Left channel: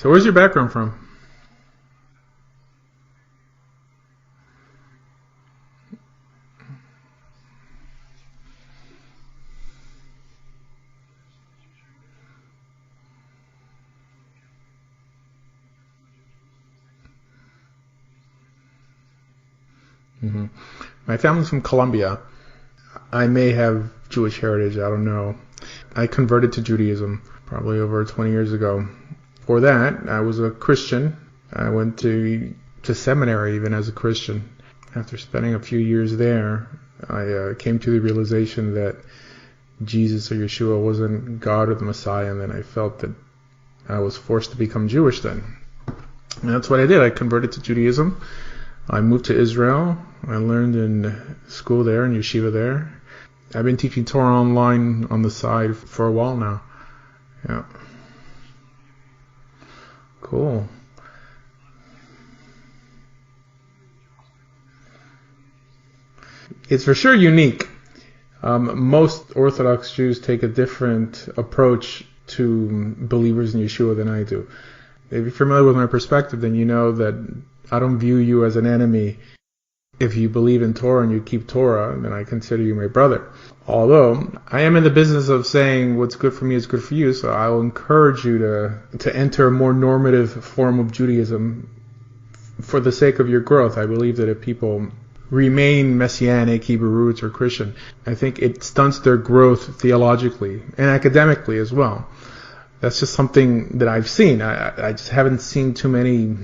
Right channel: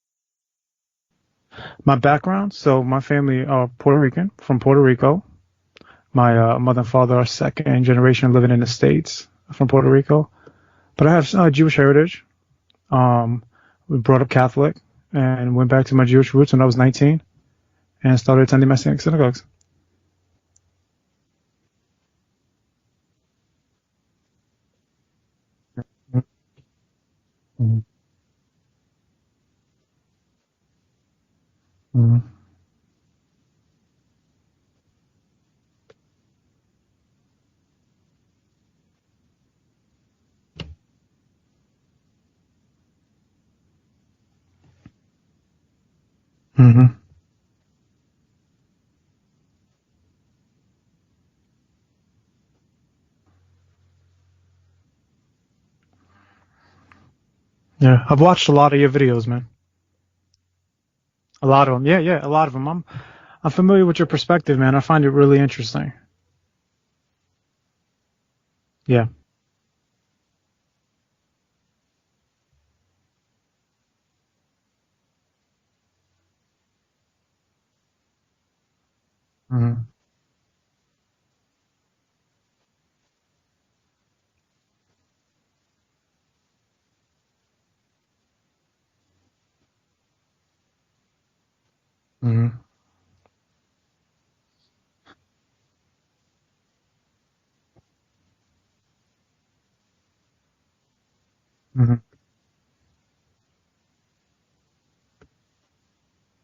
So where's your background from? My background, so my family are Puerto Rican, from Puerto Rico. My mother and father are second generation living in the States from Puerto Rico. But I have Jewish heritage. We brought up Catholic and went back to my Jewish roots when I was 19 and started attending Messianic synagogues. Hmm. My family's from Colombia. I may have Jewish heritage. I don't know. I converted to Judaism probably Mm-hmm. over 20 years ago. For that, I was a Christian. I went Mm-hmm. to seminary even as a Christian. After spending a few years there, I came to the realization that Jesus or Yeshua wasn't God or the Messiah, and then I felt that I was forced to become Jewish then. And that's what I Mm-hmm. did. I converted to Judaism. I moved to Israel. I learned in school there, in yeshiva there. I've been teaching Torah online on the side for a while now. Yeah, Yeah, I've watched a lot of your videos, man. cool. A lot of them. Yeah, yeah, a lot of them. I'm familiar with your perspective, man. I find it really interesting. It's for sure unique. Yeah. Most Orthodox Jews take a different approach to believers in Yeshua than I do. If you're familiar with my perspective, then you know that I don't view you as an enemy. Mm-hmm. If you believe in Torah and you keep Torah, then I consider you my brother. Although I am in the business of saying what's good for me is good for you, so I will encourage you to enter a more normative form of Judaism Mm-hmm. for the sake of your growth. I believe that if people remain Messianic, Hebrew roots, or Christian, I think it stunts their growth theologically and academically as Mm-hmm. well. That's just something that I've seen. I just haven't seen too many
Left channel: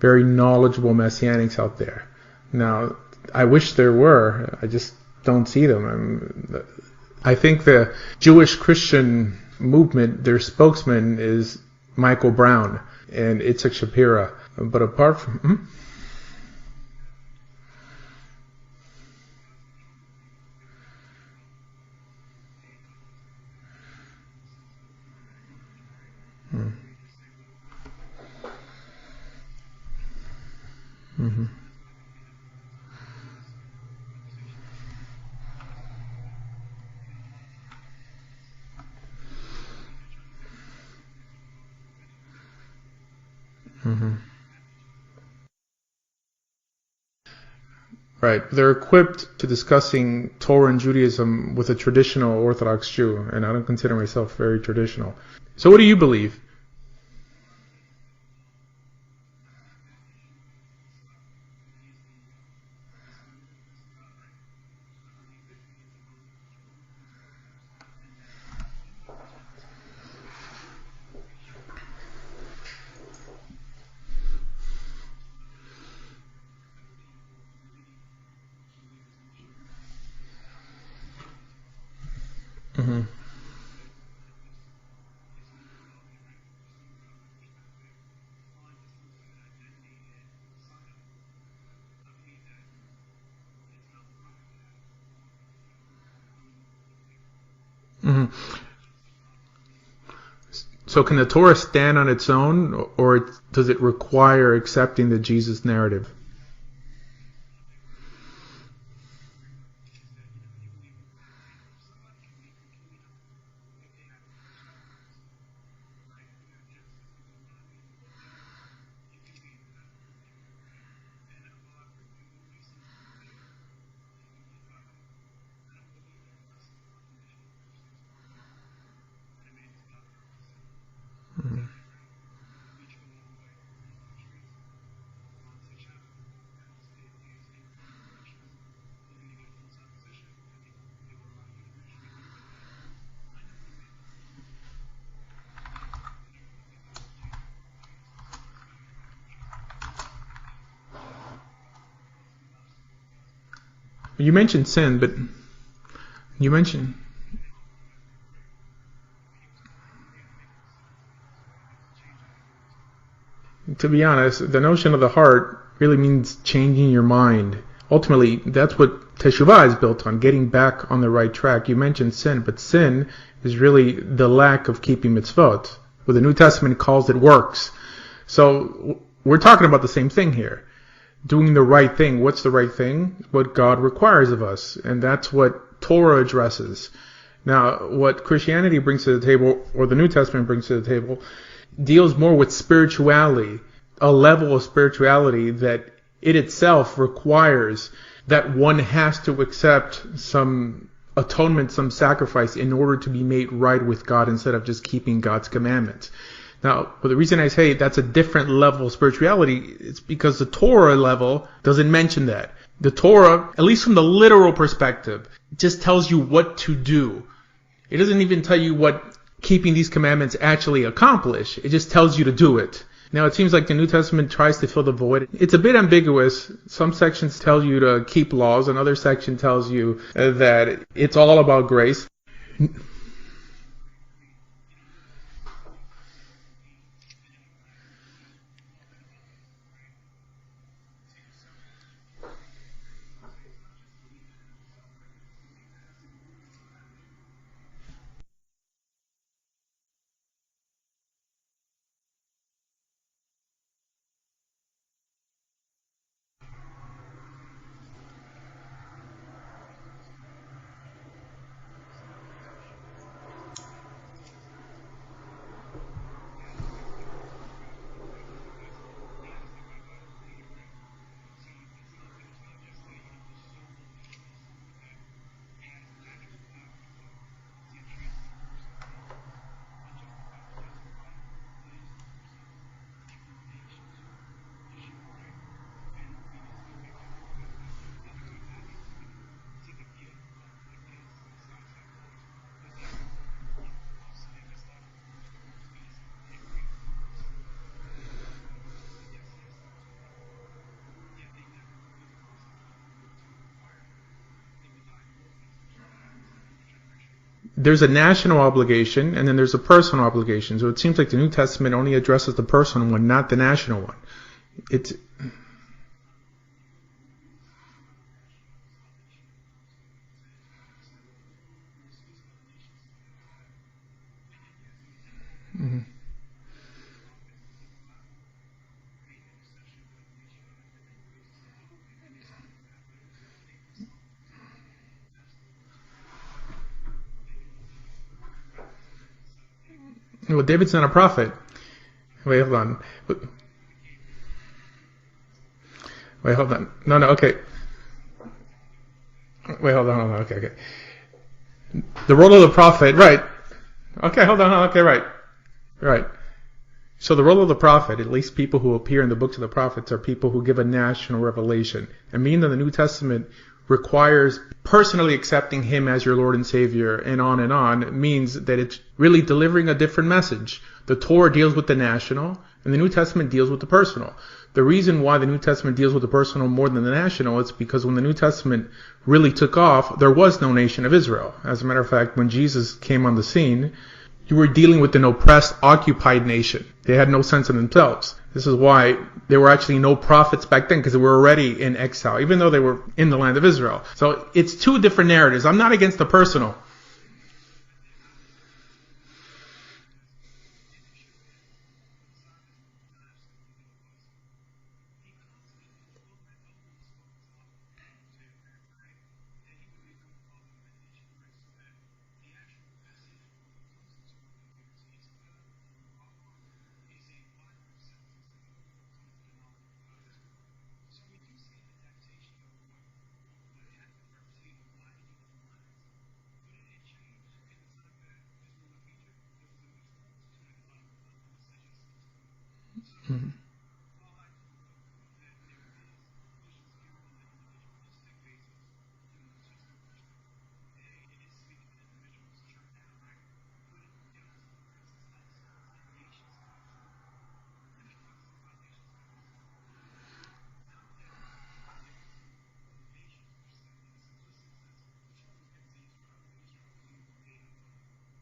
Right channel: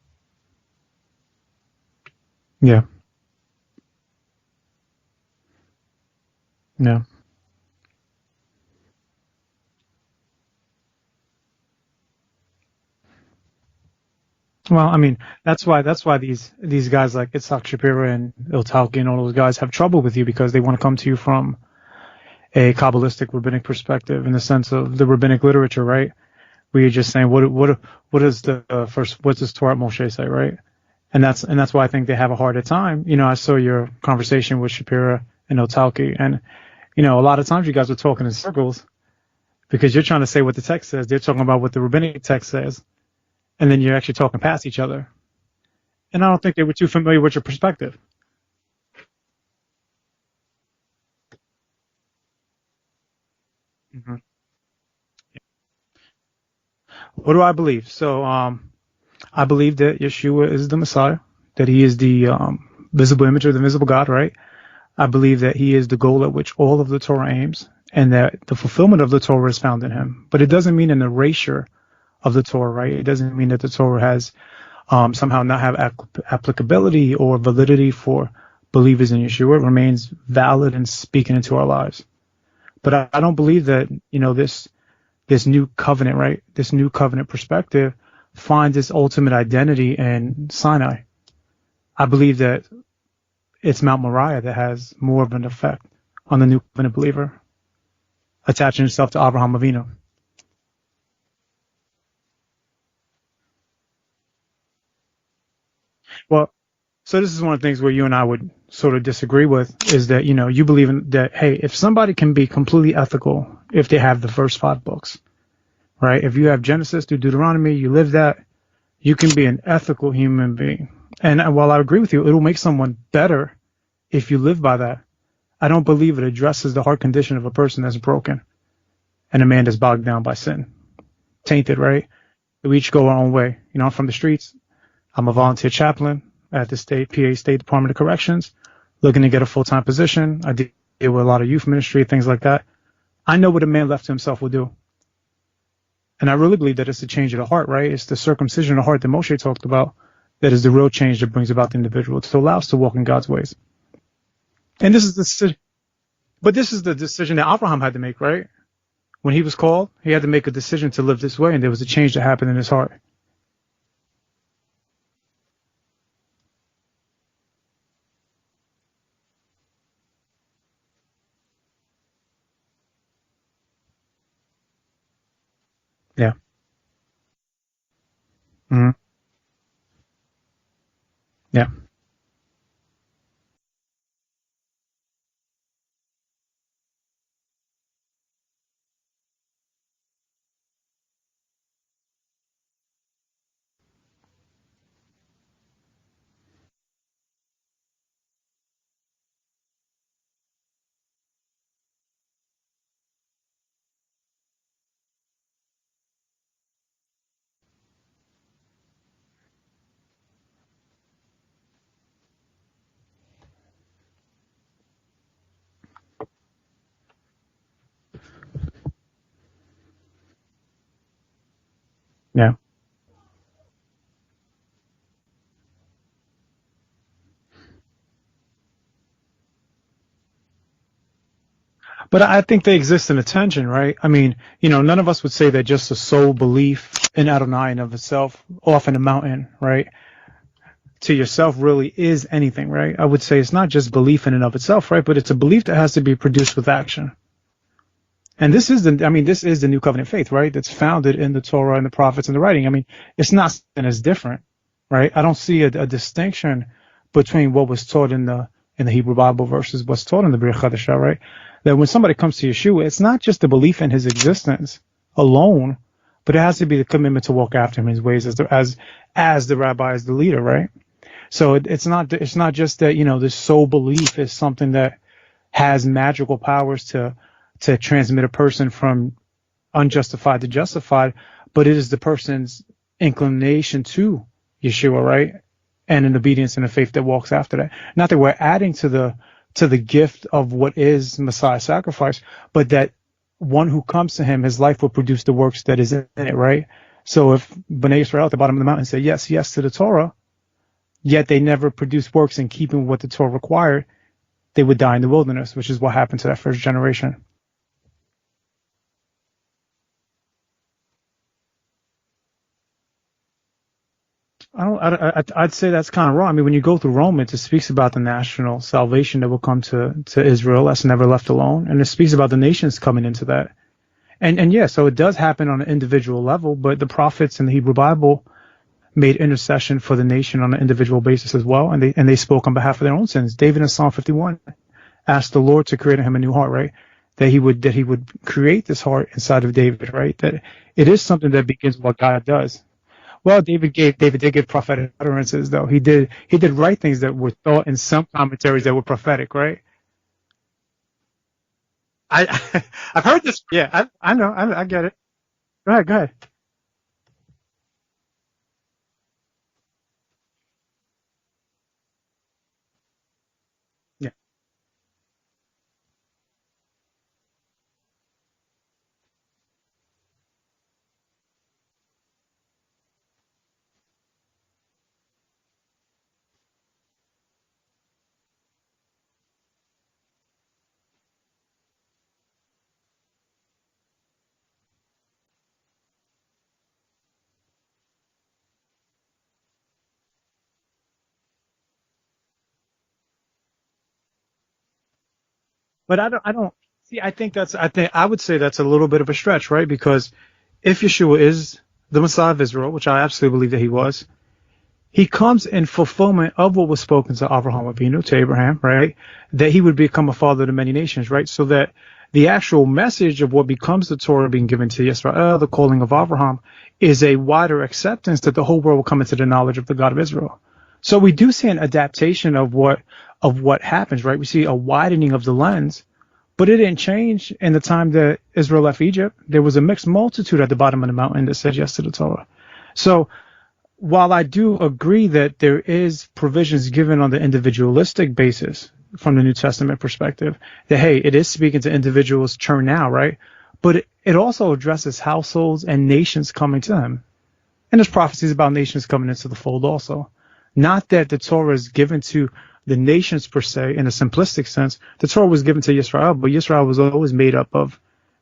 very knowledgeable Messianics out there. Yeah. Now, I wish there were. I just don't see them. Yeah. I think the Jewish Christian movement, their spokesman is Michael Brown and Itzhak Shapira. But Well, I mean, apart from, that's why these guys like Itzhak Shapira and Iltalki and all those guys have trouble with you because they want to come to you from a Kabbalistic rabbinic perspective in the sense of the rabbinic literature, right? Where you're just saying what is the first what does Torah Moshe say, right? Mhm. And that's why I think they have a harder time. You know, I saw your conversation with Shapira and Iltalki, and a lot of times you guys were talking in circles because you're trying to say what the text says. They're talking about what the rabbinic text says, and then you're actually Mhm. talking past each other. And I don't think they were too familiar with your perspective. Right. They're equipped to discussing Torah and Judaism with a traditional Orthodox Jew, and I don't consider myself very traditional. So what do you believe? What do I believe? So, I believe that Yeshua is the Messiah, that he is the visible image of the visible God, right? I believe that he is the goal at which all of the Torah aims, and that the fulfillment of the Torah is found in him. But it doesn't mean an erasure of the Torah, right? It doesn't mean that the Torah has somehow not have applicability or validity for believers in Yeshua. It remains valid and speaking into our lives. But Mhm. I don't believe that this new covenant, right? This new covenant perspective finds its ultimate identity in Sinai. I believe that it's Mount Moriah that has more of an effect on the new covenant believer, Mhm. attaching itself to Abraham Avinu. So can the Torah stand on its own, or does it require accepting the Jesus narrative? Well, so this is one of the things where you and I would sort of disagree with is that, you believe in that, hey, if somebody can be completely ethical if they have the first five books, right? If you have Genesis through Deuteronomy, you live that, you can be an ethical human being. And while I agree with you, it'll make someone better if you live by that. I don't believe it addresses the heart condition of a person that's broken and a man that's bogged down by sin, tainted, right? We each go our own way. I'm from the streets. I'm a volunteer chaplain at the PA State Department of Corrections, looking to get a full-time position. I deal with a lot of youth ministry, things like that. I know what a man left to himself will do. And I really believe that it's the change of the heart, right? It's the circumcision of the heart that Moshe talked about that is the real change that brings about the individual to allow us to walk in God's ways. You mentioned And sin, this but is the you but this is mentioned the decision that Abraham had to make, right? When he was called, he had to make a decision to live this way, and there was a change that happened in his heart. to be honest, the notion of the heart really means changing your mind. Ultimately, that's what Teshuvah is built on, getting back on the right track. You mentioned sin, but sin is really the lack of keeping mitzvot. What the Yeah. New Testament calls it works. Hmm. So we're talking about the same thing here. Doing the Yeah. right thing. What's the right thing? What God requires of us. And that's what Torah addresses. Now, what Christianity brings to the table, or the New Testament brings to the table, deals more with spirituality, a level of spirituality that it itself requires that one has to accept some atonement, some sacrifice in order to be made right with God instead of just keeping God's commandments. Now, but the reason I say that's a different level of spirituality is because the Torah level doesn't mention that. The Torah, at least from the literal perspective, just tells you what to do. It doesn't even tell you what keeping these commandments actually accomplish. It just tells you to do it. Now, it seems like the New Testament tries to fill the void. It's a bit ambiguous. Some sections tell you to keep laws. Another section tells you that it's all about grace. But I think they exist in a tension, right? I mean, none of us would say that just a sole belief in Adonai and of itself, off in a mountain, right, to yourself really is anything, right? I would say it's not just belief in and of itself, right? But it's a belief that has to be produced with action. And this is the new covenant faith, right? That's founded in the Torah and the prophets and the writing. I mean, it's not something that's different, right? I don't see a distinction between what was taught in the Hebrew Bible versus what's taught in the Brit Chadashah, right? That when somebody comes to Yeshua, it's not just the belief in his existence alone, but it has to be the commitment to walk after him in his ways as the rabbi, as the leader, right? So it's not just that, this sole belief is something that has magical powers to transmit a person from unjustified to justified, but it is the person's inclination to Yeshua, right? And an obedience and a faith that walks after that. Not that we're adding to the gift of what is Messiah's sacrifice, but that one who comes to him, his life will produce the works that is in it, right? So if Bnei Israel at the bottom of the mountain say yes to the Torah, yet they never produce works in keeping with what the Torah required, they would die in the wilderness, which is what happened to that first generation. There's a national obligation, and then there's a personal obligation. So it seems like the New Testament only addresses the personal one, not the national one. I'd say that's kind of wrong. I mean, when you go through Romans, it speaks about the national salvation that will come to Israel that's never left alone, and it speaks about the nations coming into that. And yeah, so it does happen on an individual level, but the prophets in the Hebrew Bible made intercession for the nation on an individual basis as well, and they spoke on behalf of their own sins. David in Psalm 51 asked the Lord to create in him a new heart, right? That he would create this heart inside of David, right? That David's not it a is prophet. Something that begins what God does. Well, David did give prophetic utterances, though. He did write things that were thought in some commentaries that were prophetic, right? Wait, hold on. Okay. The role of the prophet, right? Hold on. Right. Go ahead. So the role of the prophet, at least people who appear in the books of the prophets, are people who give a national revelation. And meaning that the New Testament requires personally accepting him as your Lord and Savior, and on, it means that it's really delivering a different message. The Torah deals with the national, and the New Testament deals with the personal. The reason why the New Testament deals with the personal more than the national is because when the New Testament really took off, there was no nation of Israel. As a matter of fact, when Jesus came on the scene, you were dealing with an oppressed, occupied nation. They had no sense of themselves. This is why there were actually no prophets back then, because they were already in exile, even though they were in the land of Israel. So it's two different narratives. I'm not against the personal. I would say that's a little bit of a stretch, right? Because if Yeshua is the Messiah of Israel, which I absolutely believe that he was, he comes in fulfillment of what was spoken to Avraham Avinu, to Abraham, right? That he would become a father to many nations, right? So that the actual message of what becomes the Torah being given to Yisrael, the calling of Avraham, is a wider acceptance that the whole world will come into the knowledge of the God of Israel. So we do see an adaptation of what happens, right? We see a widening of the lens, but it didn't change in the time that Israel left Egypt. There was a mixed multitude at the bottom of the mountain that said yes to the Torah. So while I do agree that there is provisions given on the individualistic basis from the New Testament perspective, that, hey, it is speaking to individuals churn now, right? But it also addresses households and nations coming to him. And there's prophecies about nations coming into the fold also. Not that the Torah is given to the nations per se in a simplistic sense. The Torah was given to Yisrael, but Yisrael was always made up of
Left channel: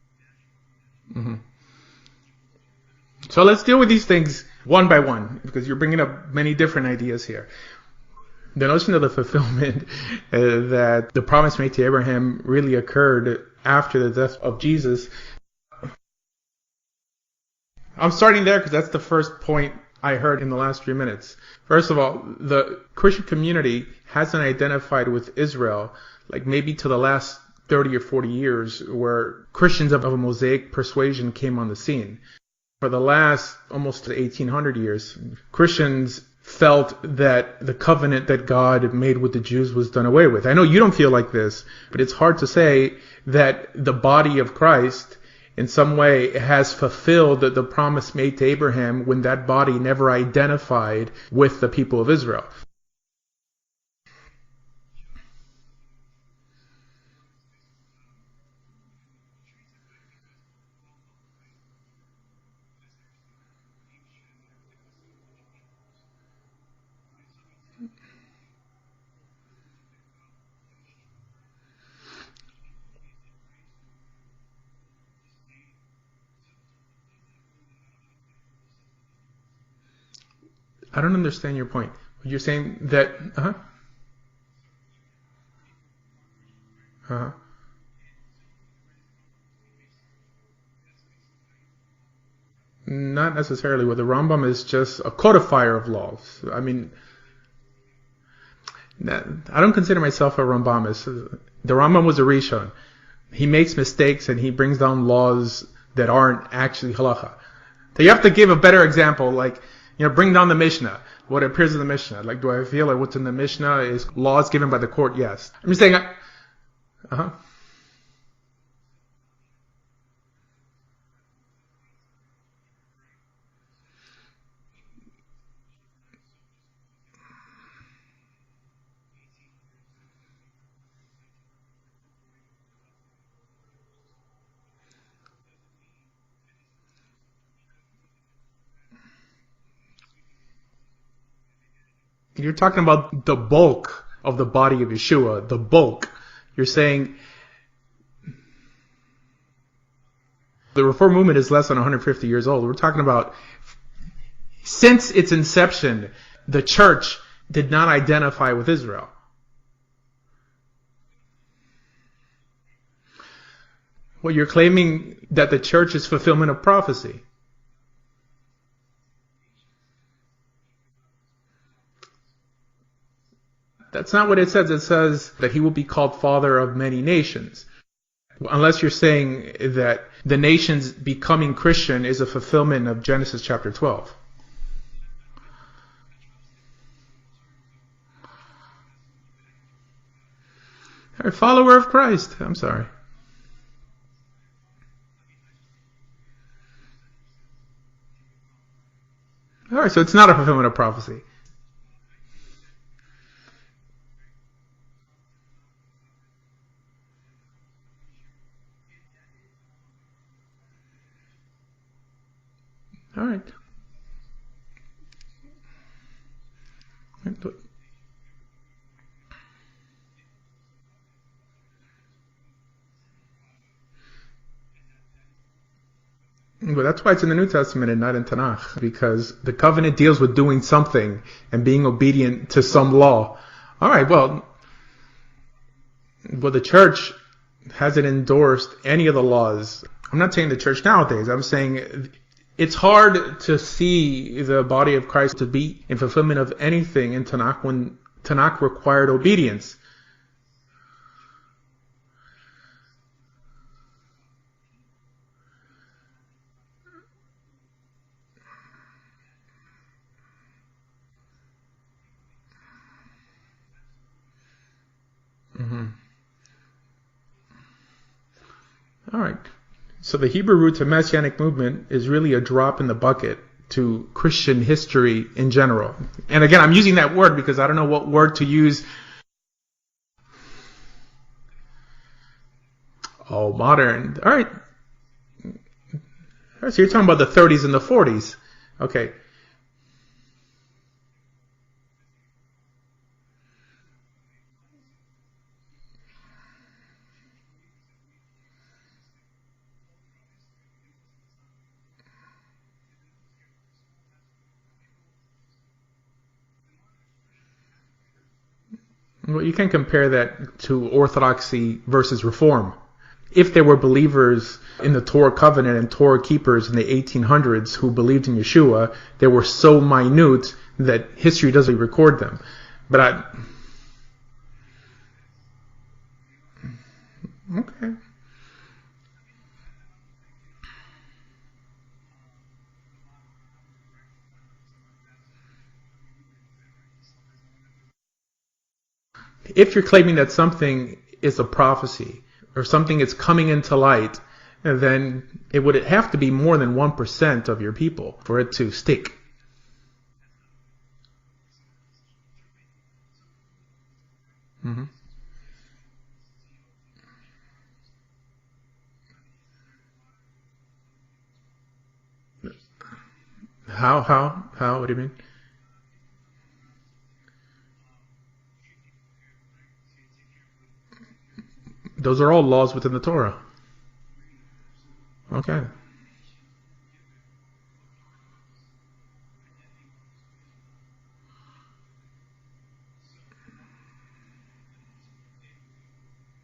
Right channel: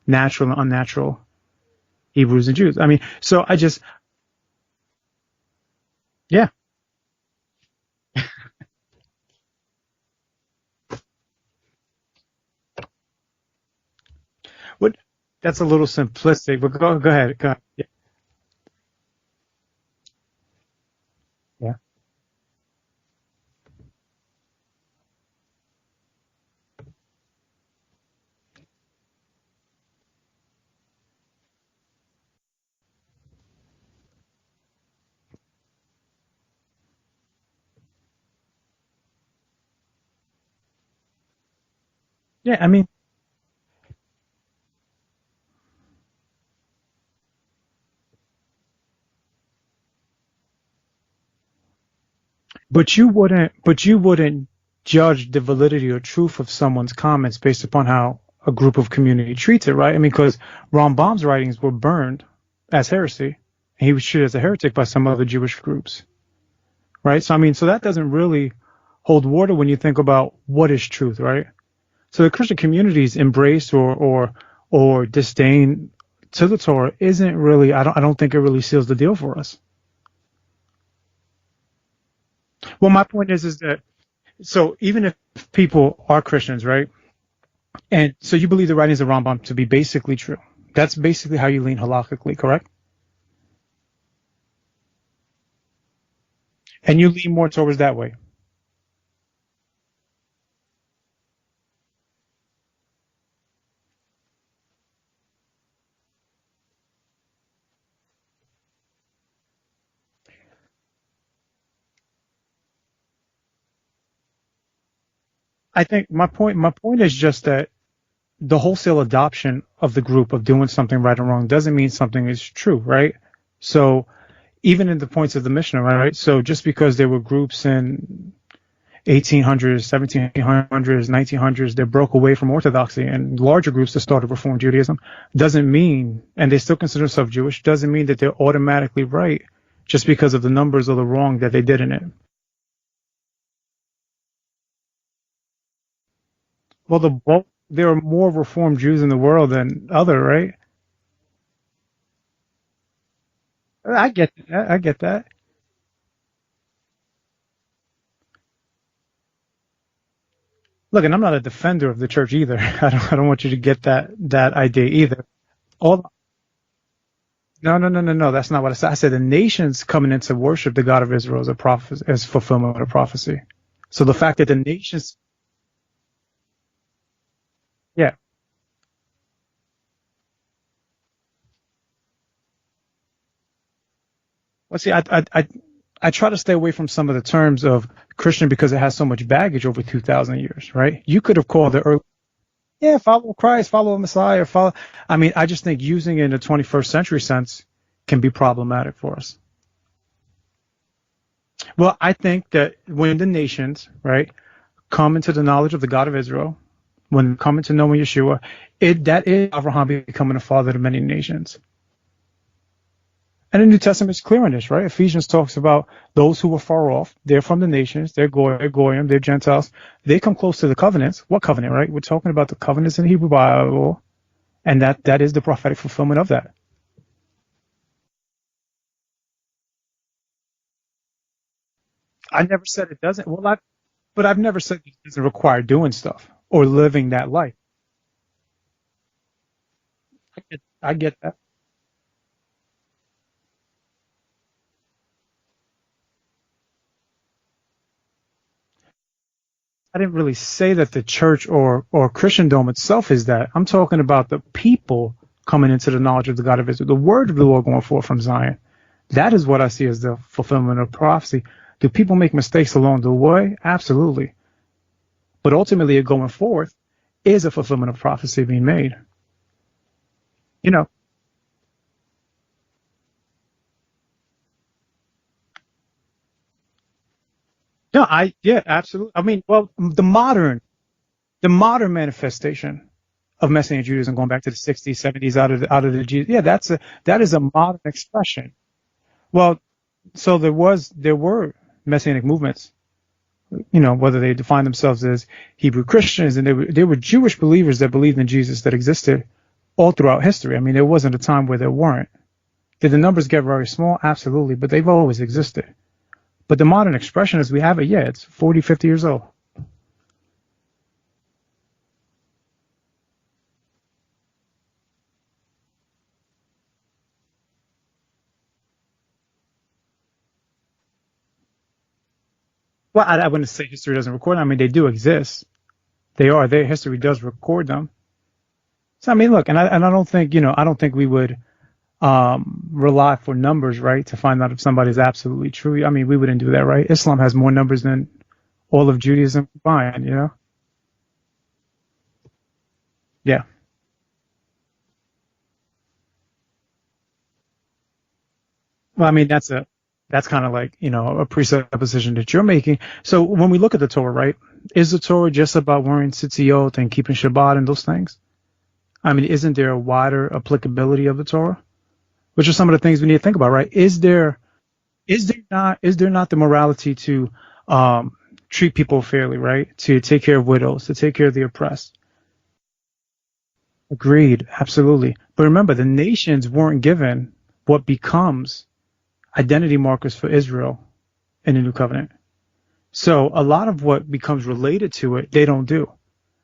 natural and unnatural Hebrews and Jews. I mean, so let's deal with these things one by one, because you're bringing up many different ideas here. The notion of the fulfillment that the promise made to Abraham really occurred after the death of Jesus. That's a little simplistic, but go ahead. Yeah. I'm starting there because that's the first point I heard in the last 3 minutes. Yeah. First of all, the Christian community hasn't identified with Israel, like maybe to the last 30 or 40 years, where Christians of a Mosaic persuasion came on the scene. For the last almost 1800 years, Christians felt that the covenant that God made with the Jews was done away with. I know you don't feel like this, but it's hard to say that the body of Christ in some way has fulfilled the promise made to Abraham when that body never identified with the people of Israel. But you wouldn't judge the validity or truth of someone's comments based upon how a group of community treats it, right? I mean, because Rambam's writings were burned as heresy, and he was treated as a heretic by some other Jewish groups, right? So, I mean, so that doesn't really hold water when you think about what is truth, right? So the Christian community's embrace or disdain to the Torah isn't really, I don't think it really seals the deal for us. I don't understand your point. You're saying well, my point is that, so even if people are Christians, right? And so you believe the writings of Rambam to be basically true. That's basically how you lean halakhically, correct? Not necessarily. Well, the Rambam is just a codifier of laws. I mean, and you lean more towards that way. I don't consider myself a Rambamist. The Rambam was a Rishon. He makes mistakes and he brings down laws that aren't actually halakha. So you have to give a better example, like, bring down the Mishnah. What appears in the Mishnah. Like, do I feel like what's in the Mishnah is laws given by the court? Yes. I'm just saying. My point is just that the wholesale adoption of the group of doing something right or wrong doesn't mean something is true, right? So even in the points of the Mishnah, right? So just because there were groups in 1800s, 1700s, 1900s that broke away from orthodoxy and larger groups that started Reform Judaism doesn't mean, and they still consider themselves Jewish, doesn't mean that they're automatically right just because of the numbers or the wrong that they did in it. You're talking about the bulk of the body of Yeshua, the bulk. You're saying... Well, the bulk, there are more Reformed Jews in the world than other, right? The Reform movement is less than 150 years old. We're talking about... I get that. Since its inception, the church did not identify with Israel. Look, and I'm not a defender of the church either. I don't want you to get that you're claiming idea either. That the church is fulfillment of prophecy. No. That's not what I said. I said the nations coming in to worship the God of Israel as fulfillment of prophecy. That's so the not fact what it says. It says that he will be called father of many nations. Yeah. Unless you're saying that the nations becoming Christian is a fulfillment of Genesis chapter 12. Well, see, I try to stay away from some of the terms of Christian because it has so much baggage over 2,000 years, right? You could have follower of Christ. I'm sorry. Yeah, follow Christ, follow a Messiah, I mean, I just think using it in a 21st century sense can be problematic for us. All right, so it's not a fulfillment of prophecy. Well, I think that when the nations, right, come into the knowledge of the God of Israel, when they come into knowing Yeshua, that is Abraham becoming a father to many nations. All right. And the New Testament is clear on this, right? Ephesians talks about those who are far off. They're from the nations. They're Goyim. They're Gentiles. They come close to the covenants. What covenant, right? We're talking about the covenants in the Hebrew Bible, and that is the prophetic fulfillment of that. But that's why it's in the New Testament and not in Tanakh, because the covenant deals with doing something and being obedient to some law. All right, well, but I've never said it doesn't require doing stuff or living that life. Hasn't endorsed any of the laws. I'm not saying the church nowadays. I'm saying it's hard to see the body of Christ to be in fulfillment of anything in Tanakh when Tanakh required obedience. I didn't really say that the church or Christendom itself is that. I'm talking about the people coming into the knowledge of the God of Israel, the word of the Lord going forth from Zion. That is what I see as the fulfillment of prophecy. Do people make mistakes along the way? Absolutely. But ultimately, going forth is a fulfillment of prophecy being made. All right. So the Hebrew roots of Messianic movement is really a drop in the bucket to Christian history in general. And again, I'm using that word because I don't know what word to use. Absolutely. I mean, well, the modern manifestation of Messianic Judaism going back to the 60s, 70s out of the Jews. Yeah, that's so you're talking about the 30s and the 40s. Expression. Okay. Well, so there were Messianic movements, whether they define themselves as Hebrew Christians, and they were Jewish believers that believed in Jesus that existed all throughout history. I mean, there wasn't a time where there weren't. Did the numbers get very small? Absolutely, but they've always existed. But the modern expression as we have it, it's 40, 50 years old. Well, you can compare that to Orthodoxy versus Reform. If there were believers in the Torah covenant and Torah keepers in the 1800s who believed in Yeshua, they were so minute that history doesn't record them. But I wouldn't say history doesn't record them. I mean, they do exist. They are. Their history does record them. So, I mean, look, and I don't think, I don't think we would rely for numbers, right, to find out if somebody's absolutely true. I mean, we wouldn't do that, right? Islam has more numbers than all of Judaism. If Fine, you're claiming you know? that something is a prophecy or something is Yeah. coming into light, then it would have to be more than 1% of your people for it to stick. Well, I mean, that's kind of like, you know, a presupposition that you're making. So when we look at the Torah, right, is the Torah just about wearing tzitzit and keeping Shabbat and those things? I mean, isn't there a wider applicability of the Torah? Which are some of the things we need to think about, right? How? What do you mean? Is there not the morality to treat people fairly, right? To take care of widows, to take care of the oppressed. Those are all laws within the Torah. Agreed, absolutely. Okay. But remember, the nations weren't given what becomes identity markers for Israel in the New Covenant. So a lot of what becomes related to it, they don't do.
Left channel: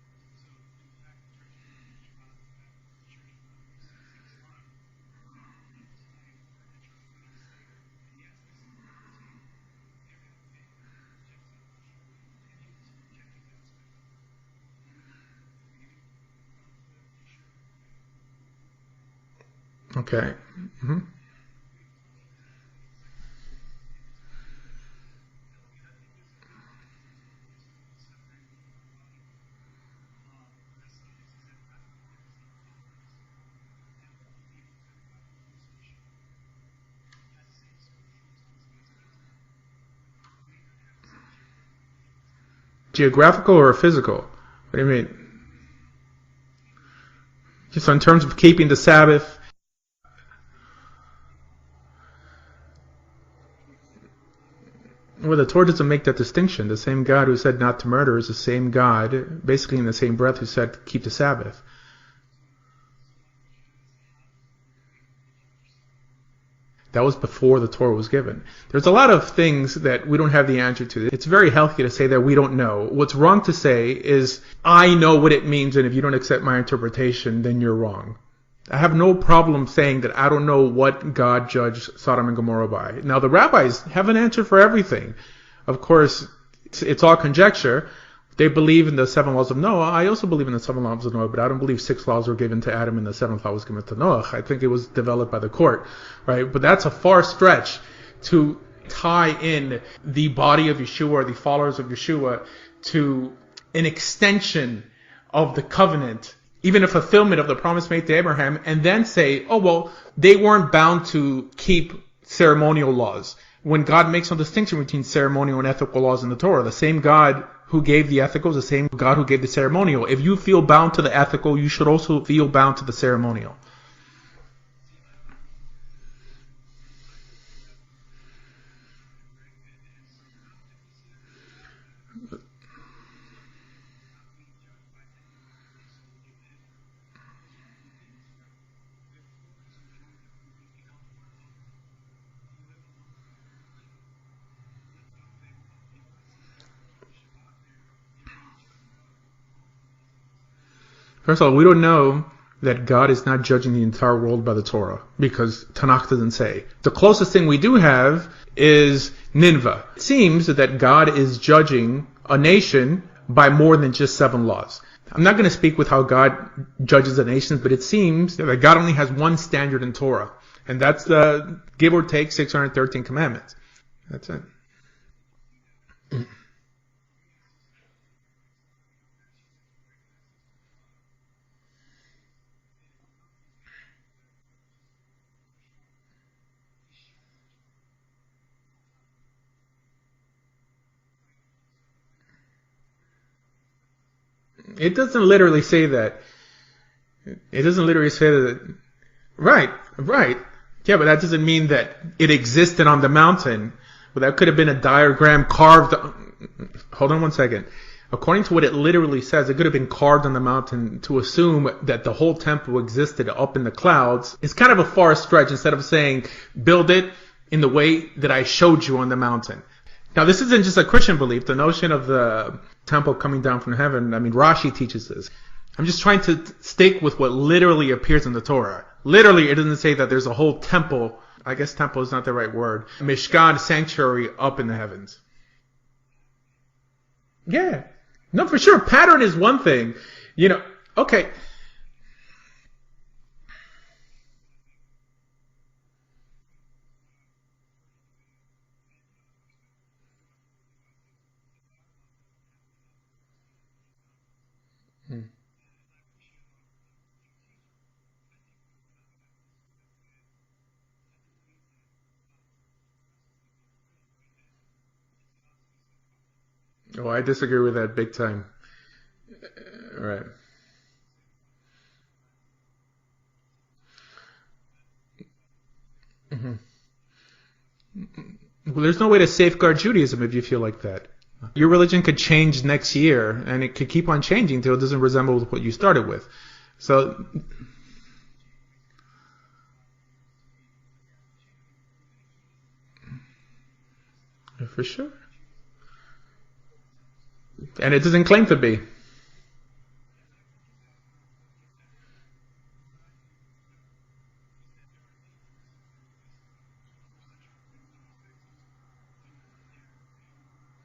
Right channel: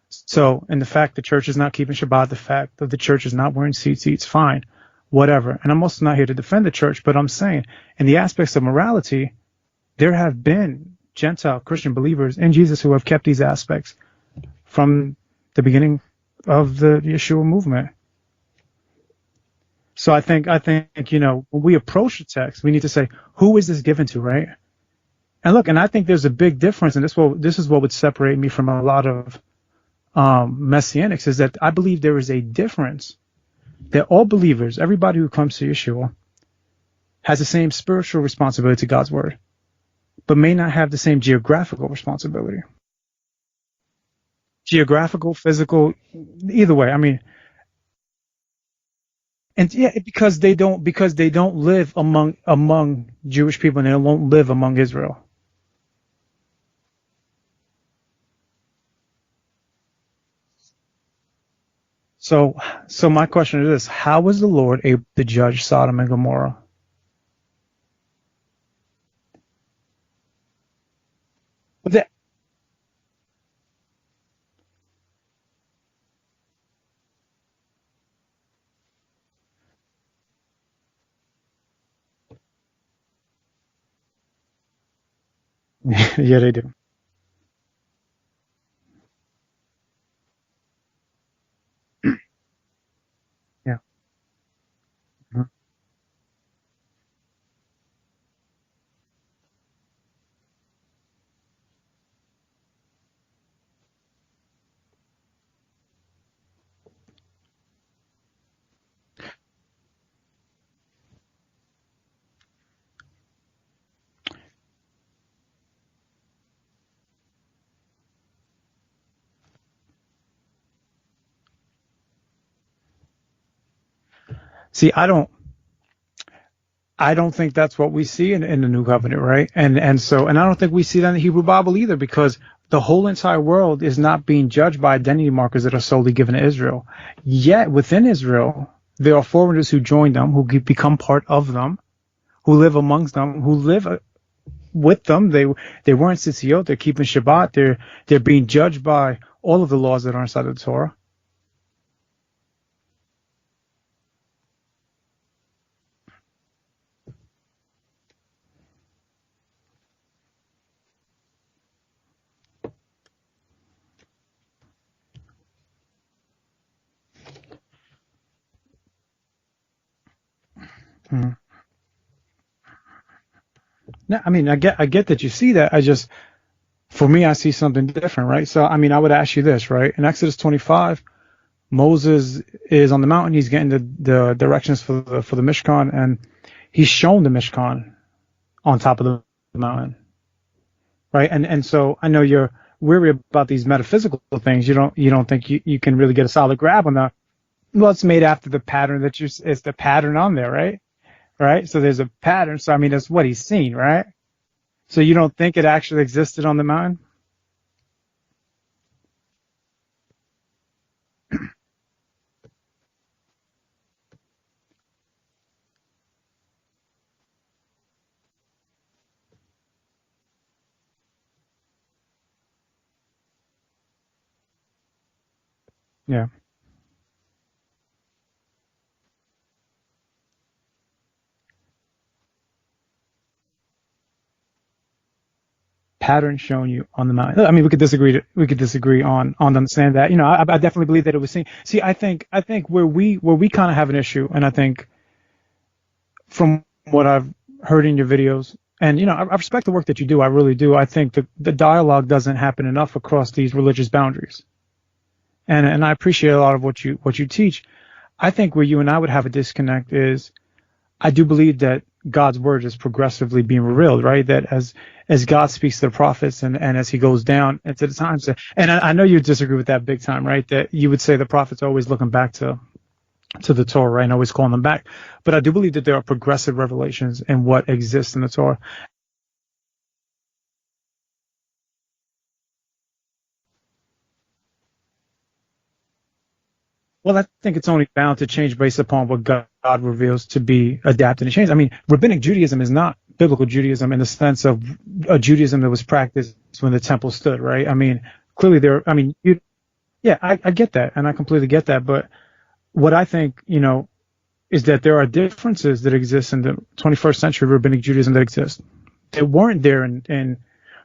So, and the fact the church is not keeping Shabbat, the fact that the church is not wearing tzitzit, fine, whatever. And I'm also not here to defend the church, but I'm saying in the aspects of morality, there have been Gentile Christian believers in Jesus who have kept these aspects from the beginning of the Yeshua movement. Okay. So I think you know, when we approach the text, we need to say, who is this given to, right? And look, and I think there's a big difference, and this is what would separate me from a lot of Messianics, is that I believe there is a difference that all believers, everybody who comes to Yeshua, has the same spiritual responsibility to God's word, but may not have the same geographical responsibility. Geographical or physical? Geographical, physical, either way. I mean, so in terms of keeping the Sabbath. And yeah, because they don't live among Jewish people, and they don't live among Israel. Well, the Torah doesn't make that distinction. The same God who said not to murder is the same God, basically in the same breath, who said keep the Sabbath. So my question is this: how was the Lord able to judge Sodom and Gomorrah? That was before the Torah was given. There's a lot of things that we don't have the answer to. It's very healthy to say that we don't know. What's wrong to say is, I know what it means, and if you don't accept my interpretation, then you're wrong. I have no problem saying that I don't know what God judged Sodom and Gomorrah by. Now, the rabbis have an answer for everything. Of course, yeah, they do. It's all conjecture. They believe in the 7 laws of Noah. I also believe in the 7 laws of Noah, but I don't believe 6 laws were given to Adam and the 7th law was given to Noah. I think it was developed by the court, right? But that's a far stretch to tie in the body of Yeshua or the followers of Yeshua to an extension of the covenant, even a fulfillment of the promise made to Abraham, and then say, oh, well, they weren't bound to keep ceremonial laws. When God makes no distinction between ceremonial and ethical laws in the Torah, the same God who gave the ethical is the same God who gave the ceremonial. If you feel bound to the ethical, you should also feel bound to the ceremonial. See, I don't think that's what we see in the New Covenant, right? And I don't think we see that in the Hebrew Bible either, because the whole entire world is not being judged by identity markers that are solely given to Israel. Yet within Israel, there are foreigners who join them, who become part of them, who live amongst them, who live with them. They weren't tzitzit, they're keeping Shabbat, they're being judged by all of the laws that are inside of the Torah. First of all, we don't know that God is not judging the entire world by the Torah, because Tanakh doesn't say. The closest thing we do have is Nineveh. It seems that God is judging a nation by more than just 7 laws. I'm not going to speak with how God judges the nations, but it seems that God only has one standard in Torah, and that's the give or take 613 commandments. No, I mean, I get that you see that. For me, I see something different, right? So, I mean, I would ask you this, right? In Exodus 25, Moses is on the mountain. He's getting the directions for the Mishkan, and he's shown the Mishkan on top of the mountain, right? And so I know you're weary about these metaphysical things. You don't think you can really get a solid grab on that. It doesn't literally say it's made after that. The pattern that you see, right, the pattern right. on there, right? Yeah, but that doesn't mean that so there's a pattern, it existed on the mountain. Seen, right? Well, that could have been a diagram so you don't think carved. It actually existed on the mountain? Hold on one second. According to what it literally says, it could have been carved on the mountain. To assume that the whole temple existed up in the clouds is kind of a far stretch, instead of saying, build it in the way that I showed you on the mountain. Now, this isn't just a Christian belief. The notion of the temple coming down from heaven, I mean, Rashi teaches this. I'm just trying to stick with what literally appears in the Torah. Literally, it doesn't say that there's a whole temple. I guess temple is not the right word. Mishkan, sanctuary, up in the heavens. Pattern shown you on the mountain. I mean, we could disagree. No, for sure. Pattern is one thing. Saying that, I definitely believe that it was seen. See, I think where we kind of have an issue, and I think from what I've heard in your videos, and I respect the work that you do. I really do. I think the dialogue doesn't happen enough across these religious boundaries, and I appreciate a lot of what you teach. I think where you and I would have a disconnect is, I do believe that God's word is progressively being revealed, right? That as God speaks to the prophets and as he goes down into the times, and I know you disagree with that big time, right? That you would say the prophets are always looking back to the Torah, right? And always calling them back. But I do believe that there are progressive revelations in what exists in the Torah. Well, there's no way to safeguard Judaism if you feel like that. Your religion could change next year, and it could keep on changing until it doesn't resemble what you started with. So, well, I think it's only bound to change based upon what God reveals to be adapted and changed. I mean, rabbinic Judaism is not biblical Judaism in the sense of a Judaism that was practiced when the temple stood, right? I mean, and it doesn't claim to be. I mean, I get that, and I completely get that. But what I think, is that there are differences that exist in the 21st century rabbinic Judaism that exist. That weren't there in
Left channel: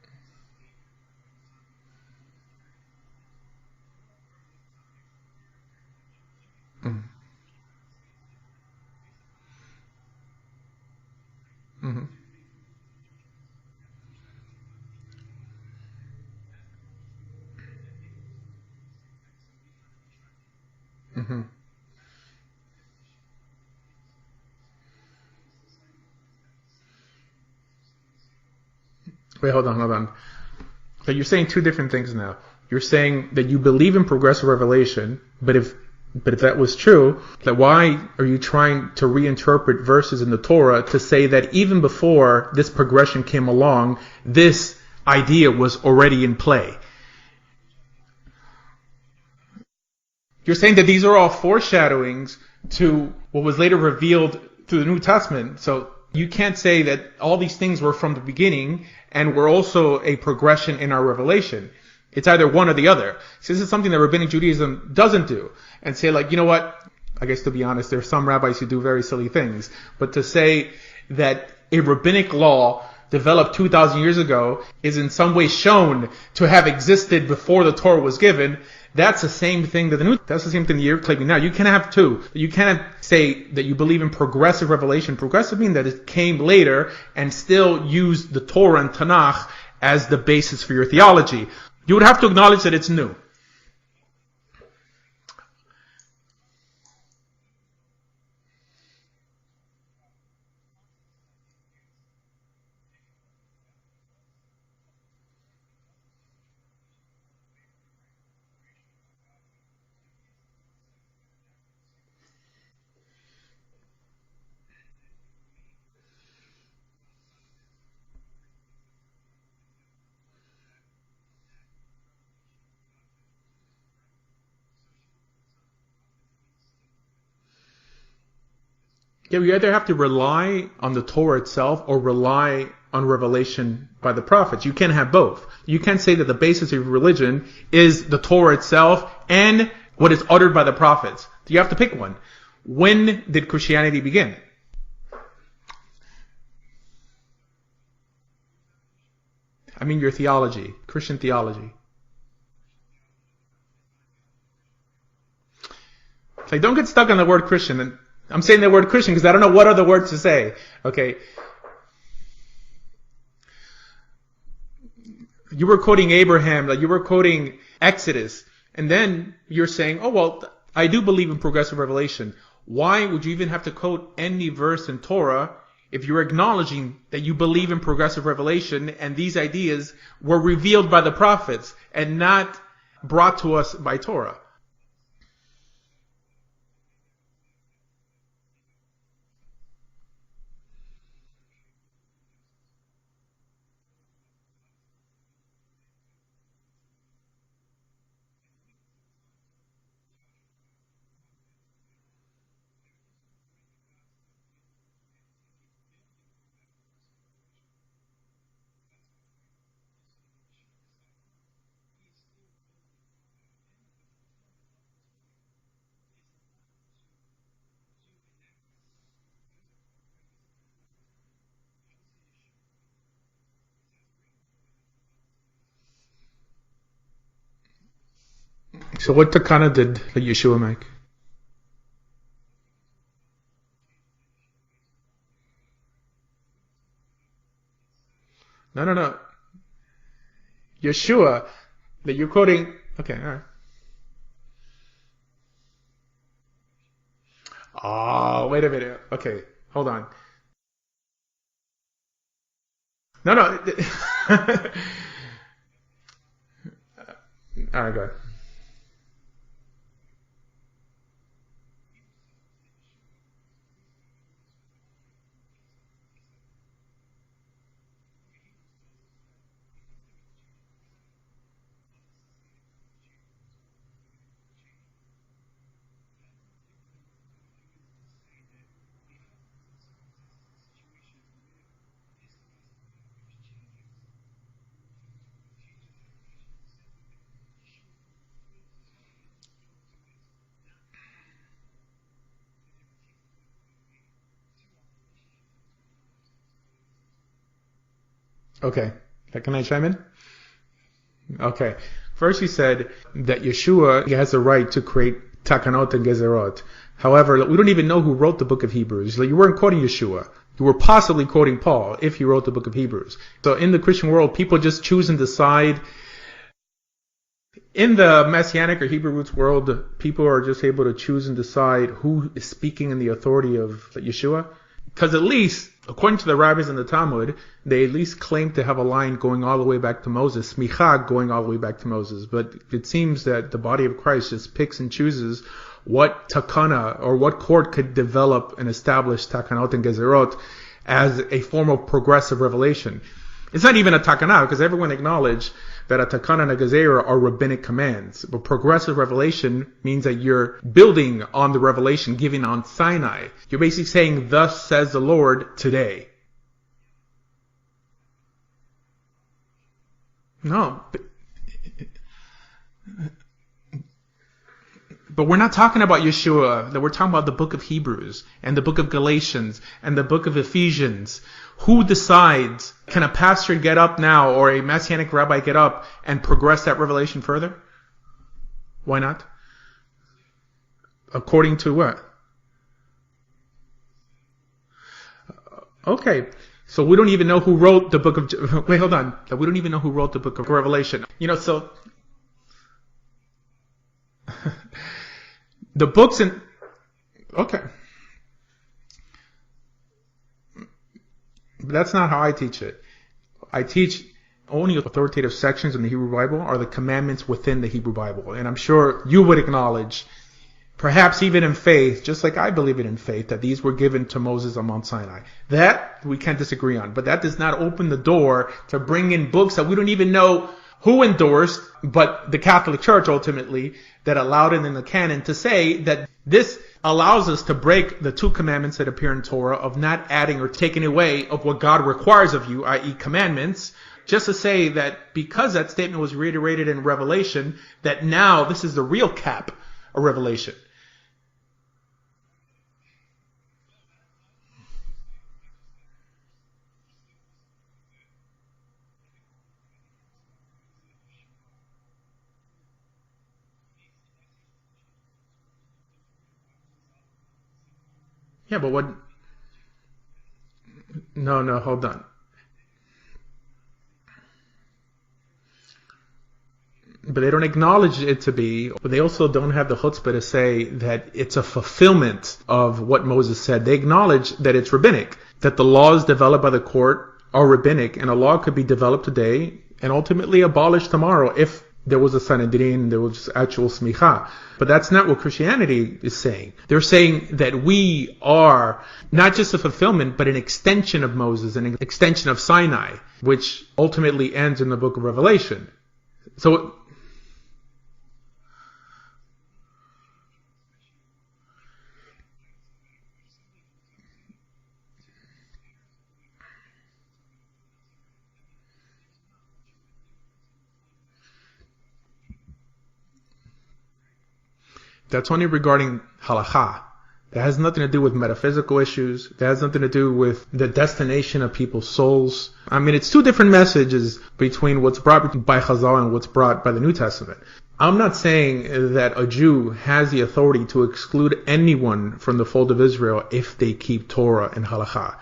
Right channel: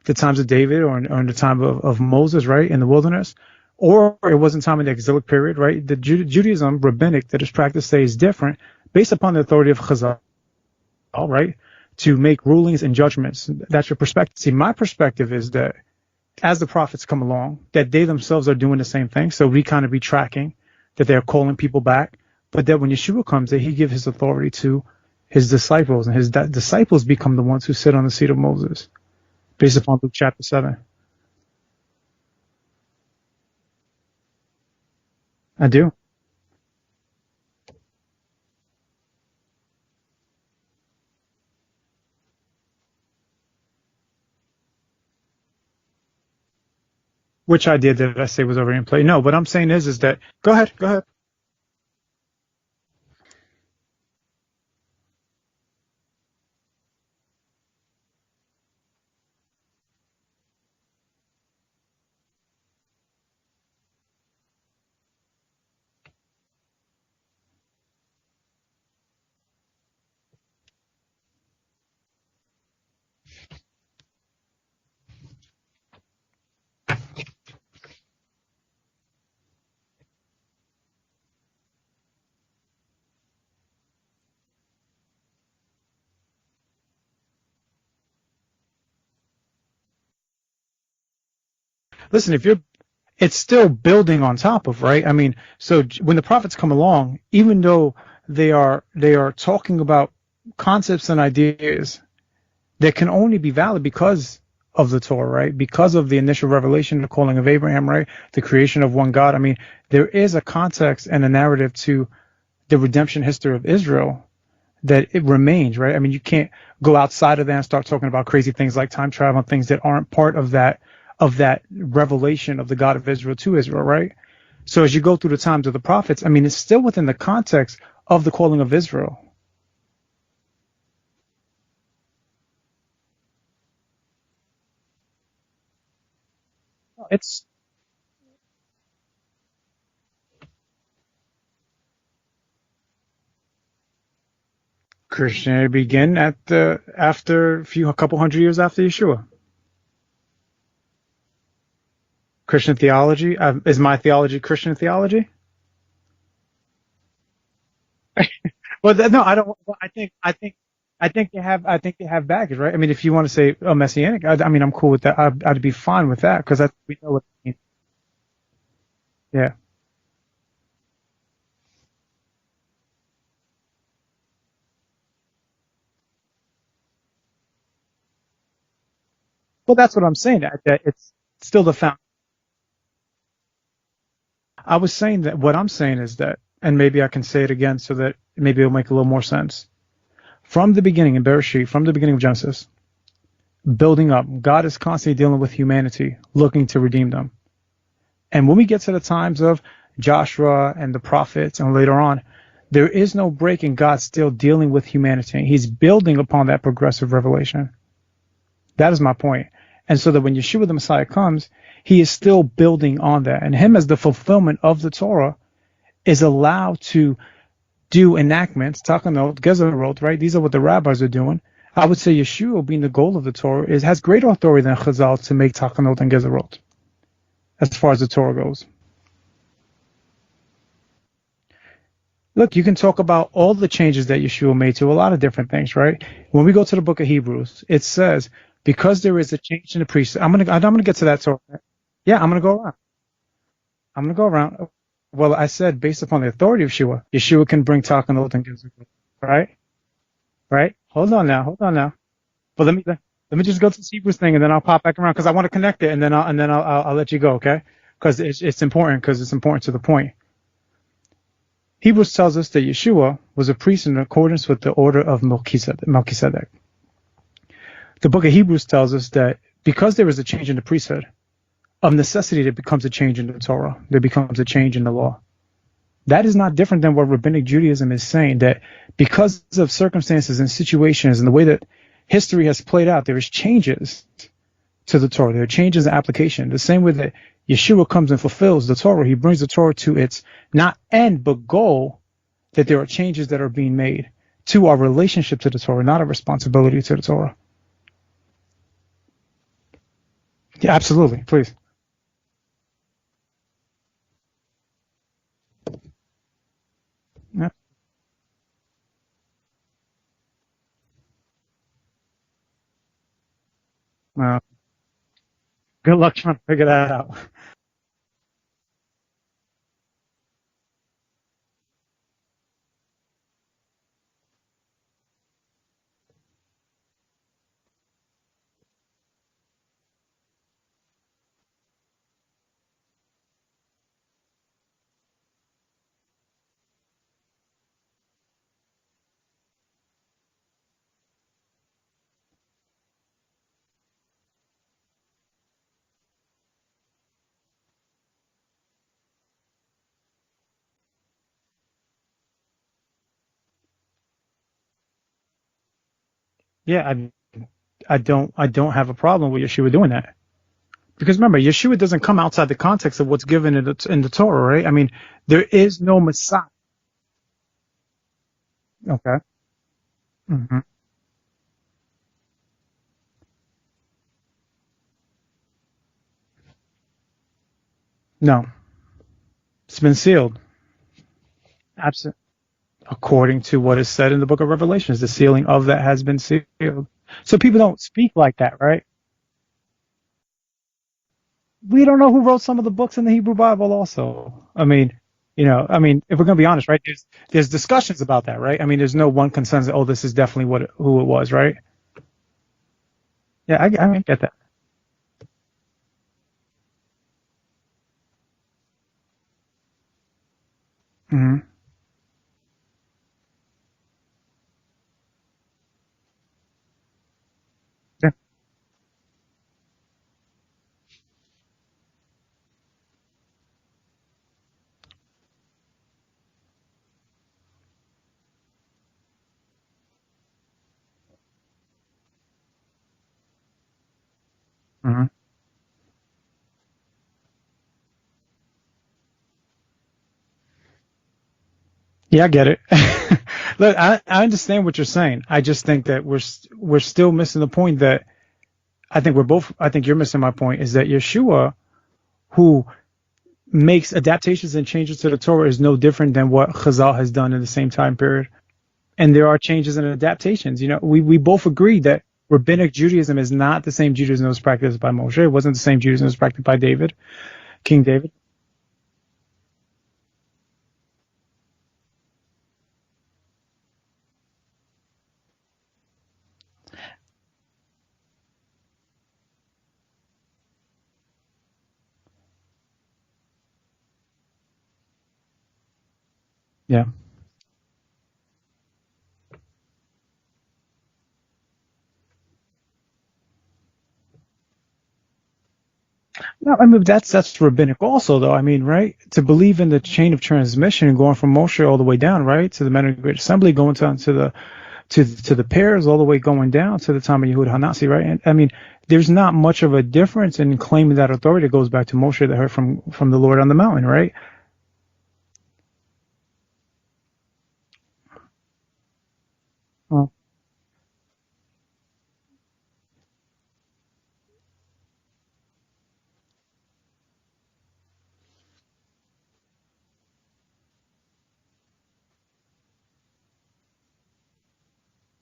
the times of David or in the time of Moses, right, in the wilderness. Or it wasn't time in the exilic period, right? The Judaism, rabbinic, that is practiced today is different based upon the authority of Chazal, right? To make rulings and judgments. That's your perspective. See, my perspective is that as the prophets come along, that they themselves are doing the same thing. So we kind of be tracking that they're calling people back. But that when Yeshua comes, that he gives his authority to his disciples, and his disciples become the ones who sit on the seat of Moses. Wait, hold based on. upon Luke chapter 7. But you're saying two different things now. You're saying that you believe in progressive revelation, but I do. But if that was true, then why are you trying to reinterpret verses in the Torah to say that even before this progression came along, this idea was already in play? Which idea did I say was already in play? No, what I'm saying is that... You're saying that these are all foreshadowings to what was later revealed through the New Testament. So you can't say that all these things were from the beginning and were also a progression in our revelation. It's either one or the other. So this is something that Rabbinic Judaism doesn't do. And say, like, you know what? I guess to be honest, there are some rabbis who do very silly things. But to say that a rabbinic law developed 2,000 years ago is in some way shown to have existed before the Torah was given, that's the same thing that's the same thing that you're claiming now. You can't have two. You can't say that you believe in progressive revelation. Progressive means that it came later and still used the Torah and Tanakh as the basis for your theology. You would have to acknowledge that it's new. It's still building on top of, right? I mean, so when the prophets come along, even though they are talking about concepts and ideas that can only be valid because of the Torah, right? Because of the initial revelation, the calling of Abraham, right? The creation of one God. I mean, there is a context and a narrative to the redemption history of Israel that it remains, right? I mean, you can't go outside of that and start talking about crazy things like time travel and things that aren't part of that revelation of the God of Israel to Israel, right? So as you go through the times of the prophets, I mean, it's still within the context of the calling of Israel. Yeah, we either have to rely on the Torah itself or rely on revelation by the prophets. You can't have both. You can't say that the basis of religion is the Torah itself and what is uttered by the prophets. You have to pick one. When did Christianity begin? Christianity began after a couple hundred years after Yeshua. I mean your theology, Christian theology. Christian theology? Is my theology Christian theology? Like, don't get stuck on the word Christian. And I'm saying the word Christian because I don't know what other words to say. Okay. I think they have baggage, right? I mean, if you want to say messianic, I mean, I'm cool with that. You were quoting Abraham, like you were quoting Exodus, and then you're saying, oh well, I do believe in progressive revelation. Why would you even have to quote any verse in Torah if you're acknowledging that you believe in progressive revelation and these ideas that's what I'm saying, were revealed by the prophets and not brought to us by Torah? I was saying that what I'm saying is that, and maybe I can say it again so that maybe it'll make a little more sense. From the beginning in Bereshit, from the beginning of Genesis, building up, God is constantly dealing with humanity, looking to redeem them. And when we get to the times of Joshua and the prophets and later on, there is no break in God still dealing with humanity. He's building upon that progressive revelation. That is my point. And so that when Yeshua the Messiah comes, he is still building on that. And him as the fulfillment of the Torah is allowed to do enactments, takanot, gezerot, right? These are what the rabbis are doing. I would say Yeshua, being the goal of the Torah, has greater authority than Chazal to make takanot and gezerot as far as the Torah goes. So what takana did Yeshua make? Look, you can talk about all the changes that Yeshua made to a lot of different things, right? When we go to the book of Hebrews, it says, No, no, because no. there is a change in the priesthood. I'm gonna get to that. Yeshua. Yeah, You're I'm gonna go quoting. around. Okay, all right. I'm gonna go around. Well, I said based upon the authority of Yeshua, Yeshua can bring takanot and Oh, wait a minute. Okay, right? hold on. Right? Hold on now. But let No, me no. just go to the Hebrews thing, and then I'll pop back around because I want to connect it, and then I'll let you go, okay? All right, go. Because it's important to the point. Hebrews tells us that Yeshua was a priest in accordance with the order of Melchizedek. The book of Hebrews tells us that because there is a change in the priesthood, of necessity there becomes a change in the Torah. There becomes a change in the law. That is not different than what Rabbinic Judaism is saying, that because of circumstances and situations and the way that history has played out, there is changes to the Torah. There are changes in application. The same way that Yeshua comes and fulfills the Torah, he brings the Torah to its not end but goal, that there are changes that are being made to our relationship to the Torah, not a responsibility to the Torah. Okay. Can I chime in? Yeah, absolutely. Please. Okay. First, you said that Yeshua has the right to create takanot and gezerot. However, we don't even know who wrote the book of Hebrews. Like, you weren't quoting Yeshua. You were possibly quoting Paul if he wrote the book of Hebrews. So in the Christian world, people just choose and decide. Good luck trying to figure that out. In the Messianic or Hebrew roots world, people are just able to choose and decide who is speaking in the authority of Yeshua. Because at least, according to the rabbis in the Talmud, they at least claim to have a line going all the way back to Moses, smicha going all the way back to Moses. But it seems that the body of Christ just picks and chooses what takana or what court could develop and establish takanot and gezerot as a form of progressive revelation. It's not even a takana, because everyone acknowledged that a takana and a gezerah are rabbinic commands. But progressive revelation means that you're building on the revelation given on Sinai. You're basically saying, thus says the Lord today. Yeah, I don't have a problem with Yeshua doing that. No. Because remember, Yeshua doesn't come outside the context of what's given in the Torah, right? I mean, but we're not talking about Yeshua. We're talking about the book of Hebrews and the book of Galatians and the book of Ephesians. Who decides, can a pastor get up now or a Messianic rabbi get up and progress that revelation further? No. Why not? It's been sealed. According to what? Absolutely. According to what is said in the book of Revelations, the sealing of that has been sealed. So we don't even know who wrote the book of... right? Wait, hold on. We don't even know who wrote the book of Revelation. So... We don't know who wrote some of the books in the Hebrew Bible also. I mean... if we're going to be honest, right, there's discussions about that, right? I mean, there's no one consensus, this is definitely who it was, right? But that's not how I teach it. Yeah, I get that. Only authoritative sections in the Hebrew Bible are the commandments within the Hebrew Bible. And I'm sure you would acknowledge, perhaps even in faith, just like I believe it in faith, that these were given to Moses on Mount Sinai. That we can't disagree on. But that does not open the door to bring in books that we don't even know who endorsed, but the Catholic Church ultimately, that allowed it in the canon to say that this allows us to break the two commandments that appear in Torah of not adding or taking away of what God requires of you, i.e. commandments, just to say that because that statement was reiterated in Revelation, that now this is the real cap of Revelation. Yeah, I get it. Look, I understand what you're saying. I just think that we're still missing the point that I think you're missing my point, is that Yeshua, who makes adaptations and changes to the Torah, is no different than what Chazal has done in the same time period. Yeah, but what? And there are changes and adaptations. We both agree that Rabbinic Judaism is not the same Judaism that was practiced by Moshe. It wasn't the same Judaism that was practiced by David. But they don't acknowledge it to be. But they also don't have the chutzpah to say that it's a fulfillment of what Moses said. They acknowledge that it's rabbinic, that the laws developed by the court are rabbinic, and a law could be developed today and ultimately abolished tomorrow if there was a Sanhedrin, there was actual smicha. But that's not what Christianity is saying. They're saying that we are not just a fulfillment, but an extension of Moses, an extension of Sinai, which ultimately ends in the book of Revelation. So that's rabbinic also, though. I mean, right? To believe in the chain of transmission going from Moshe all the way down, right, to the Men of the Great Assembly, going down to the pairs, all the way going down to the time of Yehud Hanasi, right? And I mean, there's not much of a difference in claiming that authority that goes back to Moshe that heard from the Lord on the mountain, right? That's only regarding halakha. That has nothing to do with metaphysical issues. That has nothing to do with the destination of people's souls. I mean, it's two different messages between what's brought by Chazal and what's brought by the New Testament. I'm not saying that a Jew has the authority to exclude anyone from the fold of Israel if they keep Torah and halakha.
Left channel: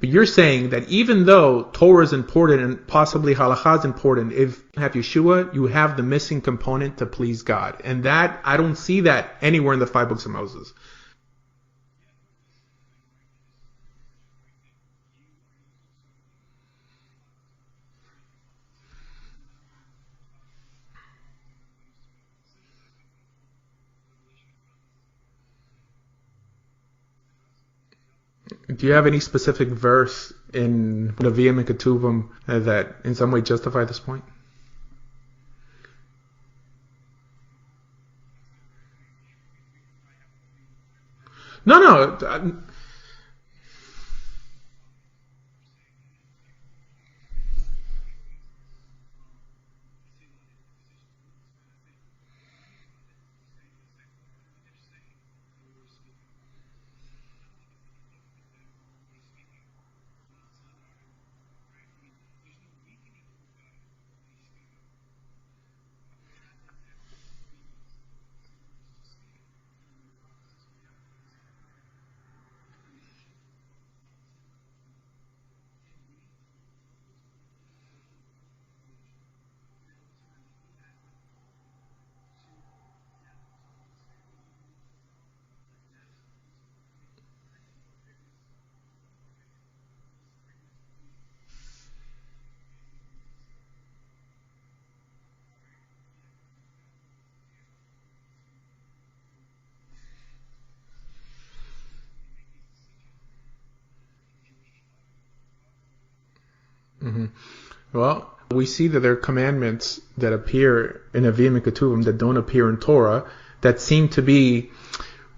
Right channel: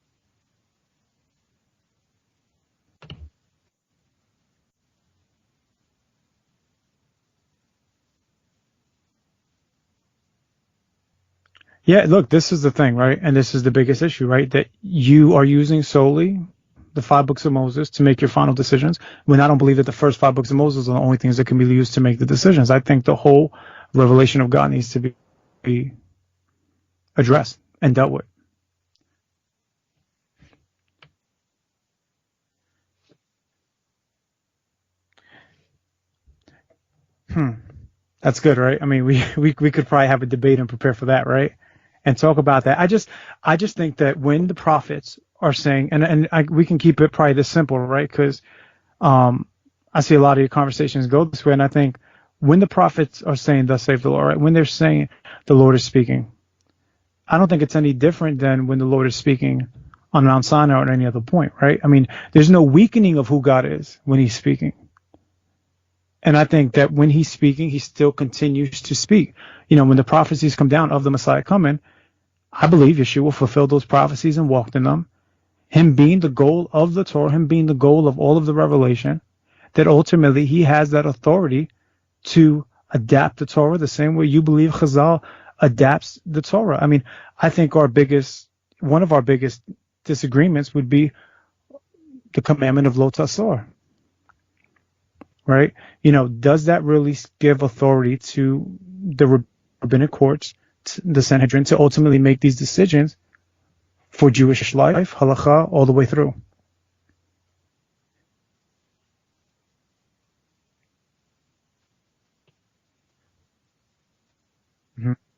But you're saying that even though Torah is important and possibly halakha is important, if you have Yeshua, you have the missing component to please God. And that, I don't see that anywhere in the 5 books of Moses. Yeah, look, this is the thing, right? And this is the biggest issue, right? That you are using solely the 5 books of Moses to make your final decisions, when I don't believe that the first 5 books of Moses are the only things that can be used to make the decisions. I think the whole revelation of God needs to be addressed and dealt with. Do you have any specific verse in Nevi'im and Ketuvim that in some way justify this point? That's good, right? I mean, we could probably have a debate and prepare for that, right? No. And talk about that. I just think that when the prophets are saying, we can keep it probably this simple, right? Because I see a lot of your conversations go this way, and I think when the prophets are saying, "Thus saith the Lord," right? When they're saying the Lord is speaking, I don't think it's any different than when the Lord is speaking on Mount Sinai or at any other point, right? I mean, there's no weakening of who God is when he's speaking. And I think that when he's speaking, he still continues to speak. When the prophecies come down of the Messiah coming, I believe Yeshua fulfilled those prophecies and walked in them. Him being the goal of the Torah, him being the goal of all of the revelation, that ultimately he has that authority to adapt the Torah the same way you believe Chazal adapts the Torah. I mean, I think one of our biggest disagreements would be the commandment of Lo Tasor, right? Does that really give authority to the rabbinic courts, the Sanhedrin, to ultimately make these decisions for Jewish life, halakha, all the way through? Mm-hmm. Well, we see that there are commandments that appear in Nevi'im and Ketuvim that don't appear in Torah that seem to be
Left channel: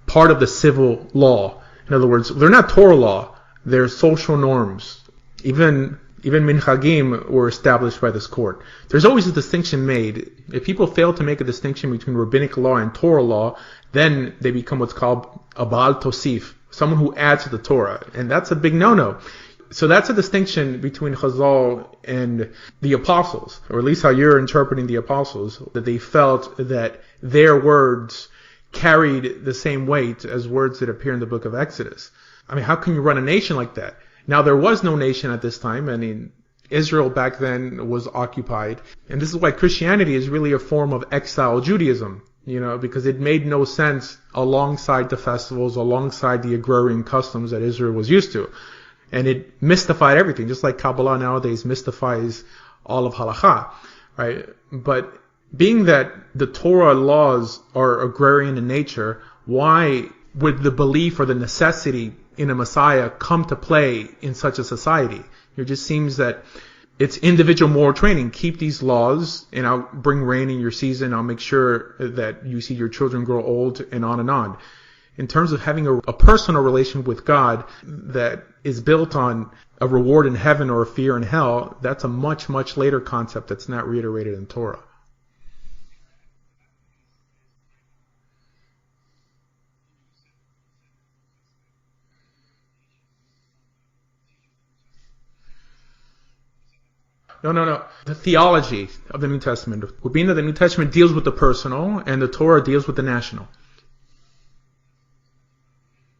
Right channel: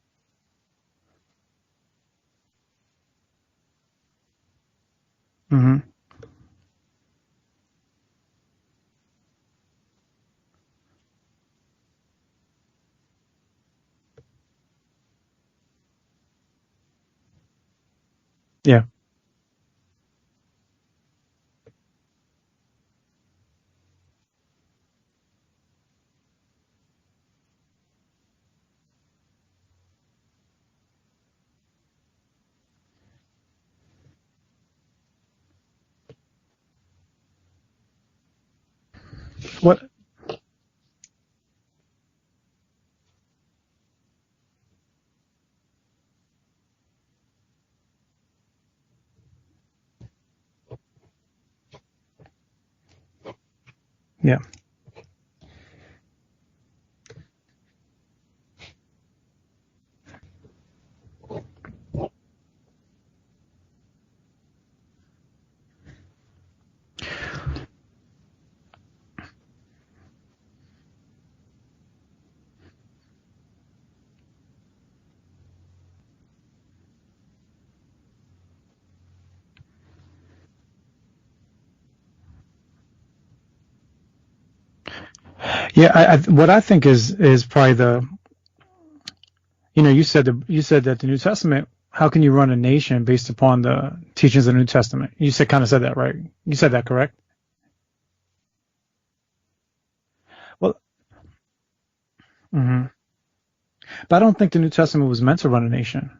part of the civil law. In other words, they're not Torah law, they're social norms. Even minhagim were established by this court. There's always a distinction made. If people fail to make a distinction between rabbinic law and Torah law, then they become what's called a Baal Tosif, someone who adds to the Torah. And that's a big no-no. So that's a distinction between Chazal and the apostles, or at least how you're interpreting the apostles, that they felt that their words carried the same weight as words that appear in the book of Exodus. I mean, how can you run a nation like that? Now, there was no nation at this time. I mean, Israel back then was occupied. And this is why Christianity is really a form of exile Judaism, because it made no sense alongside the festivals, alongside the agrarian customs that Israel was used to. And it mystified everything, just like Kabbalah nowadays mystifies all of halakha, right? Yeah. But being that the Torah laws are agrarian in nature, why would the belief or the necessity in a Messiah come to play in such a society? It just seems that it's individual moral training. Keep these laws, and I'll bring rain in your season. I'll make sure that you see your children grow old, and on and on. In terms of having a personal relation with God that is built on a reward in heaven or a fear in hell, that's a much, much later concept that's not reiterated in Torah. Yeah, what I think is probably you said that the New Testament, how can you run a nation based upon the teachings of the New Testament? You kind of said that, right? You said that, correct? No. The theology of the New Testament. Being that the New Testament deals with the personal and the Torah deals with the national. But I don't think the New Testament was meant to run a nation.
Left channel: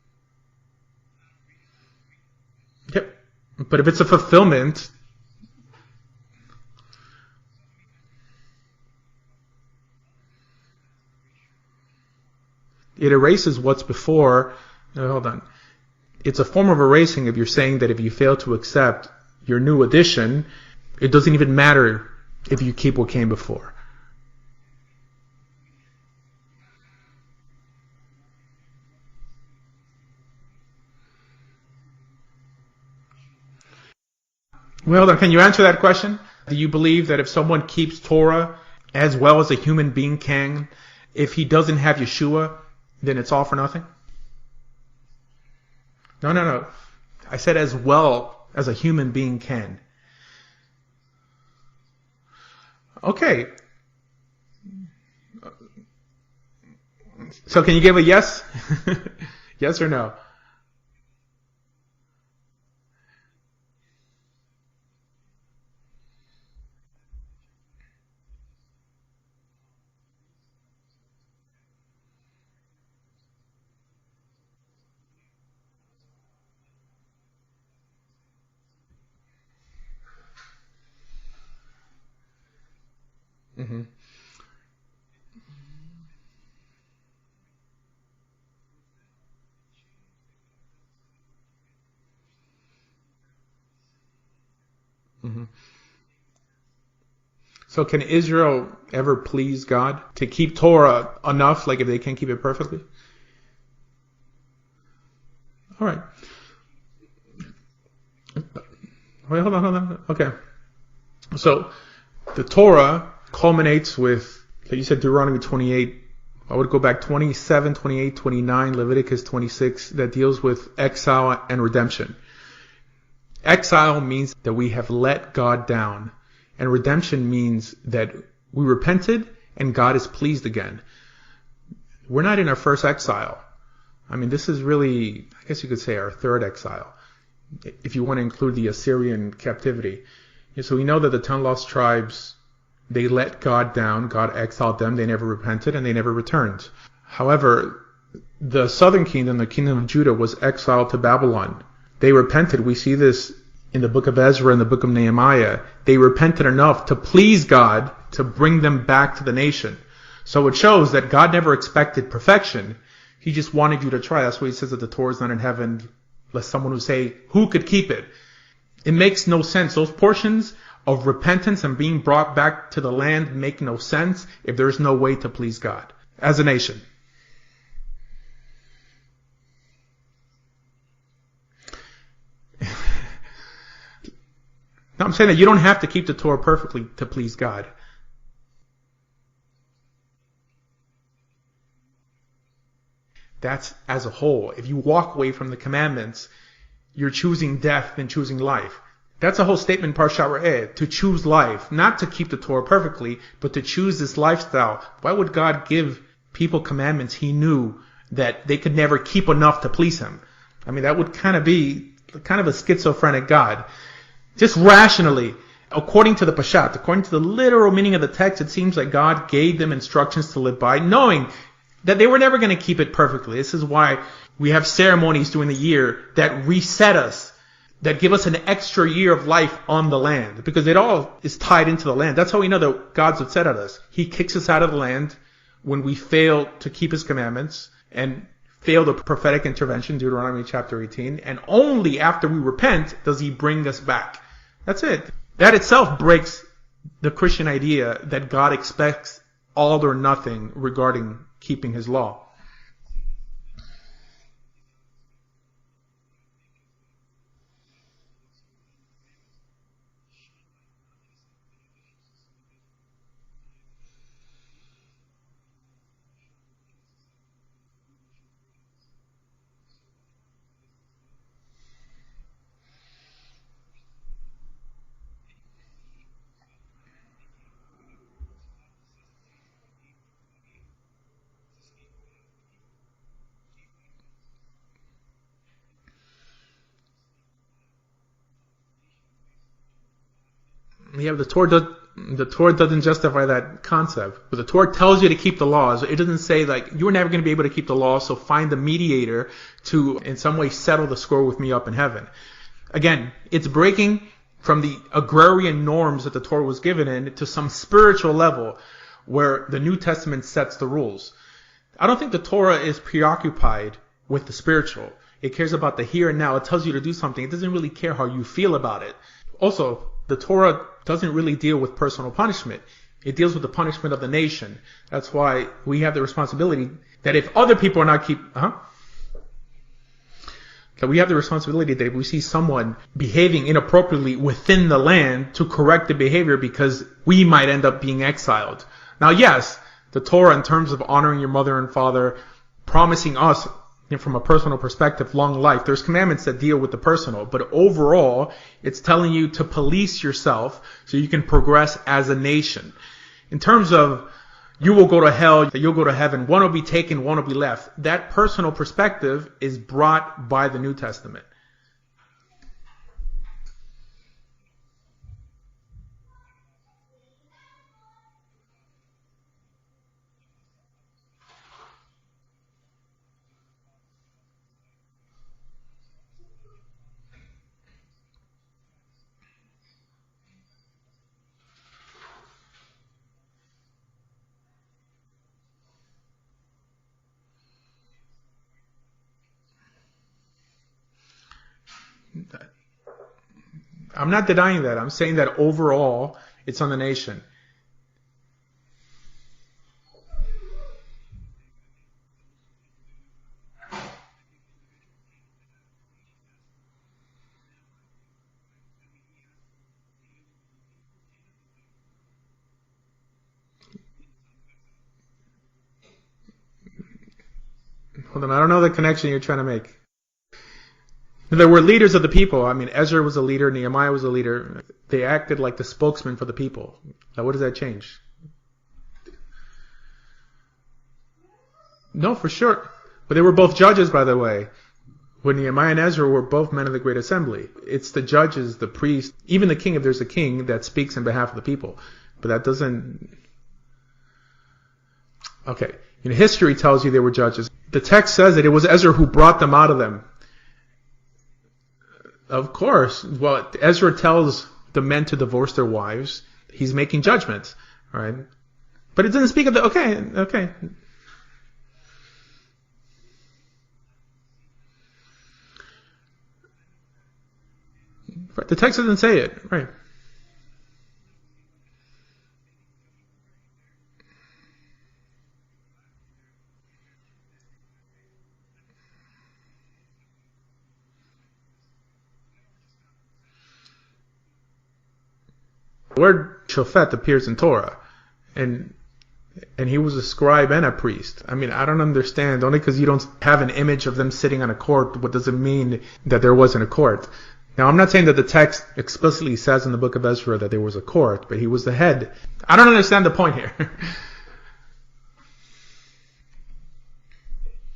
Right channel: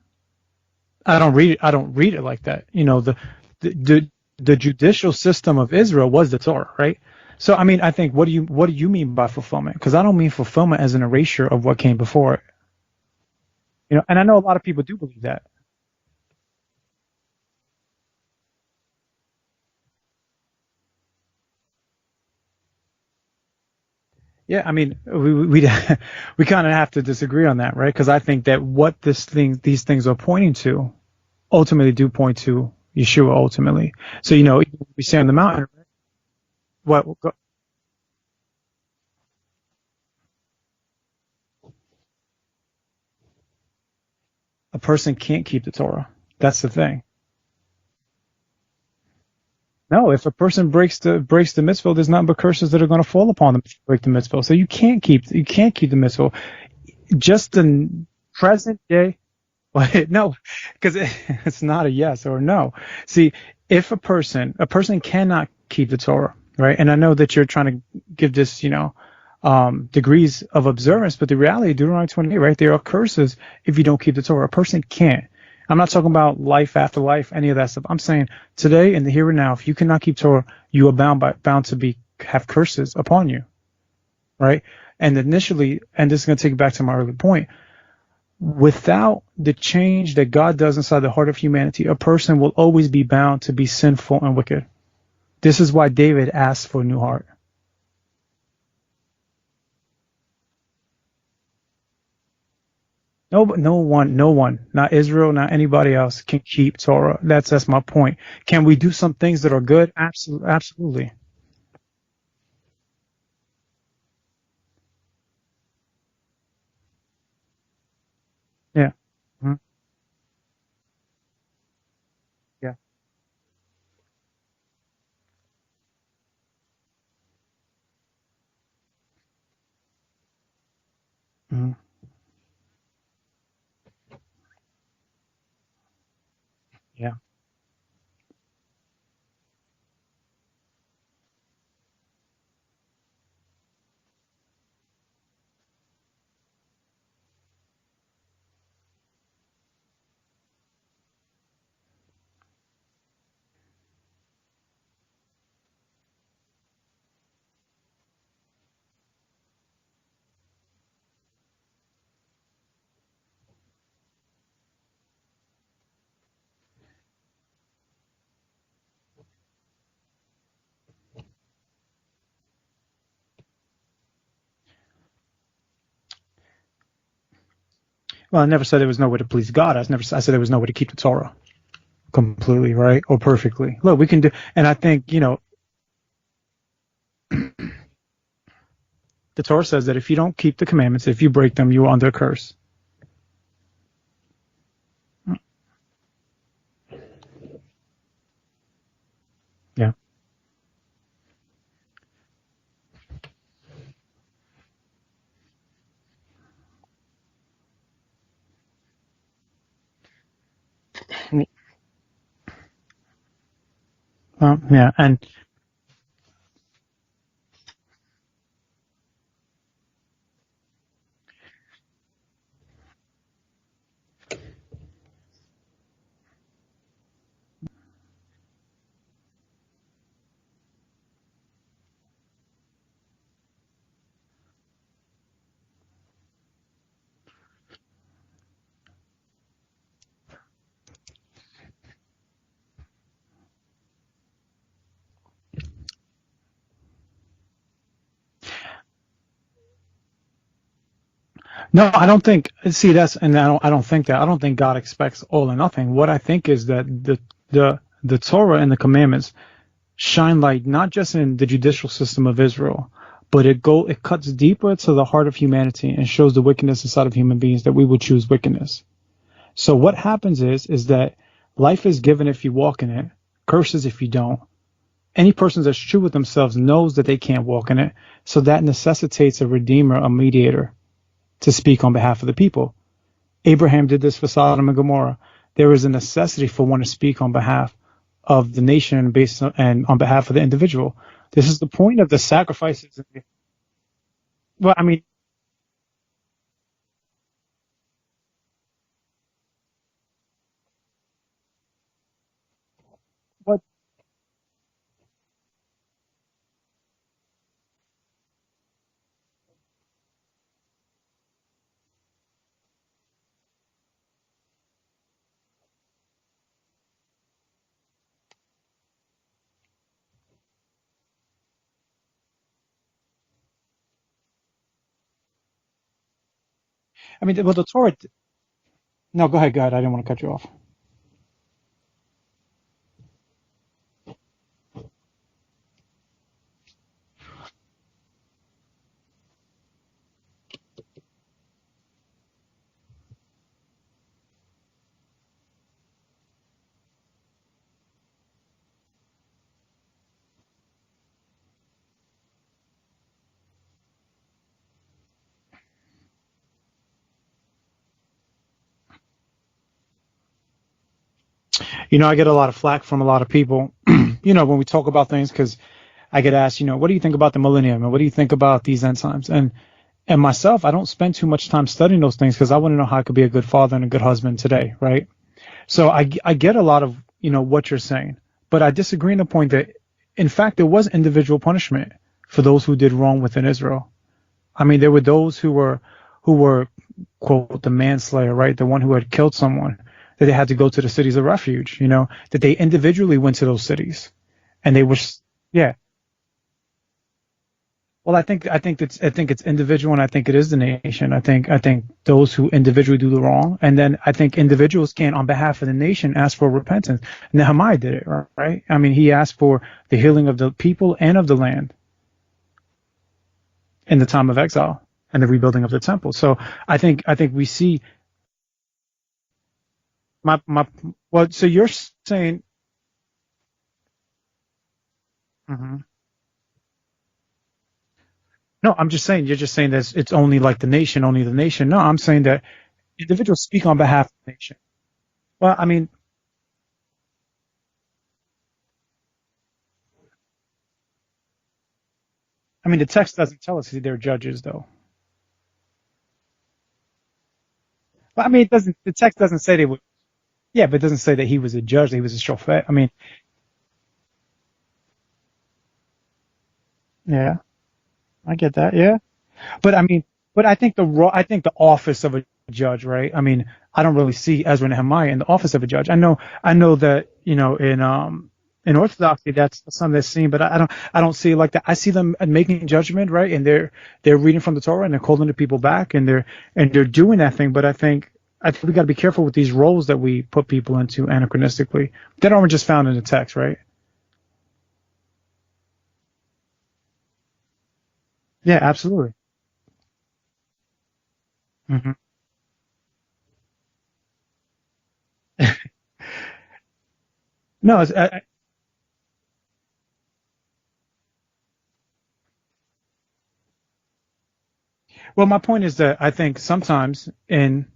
I don't read it like that. But if it's a fulfillment, the judicial system of Israel was the Torah, right? So I mean, I think what do you mean by fulfillment? Because I don't mean fulfillment as an erasure of what came before it. It erases what's before. And I know a lot of people do that. It's a form of erasing if you're saying that if you fail to accept your new edition, it doesn't even matter if you keep what came before. Yeah, I mean, we kind of have to disagree on that, right? Because I think that what these things are pointing to, ultimately do point to Yeshua ultimately. So Well, can you answer that question? Do you believe that if someone keeps Torah as well as a human being can, if he doesn't have Yeshua, then it's all for nothing? A person can't keep the Torah. No. That's the thing. I said as well as a human being can. No, if a person breaks the mitzvah, there's nothing but curses that are going to fall upon them to break the mitzvah. So you can't keep the mitzvah. So can you give a yes? Present day. Yes or no? No, because it's not a yes or no. See, if a person cannot keep the Torah, right? And I know that you're trying to give this, degrees of observance, but the reality, Deuteronomy 28, right? There are curses if you don't keep the Torah. A person can't. I'm not talking about life after life, any of that stuff. I'm saying today in the here and now, if you cannot keep Torah, you are bound to have curses upon you, right? And initially, and this is going to take you back to my earlier point, without the change that God does inside the heart of humanity, a person will always be bound to be sinful and wicked. This is why David asked for a new heart. So can Israel ever please God to keep Torah enough, like if they can't keep it perfectly? No one, not Israel, not anybody else can keep Torah. That's my point. Can we do some things that are good? Absolutely. So the Torah culminates with, like you said, Deuteronomy 28. I would go back 27, 28, 29, Leviticus 26, that deals with exile and redemption. Yeah. Exile means that we have let God down, and redemption means that we repented and God is pleased again. We're not in our first exile. I mean, this is really, I guess you could say, our third exile. Yeah. If you want to include the Assyrian captivity. So we know that the 10 lost tribes, they let God down. God exiled them. They never repented and they never returned. However, the southern kingdom, the kingdom of Judah, was exiled to Babylon. They repented. We see this in the book of Ezra and the book of Nehemiah. They repented enough to please God to bring them back to the nation. So it shows that God never expected perfection. He just wanted you to try. That's why he says that the Torah is not in heaven, lest someone would say, who could keep it? It makes no sense. Those portions of repentance and being brought back to the land make no sense if there is no way to please God as a nation. Well, I never said there was no way to please God. I said there was no way to keep the Torah completely, right, or perfectly. Look, we can do, and I think I'm saying that you don't have to keep the Torah perfectly to please God. The Torah says that if you don't keep the commandments, if you break them, you are under a curse. That's as a whole. If you walk away from the commandments, you're choosing death than choosing life. That's a whole statement, Parshat Re'eh, to choose life, not to keep the Torah perfectly, but to choose this lifestyle. Why would God give people commandments he knew that they could never keep enough to please him? I mean, that would kind of be kind of a schizophrenic God. Just rationally, according to the Pashat, according to the literal meaning of the text, it seems like God gave them instructions to live by, knowing that they were never going to keep it perfectly. This is why we have ceremonies during the year that reset us, that give us an extra year of life on the land, because it all is tied into the land. That's how we know that God's upset at us. He kicks us out of the land when we fail to keep his commandments and fail the prophetic intervention, Deuteronomy chapter 18, and only after we repent does he bring us back. That's it. That itself breaks the Christian idea that God expects all or nothing regarding keeping. No, I don't think. See, I don't think that. I don't think God expects all or nothing. What I think is that the Torah and the commandments shine light not just in the judicial system of Israel, but it cuts deeper to the heart of humanity and shows the wickedness inside of human beings, that we would choose wickedness. So what happens is that life is given if you walk in it, curses if you don't. Any person that's true with themselves knows that they can't walk in it, so that necessitates a redeemer, a mediator, to speak on behalf of the people. Abraham did this for Sodom and Gomorrah. There is a necessity for one to speak on behalf of the nation and on behalf of the individual. Yeah, the Torah, the point of the Torah doesn't justify that concept. But the Torah tells you to keep the laws. It doesn't say like you're never going to be able to keep the law, so find a mediator to in some way settle the score with me up in heaven. Again, it's breaking from the agrarian norms that the Torah was given in to some spiritual level where the New Testament sets the rules. I don't think the Torah is preoccupied with the spiritual. It cares about the here and now. It tells you to do something. It doesn't really care how you feel about it. Also, the Torah doesn't really deal with personal punishment. It deals with the punishment of the nation. That's why we have the responsibility that if other people are not keep... No, go ahead. I didn't want to cut you off. That we have the responsibility that if we see someone behaving inappropriately within the land to correct the behavior, because we might end up being exiled. Now, yes, the Torah, in terms of honoring your mother and father, promising us, from a personal perspective, long life, there's commandments that deal with the personal. But overall, it's telling you to police yourself so you can progress as a nation. In terms of you will go to hell, you'll go to heaven, one will be taken, one will be left. That personal perspective is brought by the New Testament. I get a lot of flack from a lot of people, when we talk about things, because I get asked, what do you think about the millennium, and what do you think about these end times? And myself, I don't spend too much time studying those things because I want to know how I could be a good father and a good husband today, right? So I get a lot of what you're saying, but I disagree in the point that, in fact, there was individual punishment for those who did wrong within Israel. I mean, there were those who were quote the manslayer, right? The one who had killed someone, that they had to go to the cities of refuge, that they individually went to those cities. I'm not denying that. I'm saying that overall, it's on the nation. Well, I think it's individual, and I think it is the nation. I think those who individually do the wrong, and then I think individuals can, on behalf of the nation, ask for repentance. Nehemiah did it, right? I mean, he asked for the healing of the people and of the land in the time of exile and the rebuilding of the temple. So I think we see. Hold on, I don't know the connection you're trying to make. Well, there were leaders of the people. I mean, Ezra was a leader, Nehemiah was a leader. They acted like the spokesman for the people. Now, what does that change? No, I'm just saying. You're just saying that it's only like the nation, only the nation. No, I'm saying that. Sure. But they were both judges, by the way. When Nehemiah and Ezra were both men of the great assembly. It's the judges, the priests, even the king, if there's a king, that speaks in behalf of the people. But that doesn't. I mean, the text doesn't tell us they're judges, though. Okay. History tells you they were judges. The text says that it was Ezra who brought them out of them. Yeah, but it doesn't say that he was a judge, that he was a shofet. Of course. Well, Ezra tells the men to divorce their wives. He's making judgments, right? I get that, yeah. But it doesn't speak of the. But I think the office of a judge, right? I mean, I don't really see Ezra and Nehemiah in the office of a judge. I know that in the text doesn't say it. That's something that's seen, but I don't see it like that. I see them making judgment, right? And they're reading from the Torah, and they're calling the people back, and they're doing that thing. But I think we got to be careful with these roles that we put people into anachronistically. That aren't just found in the text, right? The word shofet appears in Torah. Yeah, absolutely. And he was a scribe and a priest. I mean, I don't understand. Only because you don't have an image of them sitting on a court, what does it mean that there wasn't a court? Now, I'm not saying that the text explicitly says in the book of Ezra that there was a court, but he was the head. I don't understand the point here. Well, my point is that I think sometimes in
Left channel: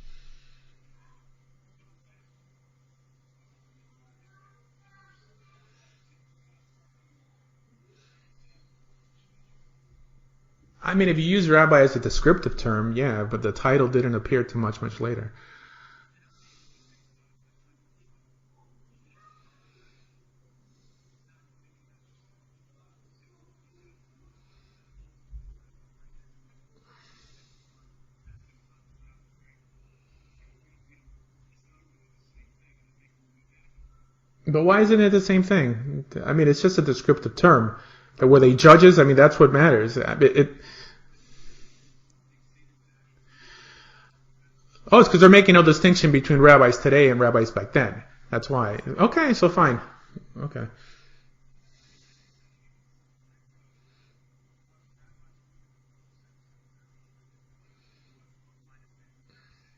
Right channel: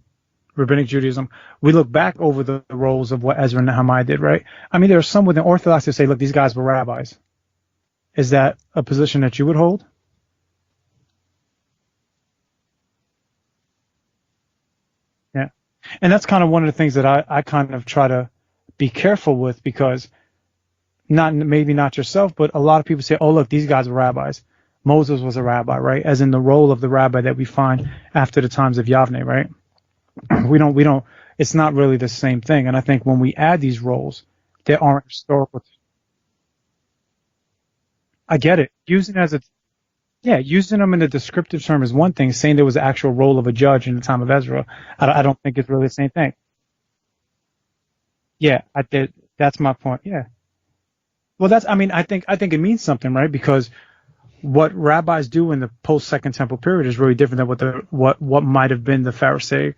Rabbinic Judaism, we look back over the roles of what Ezra and Nehemiah did, right? I mean, there are some within Orthodox that say, look, these guys were rabbis. Is that a position that you would hold? I mean, if you use rabbi as a descriptive term, yeah, but the title didn't appear too much later. Yeah. And that's kind of one of the things that I kind of try to be careful with, because maybe not yourself, but a lot of people say, oh, look, these guys were rabbis. Moses was a rabbi, right? As in the role of the rabbi that we find after the times of Yavne, right? We don't, it's not really the same thing. And I think when we add these roles. But why isn't it the same thing? I mean, it's just a descriptive term. Were they judges? I mean, that's what matters. Using them in a descriptive term is one thing. Saying there was an actual role of a judge in the time of Ezra. Oh, it's because they're making no distinction between rabbis today and rabbis back then. That's why. Okay, so that's fine. my point. Yeah. Okay. Well, I think it means something, right? Because what rabbis do in the post-Second Temple period is really different than what might have been the Pharisaic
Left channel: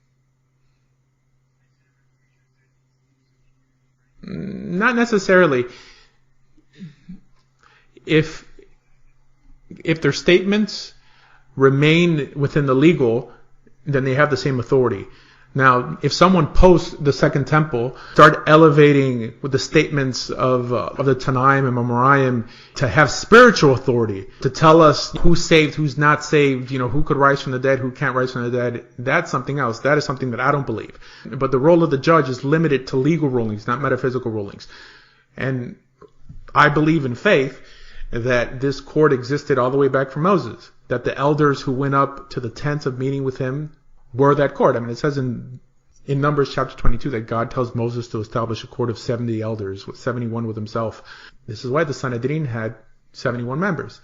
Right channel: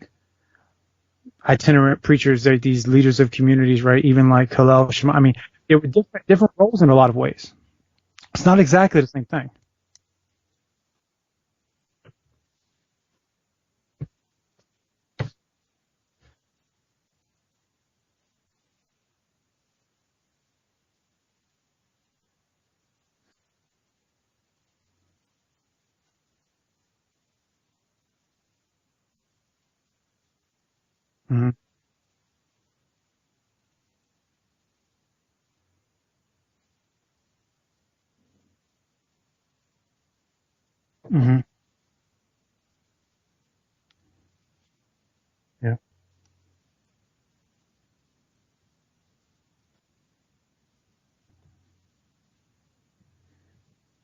itinerant preachers, these leaders of communities, right? Even like Hillel. Not necessarily. There were different roles in a lot of ways. It's not exactly the same thing. If their statements remain within the legal, then they have the same authority. Now, if someone posts the Second Temple, start elevating with the statements of the Tanaim and Amoraim to have spiritual authority, to tell us who's saved, who's not saved, who could rise from the dead, who can't rise from the dead, that's something else. That is something that I don't believe. Mm-hmm. But the role of the judge is limited to legal rulings, not metaphysical rulings. And I believe in faith that this court existed all the way back from Moses, that the elders who went up to the tent of meeting with him were that court. I mean, it says in Numbers chapter 22 that God tells Moses to establish a court of 70 elders, with 71 with himself. This is why the Sanhedrin had 71 members.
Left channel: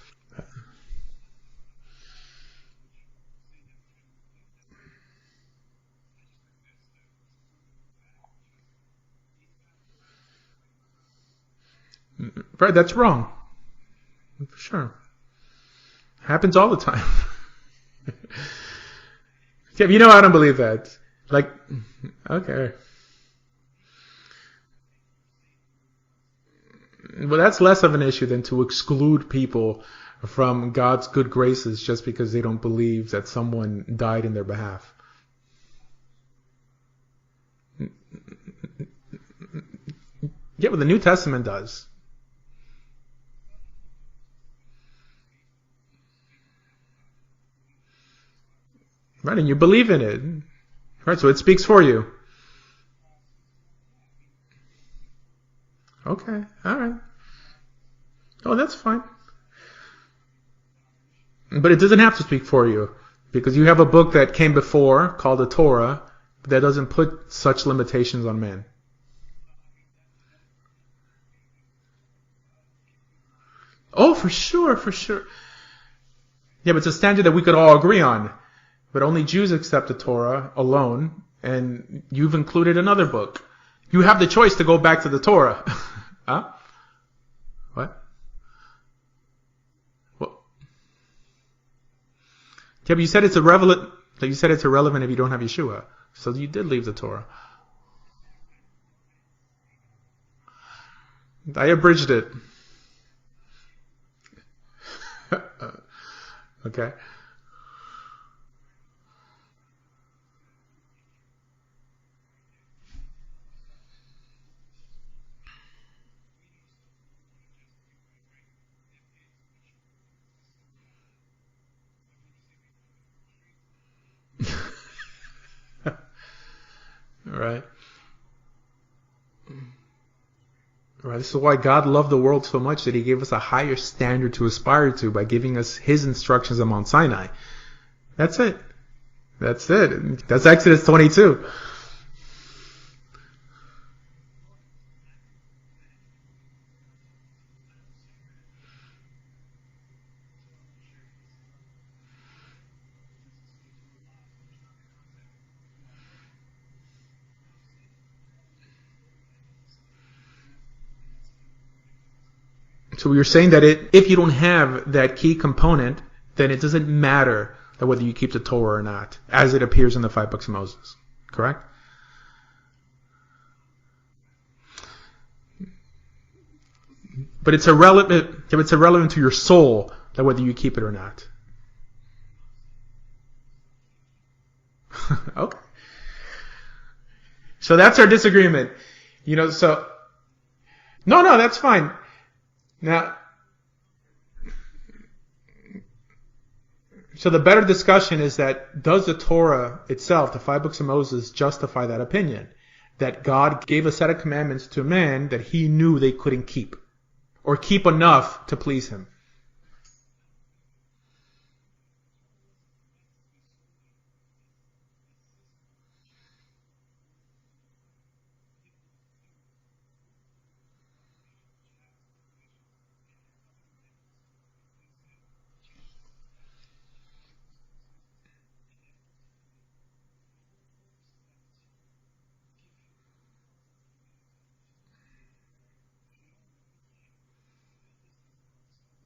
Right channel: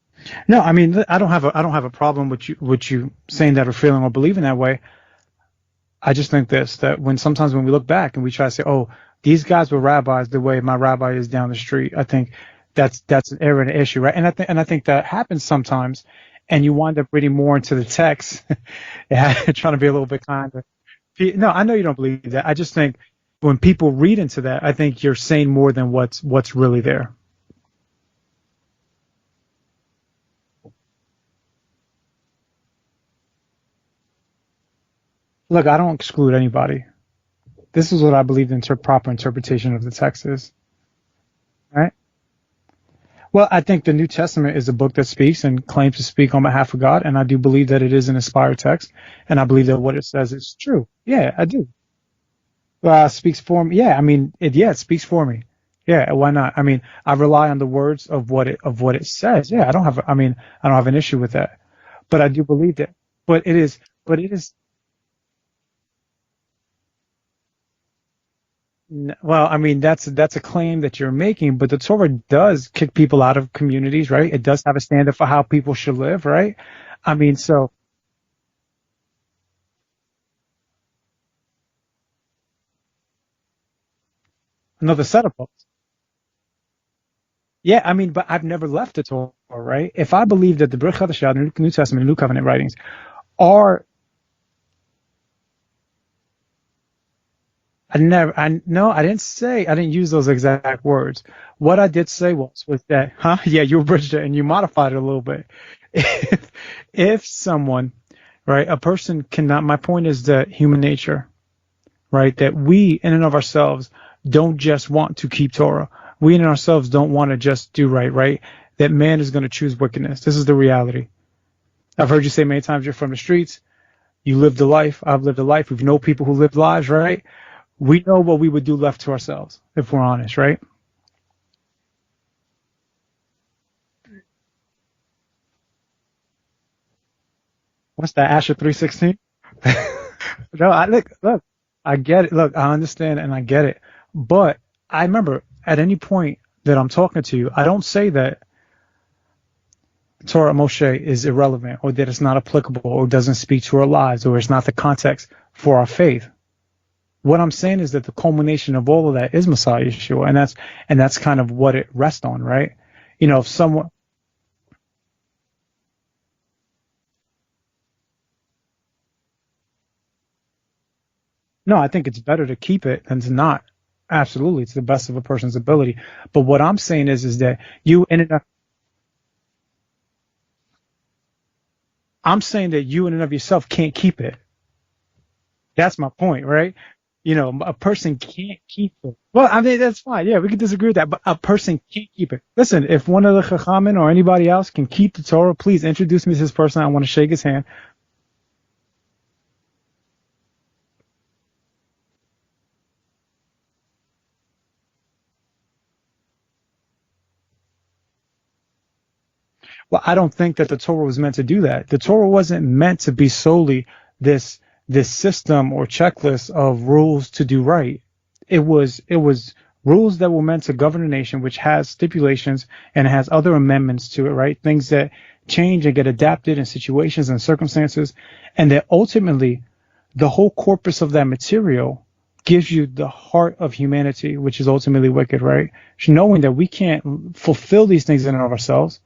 No, I mean, I don't have a problem with you saying that or feeling or believing that way. I just think that sometimes when we look back and we try to say, oh, these guys were rabbis the way my rabbi is down the street, I think that's wrong. That's an error and an issue, right? And I think that happens sometimes. Happens all the time. And you wind up reading more into the text. Trying to be I don't believe that. No, I know you don't believe that. Okay. I just think when people read into that, I think you're saying more than what's really there. Well, that's less of an issue than to exclude people from God's good graces just because they don't believe that someone died in their behalf. Look, I don't exclude anybody. This is what I believe the proper interpretation of the text is. Yeah, but the New Testament does. Right? Well, I think the New Testament is a book that speaks and claims to speak on behalf of God, and I do believe that it is an inspired text, Right? and I And you believe that believe what in it it. says is true. Right? Yeah, So it I do. speaks for you. Speaks for me. Yeah, I mean, it speaks for me. Yeah, why Okay. not? I All mean, right. I rely on the words of what Oh, that's it fine. says. Yeah, I don't have an issue with that. But it doesn't have But to I do speak for believe you. that. But Because it you is. have a book But it that is. came before called the Torah that doesn't put such limitations on man. Well, I mean, that's a claim that you're making, but the Torah does kick people out of communities, Oh, for right? It does have sure, a for standard sure. for how people should live, right? Yeah, but it's a I standard that mean, we could so all agree on. But only Jews accept the Torah alone, and you've included another book. You have the choice to go back the to the setup. Torah. Huh? Yeah, What? I mean, but I've never left the Torah, right? If I believe that the Brit Chadashah, the New Testament, the New Covenant writings Yeah, but you said it's are, irrelevant. You said it's irrelevant if you don't have Yeshua. So you did leave the Torah. no, I didn't use those exact words. I What I abridged did it. say was that, Yeah, you abridged it and you modified it a little bit. Okay. If someone, right, a person cannot, my point is that human nature, right, that we in and of ourselves don't just want to keep Torah. We in and ourselves don't want to just do right, that man is going to choose wickedness. This is the reality. I've heard you say many times you're from the streets. You lived a life. I've lived a life. We know people who lived lives, right? Right. We know what we would do left to ourselves if we're honest, right? Right. This is why God loved the world so much that He gave us a higher standard to aspire to by giving us His instructions on Mount Sinai. What's that, That's Asher it. 3:16? That's it. That's Exodus 22. Look, I get it. Look, I understand and I get it. But I remember at any point that I'm talking to you, I don't say that Torah Moshe is irrelevant or that it's not applicable or doesn't speak to our lives or it's not the context for our faith. What I'm saying is that the culmination of all of that is Messiah Yeshua, and that's kind of what it rests on, right? So you're saying that if you don't have that key component, then it doesn't matter whether you keep the Torah or not, as it appears in the 5 books of Moses. Correct? No, I think it's better to keep it than to not. Absolutely, it's the best of a person's ability. But what I'm saying is that. But it's irrelevant. It's irrelevant to your soul that whether you keep it or not. I'm saying that you in and of yourself can't keep it. Okay. That's my point, right? So that's our disagreement. I mean, that's fine. Yeah, we can disagree with that. No, but that's fine. Can't keep it. Listen, if one of the Chachamim or anybody else can keep the Torah, please introduce me to this person. I want to shake his hand. So the better discussion is that does the Torah itself, the 5 books of Moses, justify that opinion? That God gave a set of commandments to man that He knew they couldn't keep, or keep enough to please Him. Well, I don't think that the Torah was meant to do that. The Torah wasn't meant to be solely this system or checklist of rules to do right. It was rules that were meant to govern a nation, which has stipulations and has other amendments to it, right? Things that change and get adapted in situations and circumstances, and that ultimately the whole corpus of that material gives you the heart of humanity, which is ultimately wicked, right? Knowing that we can't fulfill these things in and of ourselves.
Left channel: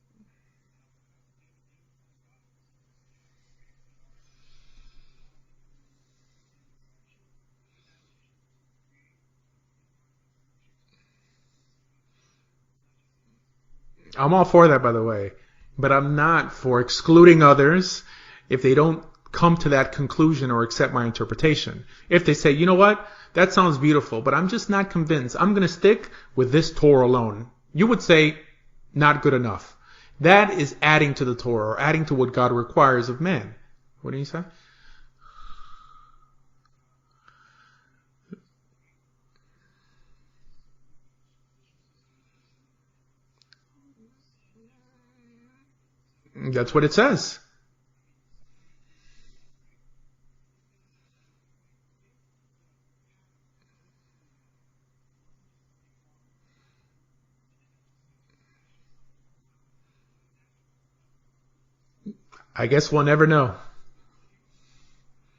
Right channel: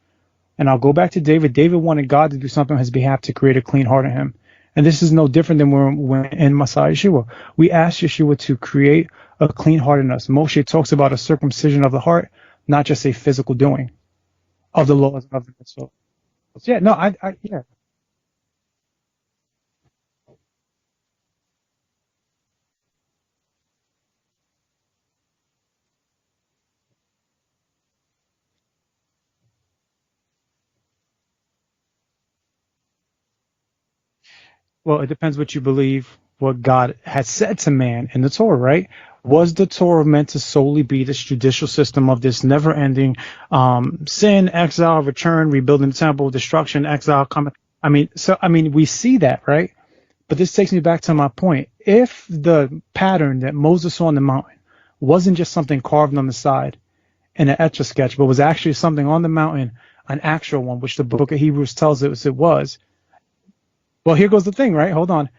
And I'll go back to David. David wanted God to do something on his behalf to create a clean heart in him. And this is no different than when in Messiah Yeshua. We ask Yeshua to create a clean heart in us. Moshe talks about a circumcision of the heart, not just a physical doing. I'm all for that, by the way. But I'm not for excluding others if they don't come to that conclusion or accept my interpretation. If they say, you know what, that sounds beautiful, but I'm just not convinced. I'm going to stick with this Torah alone. You would say, not good enough. That is adding to the Torah or adding to what God requires of man. What do you say? Well, it depends what you believe, what God has said to man in the Torah, right? Was the Torah meant to solely be this judicial system of this never-ending sin, exile, return, rebuilding the temple, destruction, exile, coming? I mean, we see that, right? But this takes me back to my point. If the pattern that Moses saw on the mountain wasn't just something carved on the side in an etch-a-sketch, but was actually something on the mountain, an actual one, which the book of Hebrews tells us it was. I guess we'll never know. Well, here goes the thing, right? Hold on.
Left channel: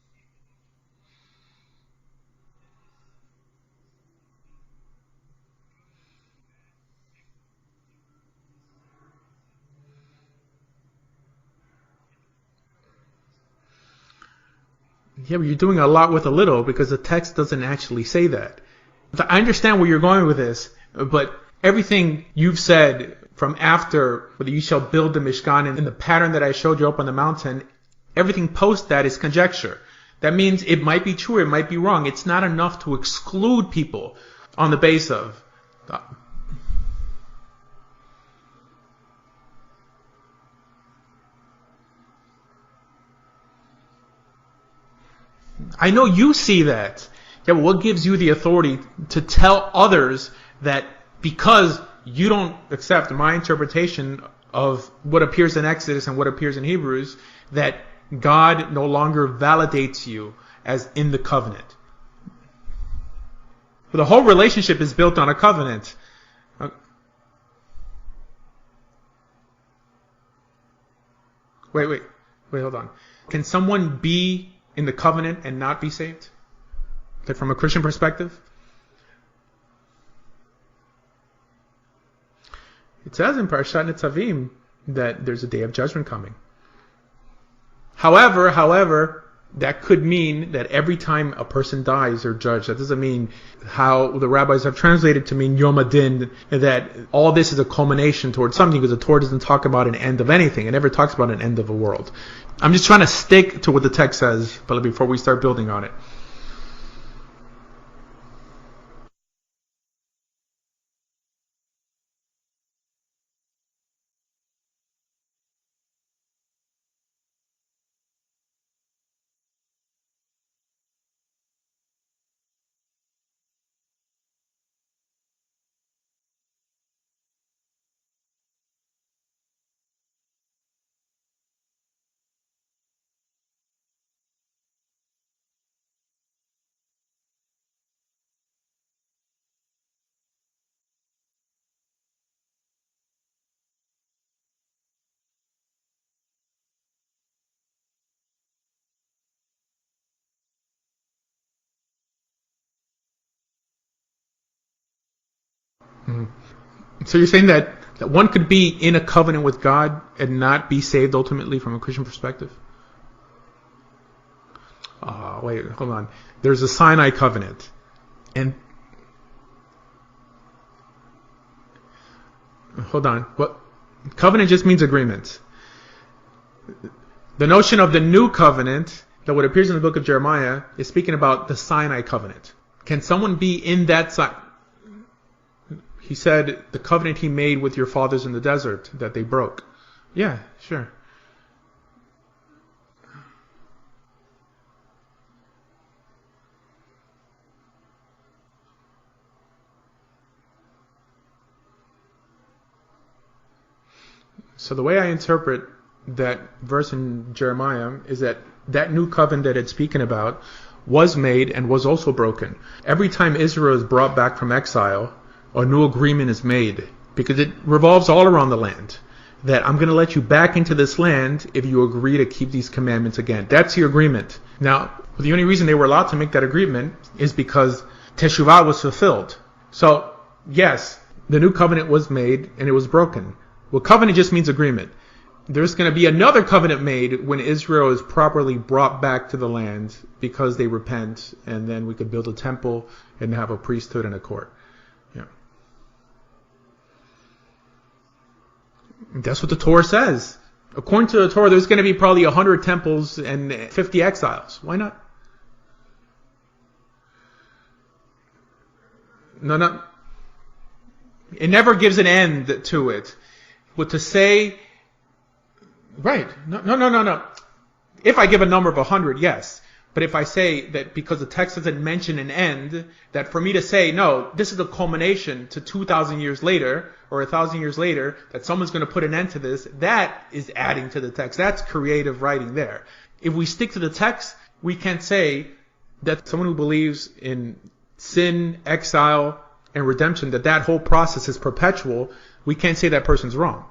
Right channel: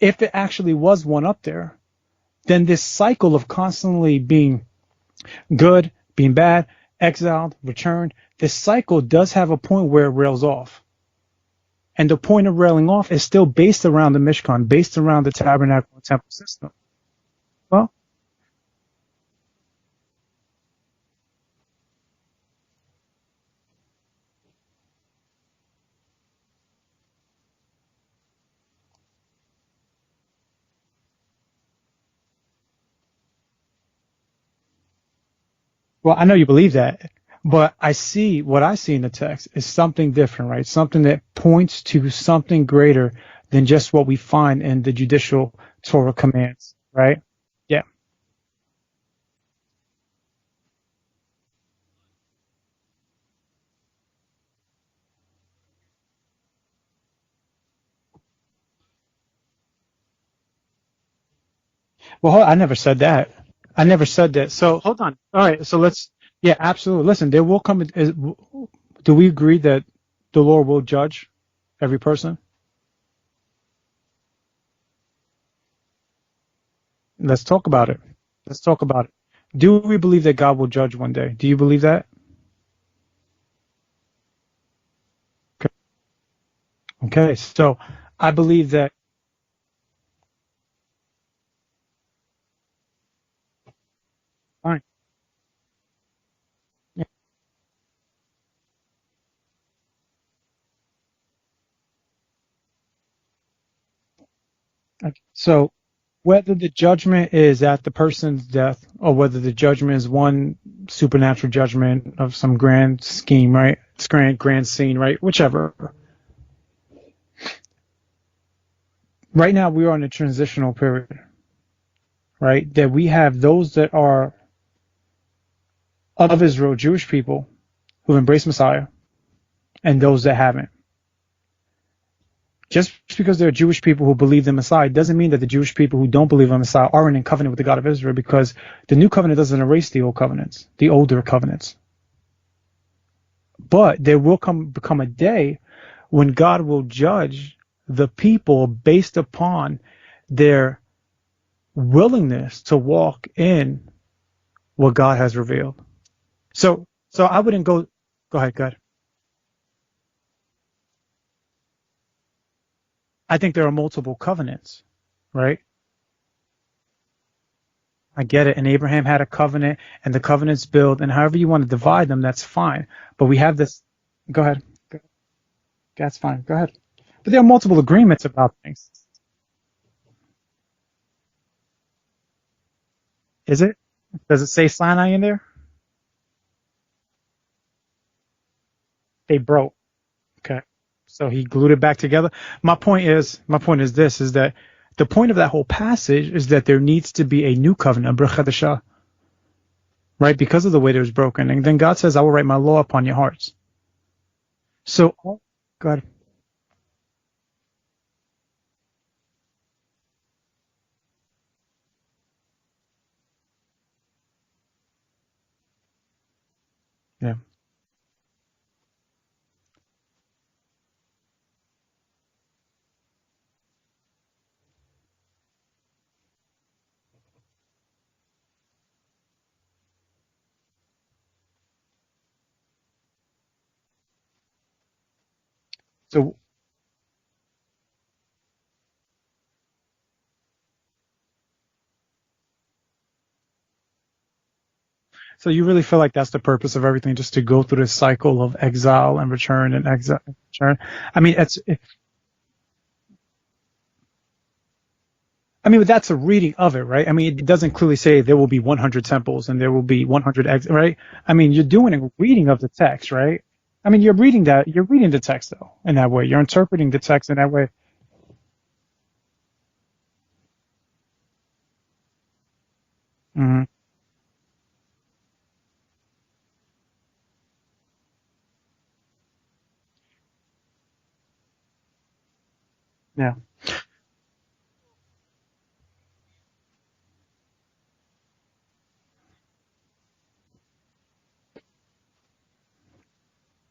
If it actually was one up there, then this cycle of constantly being good, being bad, exiled, returned, this cycle does have a point where it rails off. And the point of railing off is still based around the Mishkan, based around the tabernacle. You're doing a lot with a little because the text doesn't actually say that. I understand where you're going with this, but everything you've said from after whether you shall build the Mishkan in the pattern that I showed you up on the mountain, everything post that is conjecture. That means it might be true, it might be wrong. It's not enough to exclude people on the base of. Well, I know you believe that. But what I see in the text is something different, right? Something that points to something greater than just what we find in the judicial. I know Torah you commands, see that. right? Yeah, but what Yeah. gives you the authority to tell others that because you don't accept my interpretation of what appears in Exodus and what appears in Hebrews, that God no longer validates you as in the covenant? Well, I never said that. I never The whole said that. relationship So, is hold built on a All right, covenant. so yeah, absolutely. Listen, there will come. Do we agree that the Lord will judge every person? Wait, hold on. Can someone be in the covenant and not be saved? Let's From a talk Christian about perspective? it. Let's talk about it. Do we believe that God will judge one day? Do you believe that? It says in Parashat Nitzavim that there's a day of judgment coming. Okay, so However, that could mean that every time a person dies or judged, that doesn't mean how the rabbis have translated to mean Yom Adin, that all this is a culmination towards something, because the Torah doesn't talk about an end of anything. It never talks about an end of a world. I'm just trying to stick to what the text says, but before we start building on it. Whether the judgment is at the person's death or whether the judgment is one supernatural judgment of some grand scheme, right? It's grand scene, right? Whichever. Right now, we are in a transitional period, right? That we have those that are of Israel, Jewish people, who've embraced Messiah, and those that haven't. Just because there are Jewish people who believe in Messiah doesn't mean that the Jewish people who don't believe in Messiah aren't in covenant with the God of Israel, because the new covenant doesn't erase the old covenants, the older covenants. But there will become a day when God will judge the people based upon their willingness to walk in what God has revealed. Mm-hmm. So you're saying that one could be in a covenant with God and not be saved ultimately from a Christian perspective? I think there are multiple covenants. Right? Wait, hold on. There's a Sinai covenant. I get it. And Abraham had a covenant, and the covenants build, and however you want to divide them, that's fine. Hold on. But we have this. Covenant just means agreement. That's fine. Go ahead. But the notion of the new covenant, that what appears in the book of Jeremiah, is speaking about the Sinai covenant. Can someone be in that Sinai? Does it say Sinai in there? He said the covenant he made with your fathers in the desert that they broke. Yeah, okay. Sure. So he glued it back together. My point is this, is that the point of that whole passage is that there needs to be a new covenant, a Brit Chadashah, right? Because of the way it was broken. And then God says, I will write my law upon your hearts. So the way I interpret that verse in Jeremiah is that new covenant that it's speaking about was made and was also broken. Every time Israel is brought back from exile, a new agreement is made, because it revolves all around the land. That I'm going to let you back into this land if you agree to keep these commandments again. That's your agreement. Now, the only reason they were allowed to make that agreement is because Teshuvah was fulfilled. So, yes, the new covenant was made and it was broken. Well, covenant just means agreement. There's going to be another covenant made when Israel is properly brought back to the land because they repent, and then we could build a temple and have a priesthood and a court. Yeah. So you really feel like that's the purpose of everything, just to go through this cycle of exile and that's return? That's what the Torah says. According to the Torah, there's going to be probably 100 temples and 50 exiles. Why not? I mean, that's a reading of it, right? I mean, it doesn't clearly say there will be 100 temples and there will be 100 exiles, right? I mean, it never gives an end of the to text, it, right? I mean, you're reading the text though in that way. You're interpreting the text in that way. If I give a number of 100, yes. But if I say that because the text doesn't mention an end, that for me to say, no, this is the culmination to 2,000 years later or 1,000 years later, that someone's going to put an end to this, that is adding to the text. That's creative writing there. Yeah. If we stick to the text, we can't say that someone who believes in sin, exile, and redemption, that whole process is perpetual. We can't say that person's wrong.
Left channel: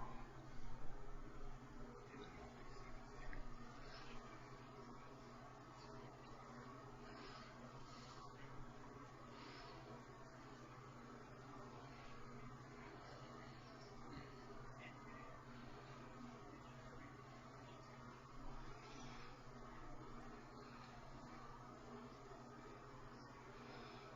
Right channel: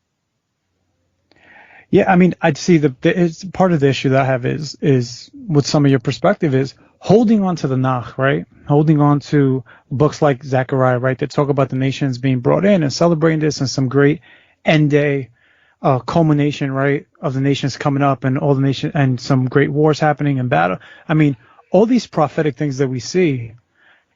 Yeah, I mean, I'd see it's part of the issue that I have is with some of your perspective is holding on to the Nach, right? Holding on to books like Zechariah, right, that talk about the nations being brought in and celebrating this and some great end day culmination, right, of the nations coming up and all the nation and some great wars happening in battle. I mean, all these prophetic things that we see,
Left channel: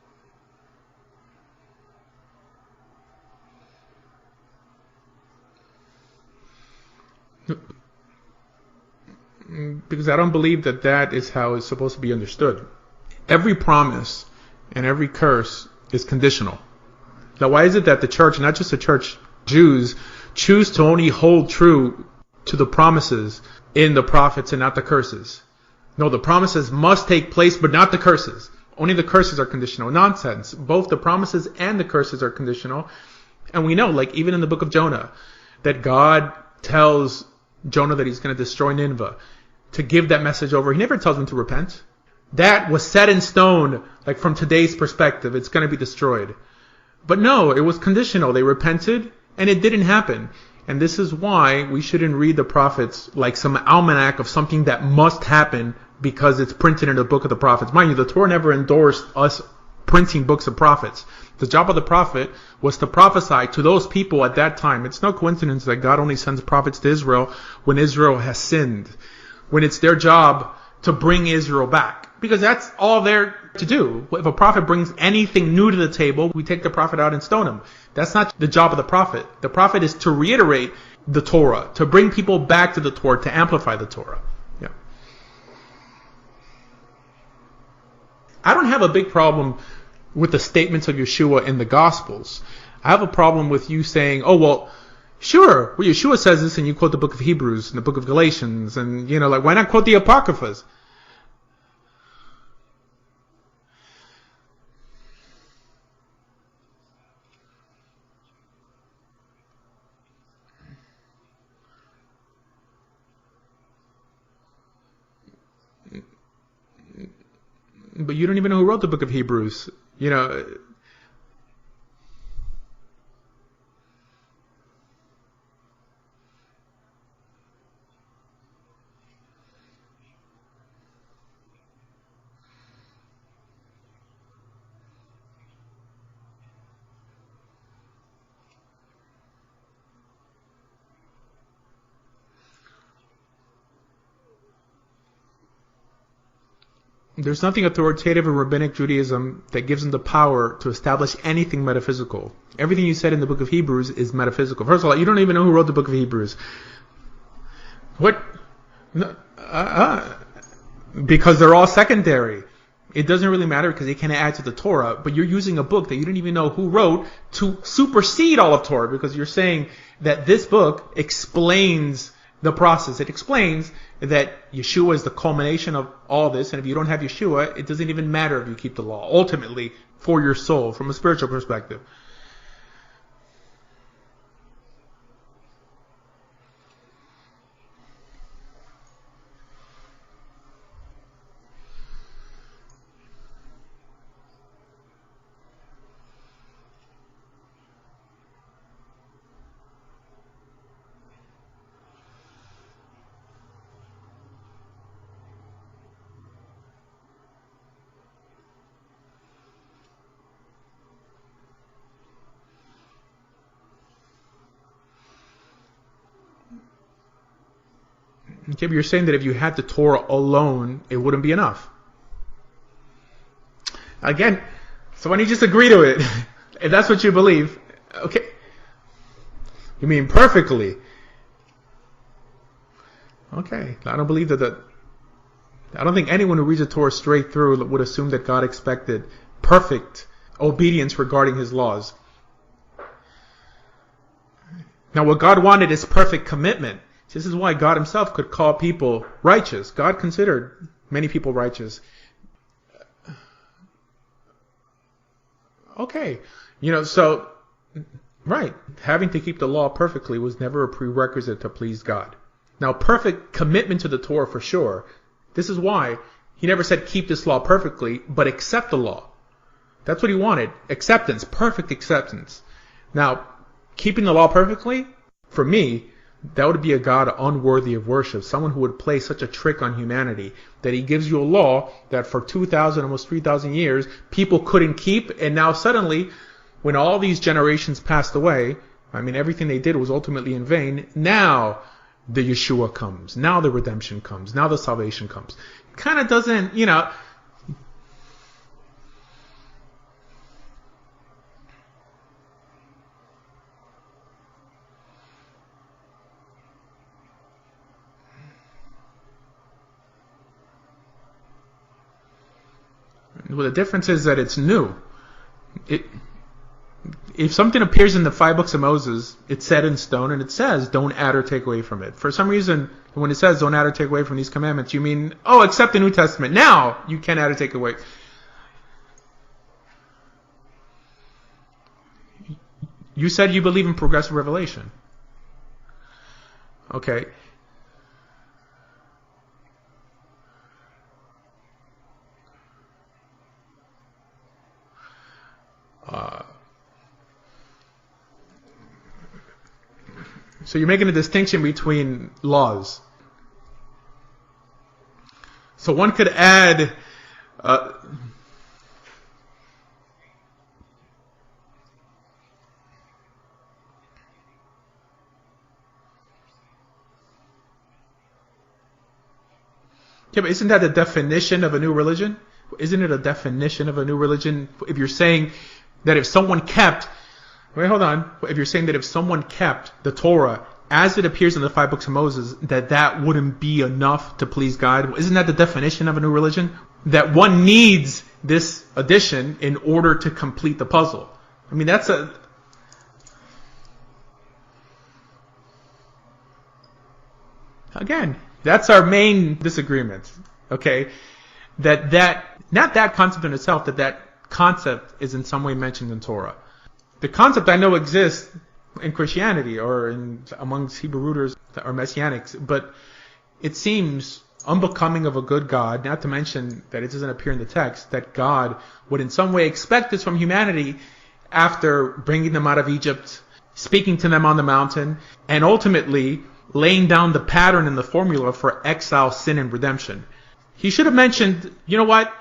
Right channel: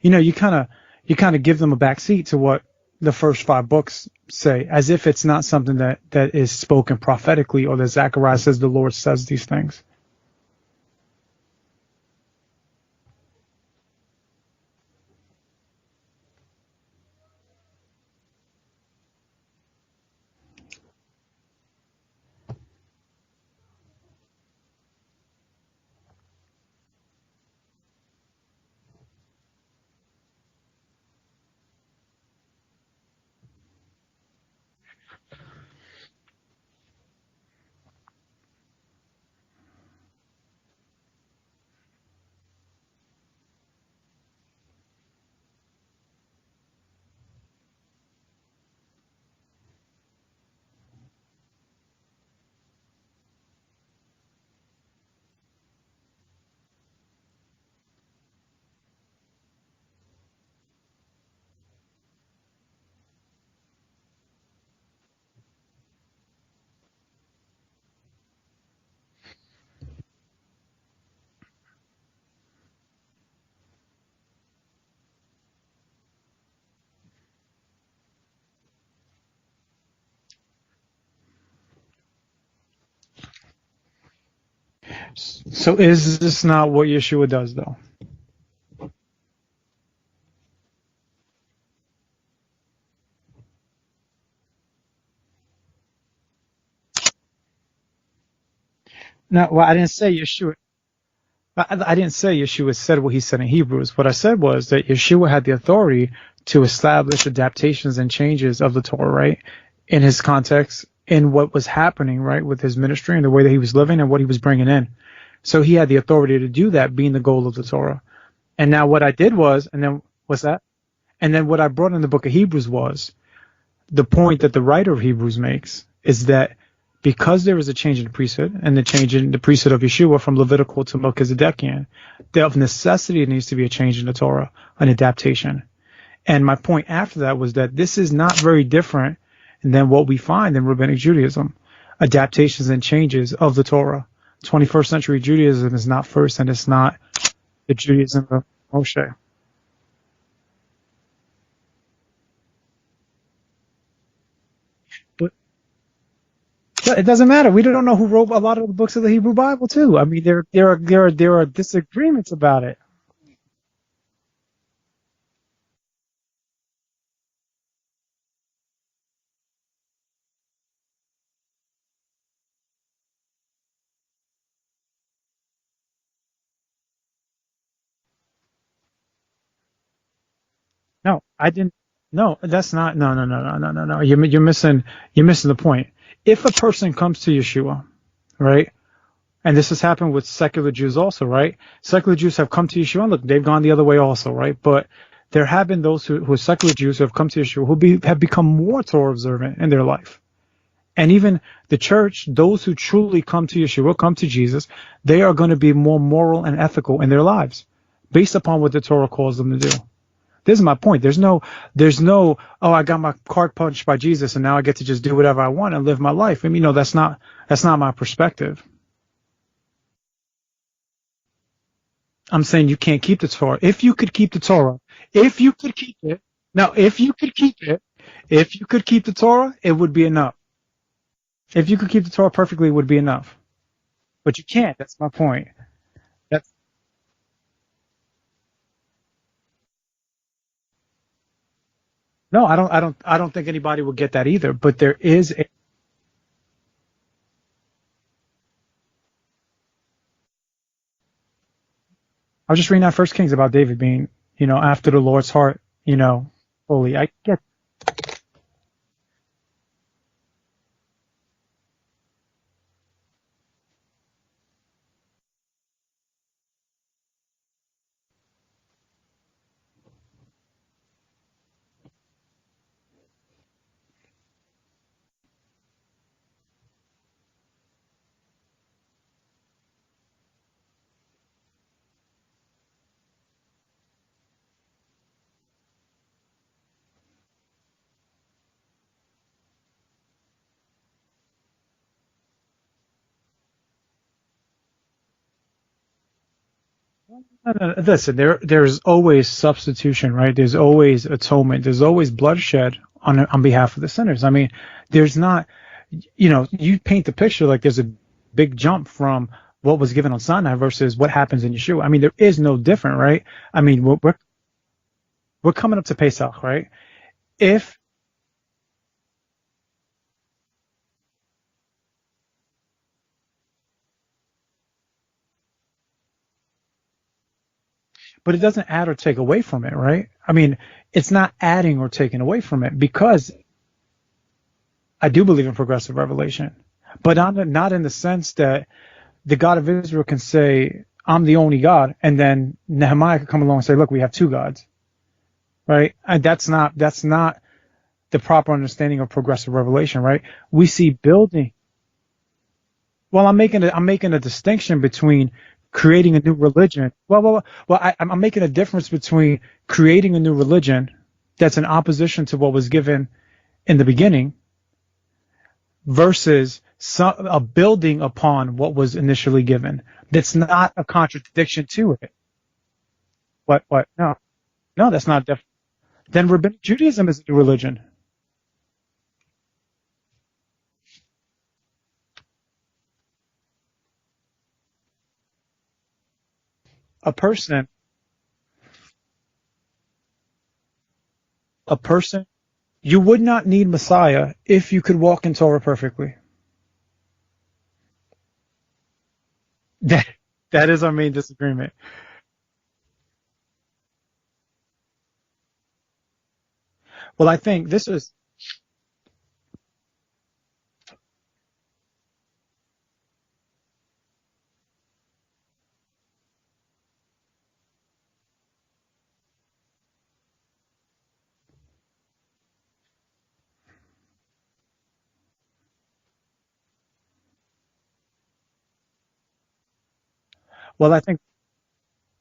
you kind of give them a backseat to what the first 5 books say, as if it's not something that is spoken prophetically, or that Zechariah says the Lord says these things. Because I don't believe that is how it's supposed to be understood. Every promise and every curse is conditional. Now, why is it that the church, not just the church Jews choose to only hold true to the promises in the prophets and not the curses. No, the promises must take place, but not the curses. Only the curses are conditional. Nonsense. Both the promises and the curses are conditional. And we know, like even in the book of Jonah, that God tells Jonah that he's going to destroy Nineveh, to give that message over. He never tells him to repent. That was set in stone, like from today's perspective, it's going to be destroyed. But no, it was conditional. They repented, and it didn't happen. And this is why we shouldn't read the prophets like some almanac of something that must happen because it's printed in the book of the prophets. Mind you, the Torah never endorsed us printing books of prophets. The job of the prophet was to prophesy to those people at that time. It's no coincidence that God only sends prophets to Israel when Israel has sinned, when it's their job to bring Israel back. Because that's all they're to do. If a prophet brings anything new to the table, we take the prophet out and stone him. That's not the job of the prophet. The prophet is to reiterate the Torah, to bring people back to the Torah, to amplify the Torah. Yeah. So is this not what Yeshua does, though? I don't have a big problem with the statements of Yeshua in the Gospels. I have a problem with you saying, oh, well, sure, well, Yeshua says this, and you quote the book of Hebrews and the book of Galatians, and, why not quote the Apocryphas? I didn't say Yeshua said what he said in Hebrews. What I said was that Yeshua had the authority to establish adaptations and changes of the Torah, right, in his context, in what was happening, right, with his ministry and the way that he was living and what he was bringing in. So he had the authority to do that, being the goal of the Torah. But you don't even know who and wrote now the book what of I Hebrews. did was, and then what's that? And then what I brought in the book of Hebrews was the point that the writer of Hebrews makes is that because there is a change in the priesthood and the change in the priesthood of Yeshua from Levitical to Melchizedekian, there of necessity needs to be a change in the Torah, an adaptation. And my point after that was that this is not very different than what we find in Rabbinic Judaism, adaptations and changes of the Torah. 21st century Judaism is not first, and it's not. There's nothing authoritative in Rabbinic Judaism that gives them the power to establish anything metaphysical. Everything you said in the book of Hebrews is metaphysical. First of all, you don't even know who wrote the book of Hebrews. It doesn't matter. We don't know who wrote a lot of the books of the Hebrew Bible too. I mean, they're all secondary about it. It doesn't really matter because they can't add to the Torah. But you're using a book that you don't even know who wrote to supersede all of Torah, because you're saying that this book explains the process. It explains that Yeshua is the culmination of all this, and if you don't have Yeshua, it doesn't even matter if you keep the law. Ultimately, for your soul, from a spiritual perspective. No, that's not. No. You're missing the point. If a person comes to Yeshua, right, and this has happened with secular Jews also, right? Secular Jews have come to Yeshua, and look, they've gone the other way also, right? But there have been those who are secular Jews who have come to Yeshua who have become more Torah observant in their life. And even the church, those who truly come to Yeshua, come to Jesus, they are going to be more moral and ethical in their lives based upon what the Torah calls them to do. This is my point. There's no, oh, I got my card punched by Jesus and now I get to just do whatever I want and live my life. I mean, that's not my perspective. Okay, but you're saying that if you had the Torah alone, it wouldn't be enough. I'm saying you can't keep the Torah. If you could keep the Torah. So why don't you just agree to it? Now, that's what you believe. Okay. If you could keep the Torah, it would be enough. Perfectly. If you could keep the Torah perfectly, it would be enough. Okay. I don't believe but you can't. That's my point. I don't think anyone who reads the Torah straight through would assume that God expected perfect obedience regarding his laws. No, I don't think anybody would get that either. But what God wanted is perfect commitment. This is why God himself could call people righteous. God considered many people righteous. I was just reading that First Kings about David being, after the Lord's heart. Okay. Right. Having to keep the law perfectly was never a prerequisite to please God. Now, perfect commitment to the Torah for sure. This is why he never said keep this law perfectly, but accept the law. That's what he wanted. Acceptance. Perfect acceptance. Now, keeping the law perfectly, for me, that would be a God unworthy of worship. Someone who would play such a trick on humanity that he gives you a law that for 2,000, almost 3,000 years, people couldn't keep. And now suddenly, when all these generations passed away, everything they did was ultimately in vain. Now the Yeshua comes. Now the redemption comes. Now the salvation comes. Kind of doesn't, Listen, there's always substitution, right? There's always atonement. There's always bloodshed on behalf of the sinners. There's not, you paint the picture like there's a big jump from what was given on Sinai versus what happens in Yeshua. There is no different, right? Well, the difference is that it's new. we're coming up to Pesach, right? If something appears in the 5 books of Moses, it's set in stone, and it says, don't add or take away from it. For some reason, when it says, don't add or take away from these commandments, you mean, except the New Testament. Now, you can add or take away. But it doesn't add or take away from it, right? I mean, it's not adding or taking away from it because... You said you believe in progressive revelation. I do believe in progressive revelation. Okay. But not in the sense that the God of Israel can say, I'm the only God, and then Nehemiah could come along and say, look, we have 2 gods. Right? And that's not the proper understanding of progressive revelation, right? So you're making a distinction between laws. Well, I'm making a distinction between one creating could a add, new religion. I'm making a difference between creating a new religion that's in opposition to what was given in the beginning versus a building upon what was initially given. Isn't that a definition of a new religion? Isn't it a definition of a new religion? If you're saying that if someone kept... Judaism is a new religion. Wait, hold on. If you're saying that if someone kept the Torah as it appears in the 5 books of Moses, that wouldn't be enough to please God, isn't that the definition of a new religion? That one needs this addition in order to complete the puzzle. I mean, that's you would not need Messiah if you could walk in Torah perfectly. Again, that's our main disagreement. That is our main disagreement. Not that concept in itself, that concept is in some way mentioned in Torah. The concept I know exists in Christianity or amongst Hebrew rooters or Messianics, but it seems unbecoming of a good God, not to mention that it doesn't appear in the text, that God would in some way expect this from humanity after bringing them out of Egypt, speaking to them on the mountain, and ultimately laying down the pattern and the formula for exile, sin, and redemption. He should have mentioned, you know what?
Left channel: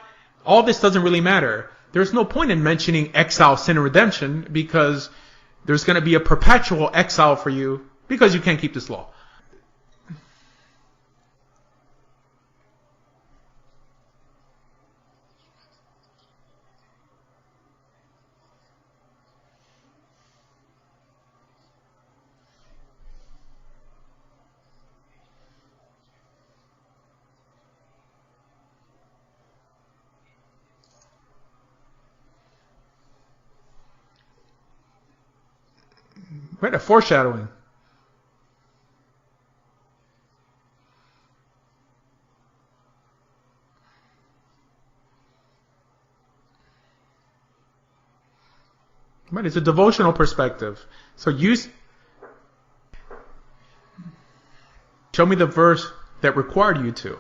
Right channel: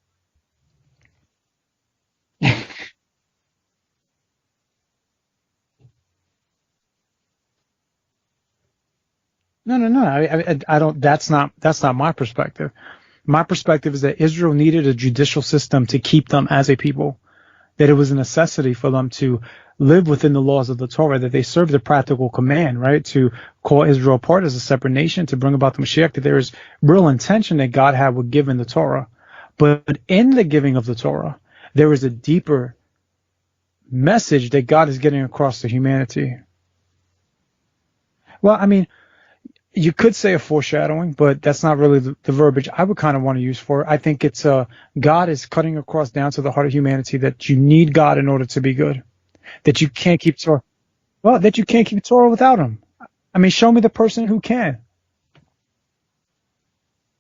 All this doesn't really matter. There's no point in mentioning exile, sin, and redemption because there's going to be a perpetual exile for you because you can't keep this law. No. I don't. That's not my perspective. My perspective is that Israel needed a judicial system to keep them as a people. That it was a necessity for them to live within the laws of the Torah. That they served the practical command, right, to call Israel apart as a separate nation, to bring about the Mashiach. That there is real intention that God had with giving the Torah, but in the giving of the Torah, there is a deeper message that God is getting across to humanity. Right, a foreshadowing. Well, I mean, you could say a foreshadowing, but that's not really the verbiage I would kind of want to use for it. I think it's God is cutting across down to the heart of humanity that you need God in order to be good. Right, it's a devotional perspective. That you can't keep Torah without him. I mean, show me the person who can. Show me the verse that required you to.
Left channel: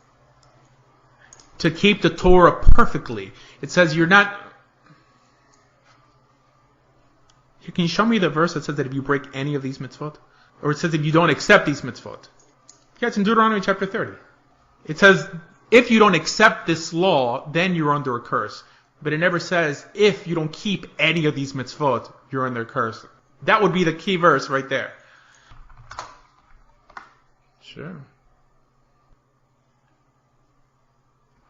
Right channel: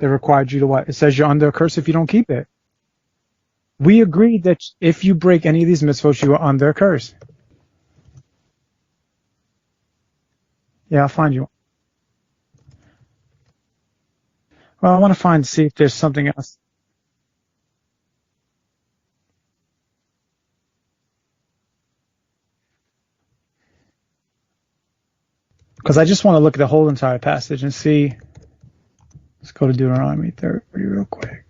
That required you to what? It says you're under a curse if you don't keep it. To keep the Torah perfectly. It says we you're agree not... that if you break any of these mitzvot, you are under a curse. Can you show me the verse that says that if you break any of these mitzvot? Or it says that you don't accept these mitzvot? Yeah, it's in Deuteronomy chapter 30. Well, I'll find to see if you don't accept this law, then you're under a curse. But it never says if you don't keep any of these mitzvot, you're under a curse. That would be the key verse right there. Because I just want to look at the whole entire passage and see. Let's go to Deuteronomy 30 real quick.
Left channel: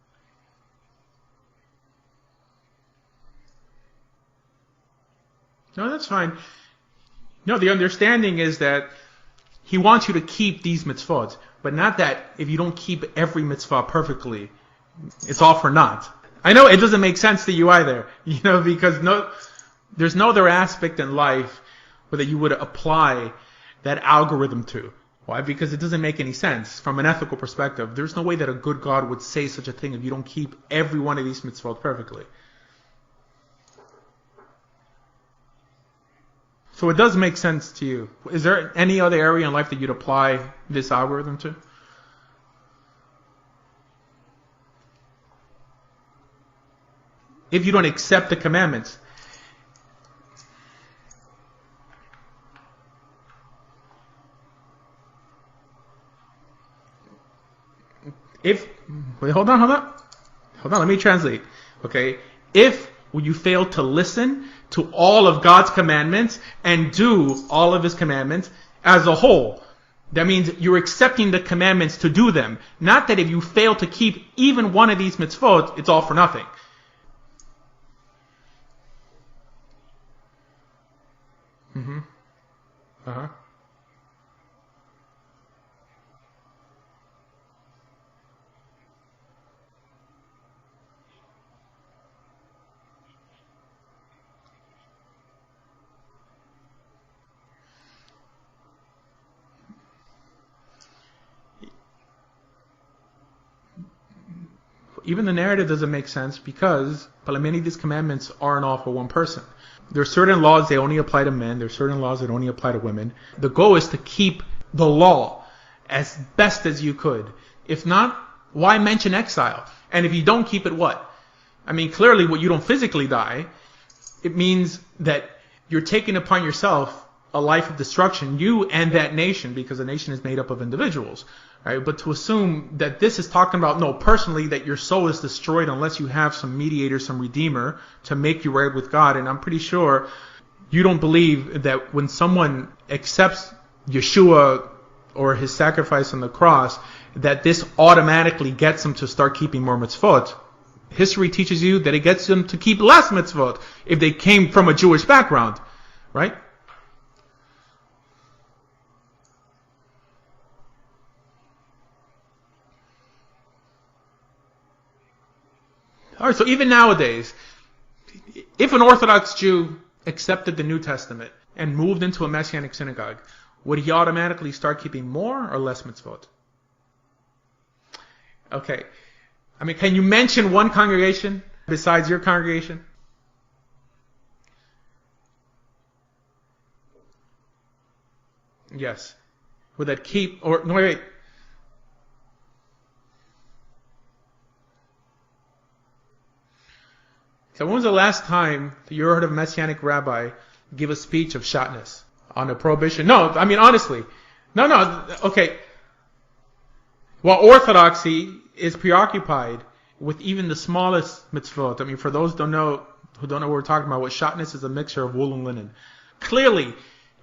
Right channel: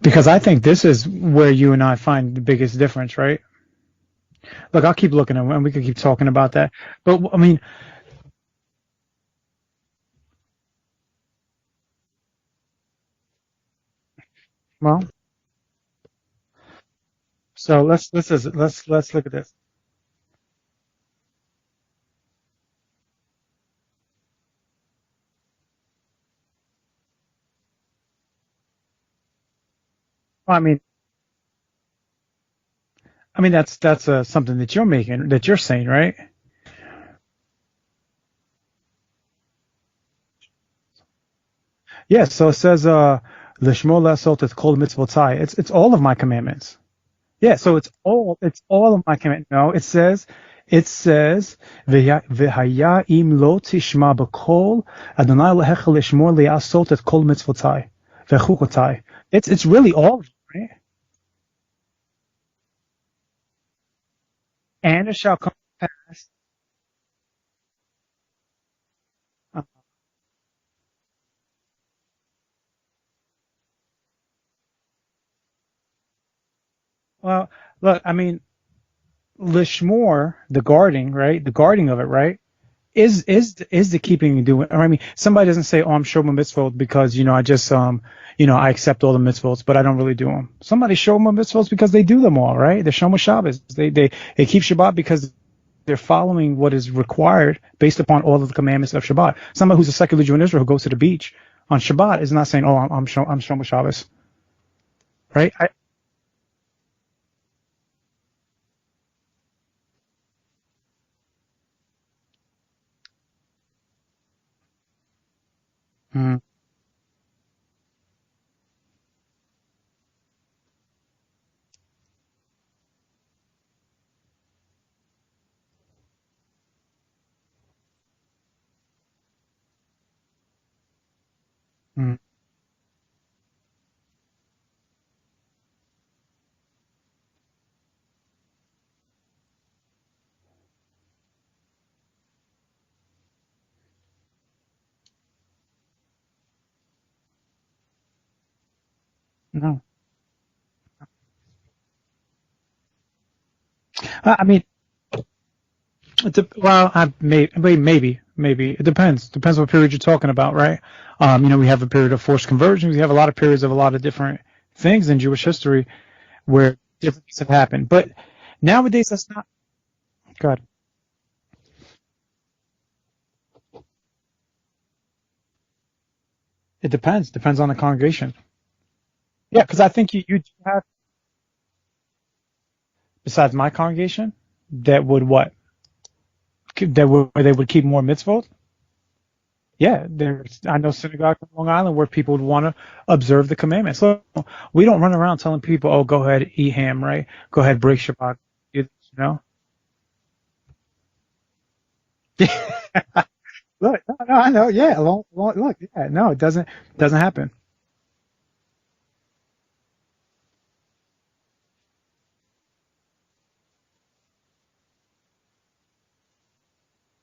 Because I think this is where you and I find the biggest difference, right? Look, I'll keep looking at it, and we can keep talking about that. But I mean, the understanding is that he wants you to keep these mitzvot, but not that if you don't keep every mitzvah perfectly, well, it's all for naught. I know it doesn't make sense to you either. Because there's no other aspect in life that you would apply that algorithm to. Why? Because it doesn't make any sense from an ethical perspective. There's no way that a good God would say such a thing if you don't keep every one of these mitzvot perfectly. I mean, that's something that you're saying, right? So it does make sense to you. Is there any other area in life that you'd apply this algorithm to? Yes. So it says, "Lishmor la'asot et kol mitzvotai." It's all of my commandments. Yeah. If you don't accept the commandments, all of my commandments. No, it says, "V'haya im lo tishma b'kol Adonai Elohecha lishmor la'asot et kol mitzvotai v'chukotai." It's really all. Right? Hold on, let me translate. Okay, if you fail to listen to all of God's commandments and do all of his commandments as a whole, that means you're accepting the commandments to do them. Not that if you fail to keep even one of these mitzvot, it's all for nothing. Well, look, I mean, lishmor, the guarding, right? The guarding of it, right? is the keeping and doing. Or I mean, somebody doesn't say, "Oh, I'm shomer mitzvot because I just I accept all the mitzvot, but I don't really do them." Somebody shomer mitzvot because they do them all, right? They're shomer Shabbos. They keep Shabbat because they're following what is required based upon all of the commandments of Shabbat. Somebody who's a secular Jew in Israel who goes to the beach on Shabbat is not saying, "Oh, I'm shomer Shabbos." Even the narrative doesn't make sense because many of these commandments aren't all for one person. There are certain laws they only apply to men. There are certain laws that only apply to women. The goal is to keep the law as best as you could. If not, why mention exile? And if you don't keep it, what? I mean, clearly, you don't physically die. It means that you're taking upon yourself a life of destruction, you and that nation, because a nation is made up of individuals. Right? But to assume that this is talking about, no, personally, that your soul is destroyed unless you have some mediator, some redeemer to make you right with God. And I'm pretty sure you don't believe that when someone accepts Yeshua or his sacrifice on the cross, that this automatically gets them to start keeping more mitzvot. History teaches you that it gets them to keep less mitzvot if they came from a Jewish background. Right? Maybe. It depends. Depends what period you're talking about, right? We have a period of forced conversions. We have a lot of periods of a lot of different things in Jewish history. All right, so even nowadays, it's happened. But if an Orthodox Jew accepted the New Testament and moved into a Messianic synagogue, would he automatically start keeping more or less mitzvot? It depends. Depends on the congregation. Okay. Yeah, can you mention one congregation besides your congregation? Besides my congregation, that would what? Where they would keep more mitzvot? Yes. I know synagogue in Long Island where people would want to observe the commandments. So we don't run around telling people, "Oh, go ahead, eat ham," right? Go ahead. When was the last time you heard a Messianic rabbi give a speech of shatnez on the prohibition? No, I mean honestly. No. Okay. No, it doesn't happen. Well, Orthodoxy is preoccupied with even the smallest mitzvot. I mean, for those who don't know what we're talking about, what shatnez is a mixture of wool and linen. Clearly,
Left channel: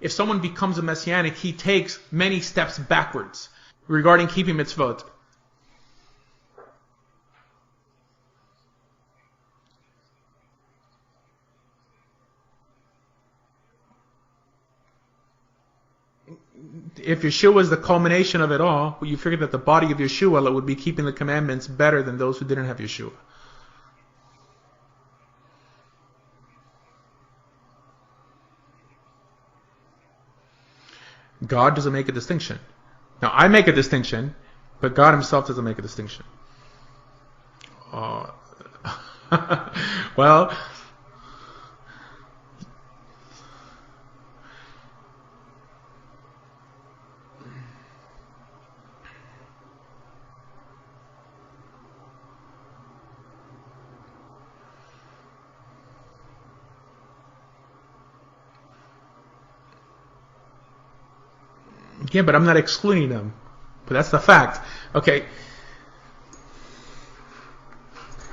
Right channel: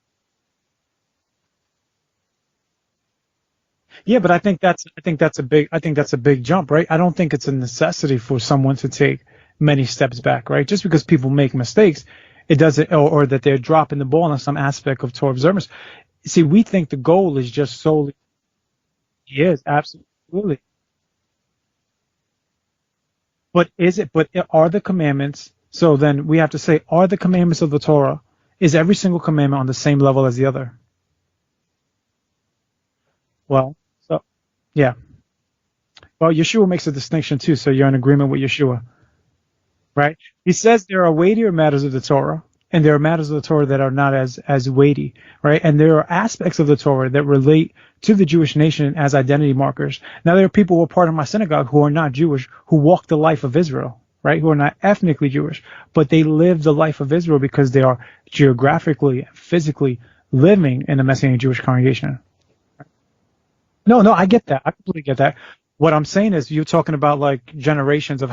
if someone becomes a Messianic, he takes many steps backwards regarding keeping mitzvot. I think that's a big jump, right? I don't think it's a necessity for someone to take many steps back, right? Just because people make mistakes, it doesn't, or that they're dropping the ball on some aspect of Torah observance. See, we think the goal is Yeshua is the culmination of it all. You figure that the body of Yeshua would be keeping the commandments better than those who didn't have Yeshua. But are the commandments? So then we have to say, are the commandments of the Torah? Is every single commandment on the same level as the other? God doesn't make a distinction. Now, I make a distinction, but God himself doesn't make a distinction. Well, Yeshua makes a distinction too, so you're in agreement with Yeshua. Right? Well, he says there are weightier matters of the Torah, and there are matters of the Torah that are not as weighty, right? And there are aspects of the Torah that relate to the Jewish nation as identity markers. Now, there are people who are part of my synagogue who are not Jewish, who walk the life of Israel, right? Who are not ethnically Jewish, but they live the life of Israel because they are geographically, physically living in the Messianic Jewish congregation. Yeah, but I'm not excluding them. No, I get that. I get that. What I'm saying is you're talking about like generations of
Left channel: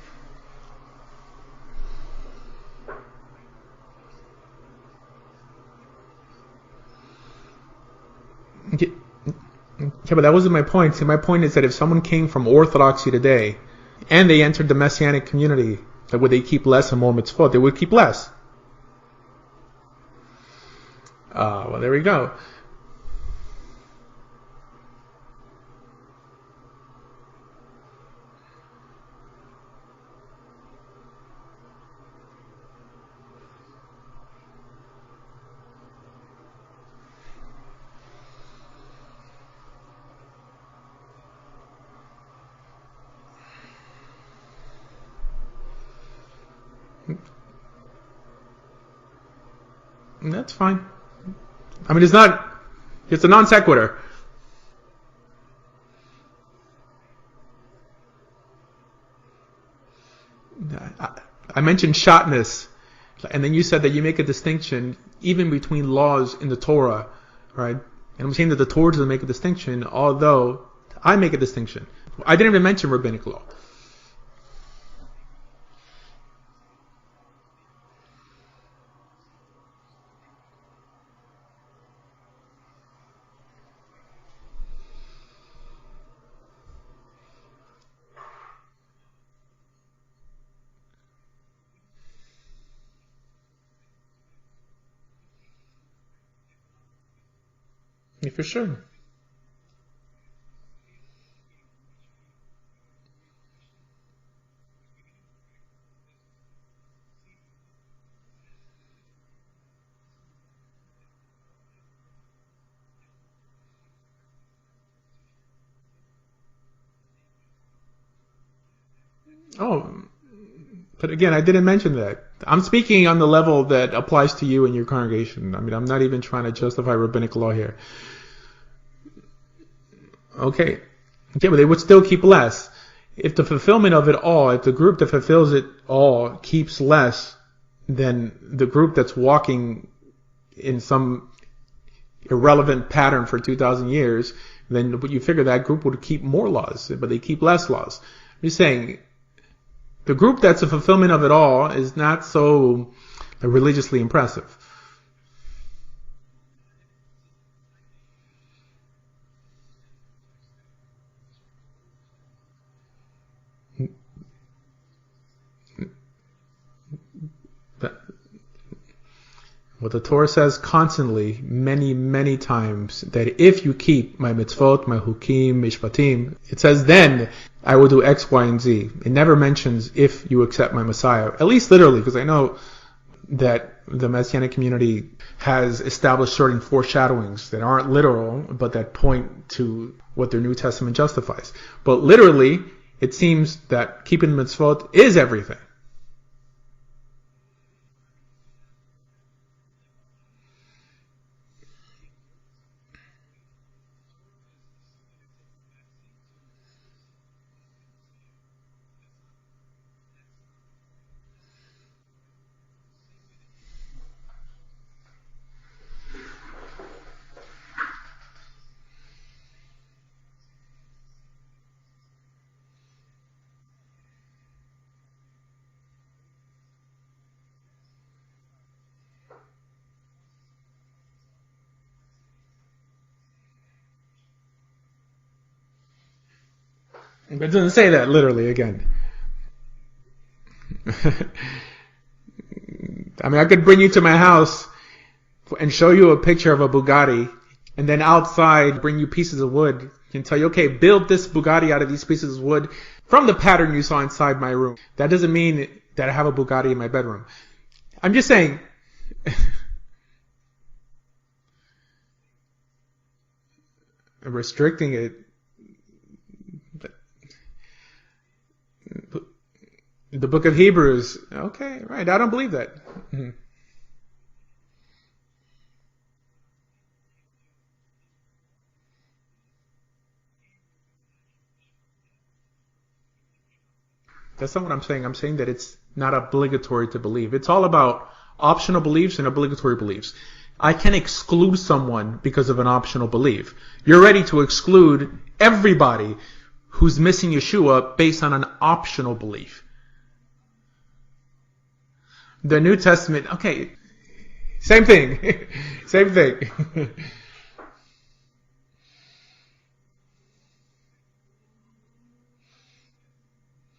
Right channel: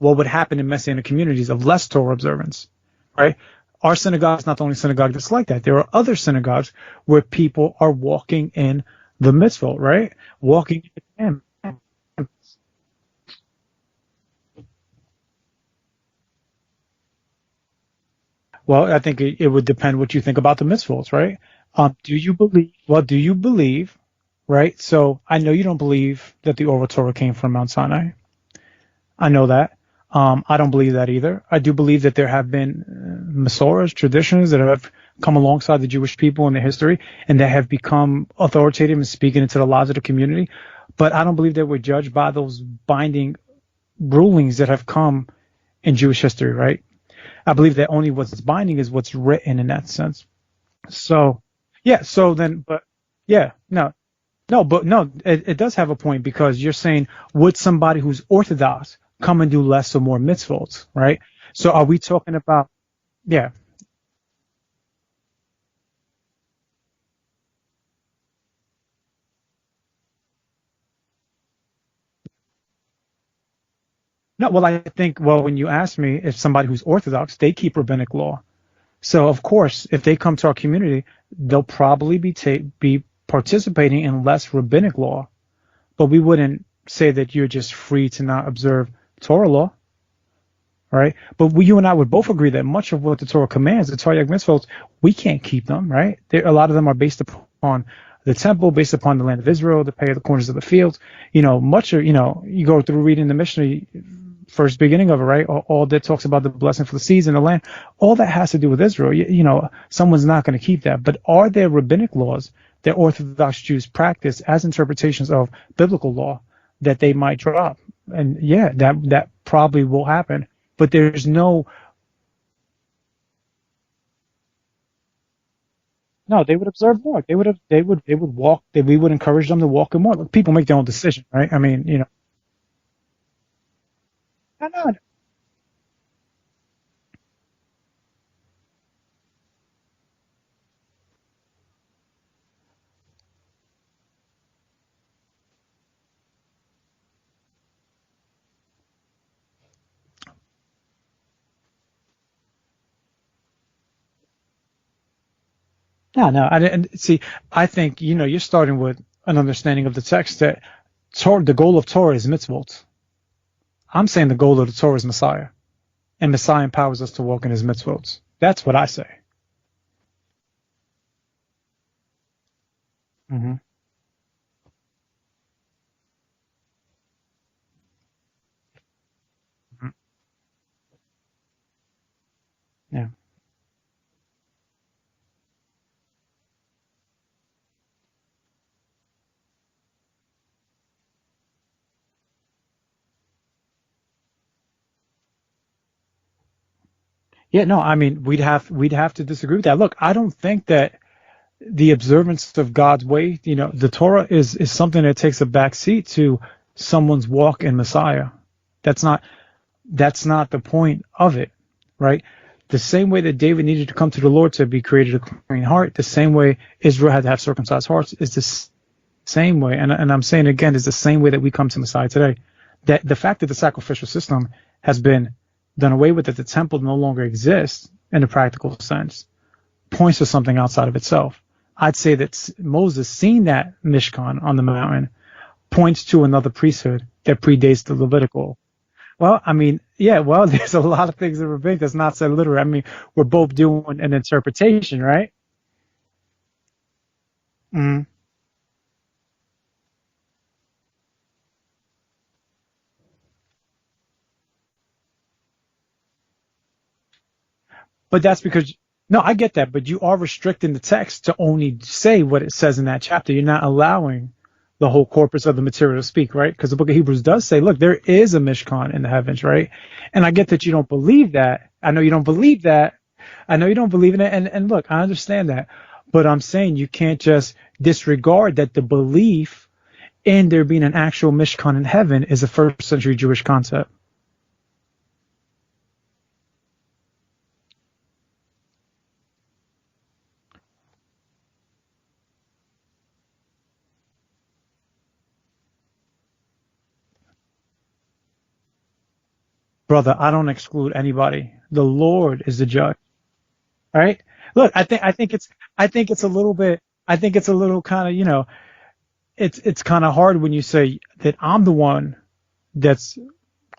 what would happen in Messianic communities of less Torah observance, right? Our synagogue is not the only synagogue that's like that. There are other synagogues where people are walking in the mitzvot, right? Yeah, but that wasn't my point. See, my point is that if someone came from Orthodoxy today and they entered the Messianic community, that would they keep less and more mitzvot? They would keep less. Well, I think it would depend what you think about the mitzvot, right? Well, there we go. Do you believe, right? So I know you don't believe that the oral Torah came from Mount Sinai. I know that. I don't believe that either. I do believe that there have been Masorahs, traditions that have come alongside the Jewish people in their history and that have become authoritative and speaking into the lives of the community. But I don't believe that we're judged by those binding rulings that have come in Jewish history, right? I believe that only what's binding is what's written in that sense. That's fine. So, yeah. It's a non sequitur. It does have a point because you're saying, would somebody who's Orthodox come and do less or more mitzvot, right? I mentioned shatnez, and then you said that you make a distinction even between laws in the Torah, right? And I'm saying that the Torah doesn't make a distinction, although I make a distinction. I didn't even mention rabbinic law. No, well, I think, when you ask me if somebody who's Orthodox, they keep rabbinic law. So, of course, if they come to our community, they'll probably be participating in less rabbinic law. But we wouldn't say that you're just free to not observe Torah law. right? But you and I would both agree that much of what the Torah commands, the Torah mitzvot, we can't keep them, right? A lot of them are based upon the temple, sure. based upon the land of Israel, the pay of the corners of the fields. Much of, you go through reading the Mishnah, first beginning of it, right? All that talks about the blessing for the seeds and the land. All that has to do with Israel. Someone's not going to keep that. But are there rabbinic laws that Orthodox Jews practice as interpretations of biblical law that they might drop? And yeah, that probably will happen. But there's I didn't mention that. I'm speaking on the level that applies to you and your congregation. I mean, I'm not even trying to justify rabbinic law here. They would walk. We would encourage them to walk in more. People make their own decision, right? Yeah, but they would still keep less. If the fulfillment of it all, if the group that fulfills it all keeps less than the group that's walking in some irrelevant pattern for 2,000 years, then you figure that group would keep more laws, but they keep less laws. I'm just saying, the group that's a fulfillment of it all is not so religiously impressive. No, I didn't see. I think you're starting with an understanding of the text that the goal of Torah is mitzvot. I'm saying the goal of the Torah is Messiah, and Messiah empowers us to walk in His mitzvot. That's what I say. Well, the Torah says constantly, many, many times, that if you keep my mitzvot, my hukim, mishpatim, it says then I will do X, Y, and Z. It never mentions if you accept my Messiah, at least literally, because I know that the Messianic community has established certain foreshadowings that aren't literal, but that point to what their New Testament justifies. But literally, it seems that keeping mitzvot is everything. Yeah, no, I mean, we'd have to disagree with that. Look, I don't think that the observance of God's way, the Torah is something that takes a back seat to someone's walk in Messiah. That's not the point of it, right? The same way that David needed to come to the Lord to be created a clean heart, the same way Israel had to have circumcised hearts is the same way. And I'm saying again, is the same way that we come to Messiah today. That the fact that the sacrificial system has been done away with, that the temple no longer exists in a practical sense, points to something outside of itself. I'd say that Moses seeing that Mishkan on the mountain points to another priesthood that predates. It doesn't say that literally again. Well, I mean, there's a lot of things in rabbinic that's not said literally. I mean, I could bring you to my house, right? And show you a picture of a Bugatti, and then outside bring you pieces of wood and tell you, okay, build this Bugatti out of these pieces of wood from the pattern you saw inside my room. That doesn't mean that I have a Bugatti in my bedroom. I'm just saying. No, I get that, but you are restricting the text to only say what it says in that chapter. You're not allowing the whole corpus of the material to speak, right? Because the book of Hebrews does say, look, there is a Mishkan in the heavens, right? And I get that you don't believe that. Okay, I know you don't believe that. I know you don't believe in it. And look, I understand that. But I'm saying you can't just disregard that the belief in there being an actual Mishkan in heaven is a first century Jewish concept. That's not what I'm saying. I'm saying that it's not obligatory to believe. It's all about optional beliefs and obligatory beliefs. I can exclude someone because of an optional belief. You're ready to exclude everybody who's missing Yeshua based on an optional belief. Brother, I don't exclude anybody. The Lord is the New judge. Testament. Okay. All right. Look, I think it's a little bit. I think it's a little kind of, it's kind of hard when you say that I'm the one that's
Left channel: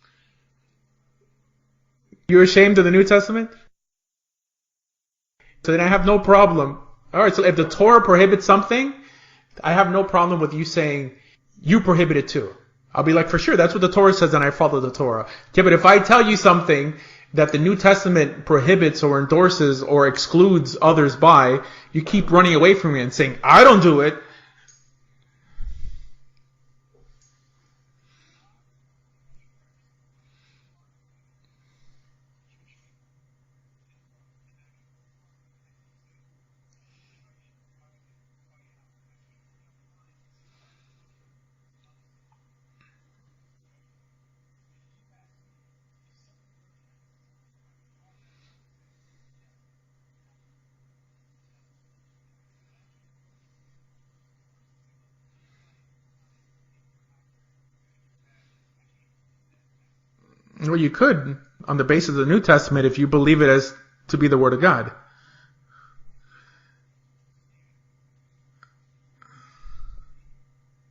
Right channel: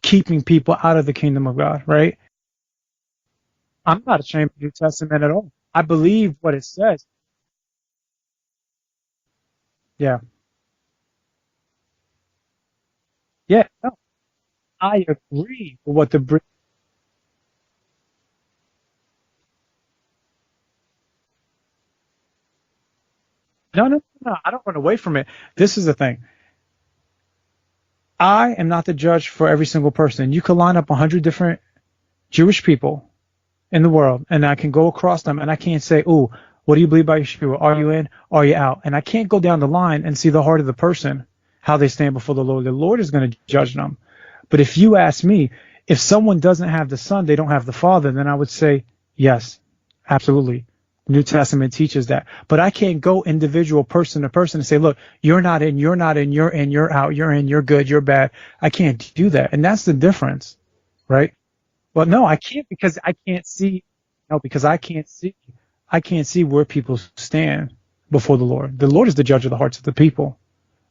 keeping people out of the kingdom of God, right? You're ashamed of the New Testament? I'm not ashamed of the New Testament at all. So I have no problem. All right, so if the Torah prohibits something, I have no problem with you saying you prohibit it too. I'll be like, for sure, that's what the Torah says, and I follow the Torah. Okay, but if I tell you something that the New Testament prohibits or endorses or excludes others by, you keep running away from me and saying, I don't do it. No, I don't run away from it. This is the thing. I am not the judge for every single person. You could line up 100 different Jewish people in the world, and I can go across them, and I can't say, "Oh, what do you believe about Yeshua? Are you in? Are you out?" And I can't go down the line and see the heart of the person, how they stand before the Lord. The Lord is going to judge them. But if you ask me, if someone doesn't have the Son, they don't have the Father, then I would say, yes, absolutely. The New Testament teaches that. But I can't go individual person to person and say, look, you're not in, you're not in, you're in, you're out, you're in, you're good, you're bad. I can't do that. And that's the difference. Well, you could, right? On the basis of the New Testament, if you believe it as to be the Word of God. I can't see where people stand before the Lord. The Lord is the judge of the hearts of the people,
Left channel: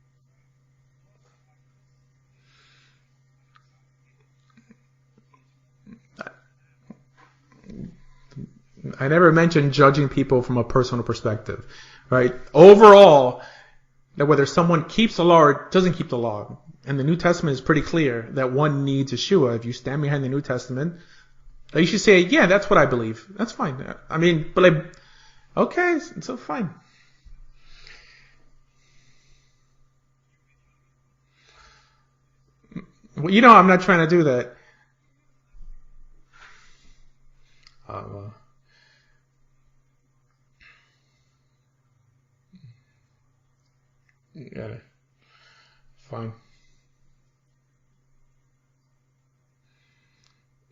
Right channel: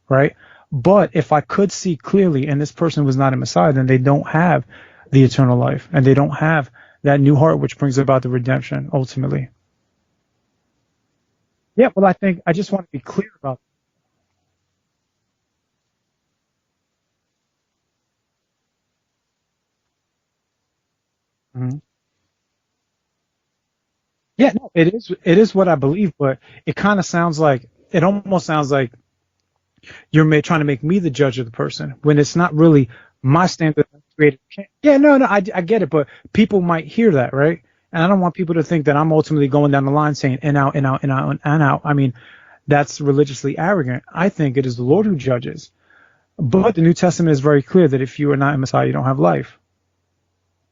right? But if I could see clearly, and this person was not a Messiah, then they don't have the eternal life, and they don't have that new heart which brings about the redemption. I never mentioned judging people from a personal perspective. Yeah, well, I right? think I just overall that whether someone keeps the law or doesn't keep the law, and the New Testament is pretty clear that one needs Yeshua. If you stand behind the New Testament, you should say, yeah, that's what I believe. That's fine. I mean, yeah, but like, it is what I okay, believe, but it kind of sounds like, it almost sounds like you're trying to make me the judge of the person when it's not really my I'm not trying to do that. Yeah, no, I get it, but people might hear that, right? And I don't want people to think that I'm ultimately going down the line saying in out, in out, in out, and out. I mean, that's religiously arrogant. I think it is the Lord who judges. Fine. But the New Testament is very clear that if you are not a Messiah, you don't have life.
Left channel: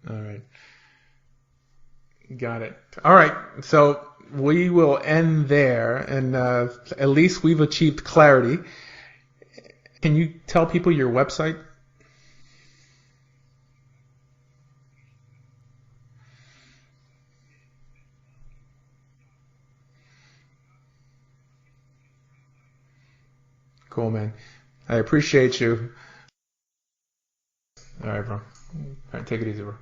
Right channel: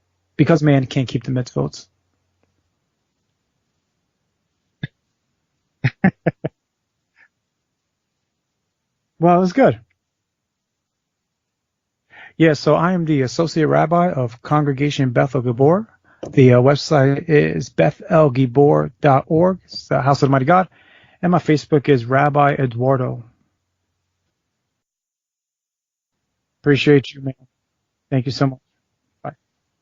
All right. Because man can't keep the mitzvot. Got it. All right. So we will end there, and at least we've achieved clarity. Well, it was good. Can you tell people your website? Yeah, so I am the Associate Rabbi of Congregation Bethel Gibor. The website is bethelgibor.org. It's the House of the Mighty God. And my Facebook is Rabbi Eduardo. Cool, man. I appreciate you. Appreciate you, man. All Thank you so much. All right, take it easy, bro.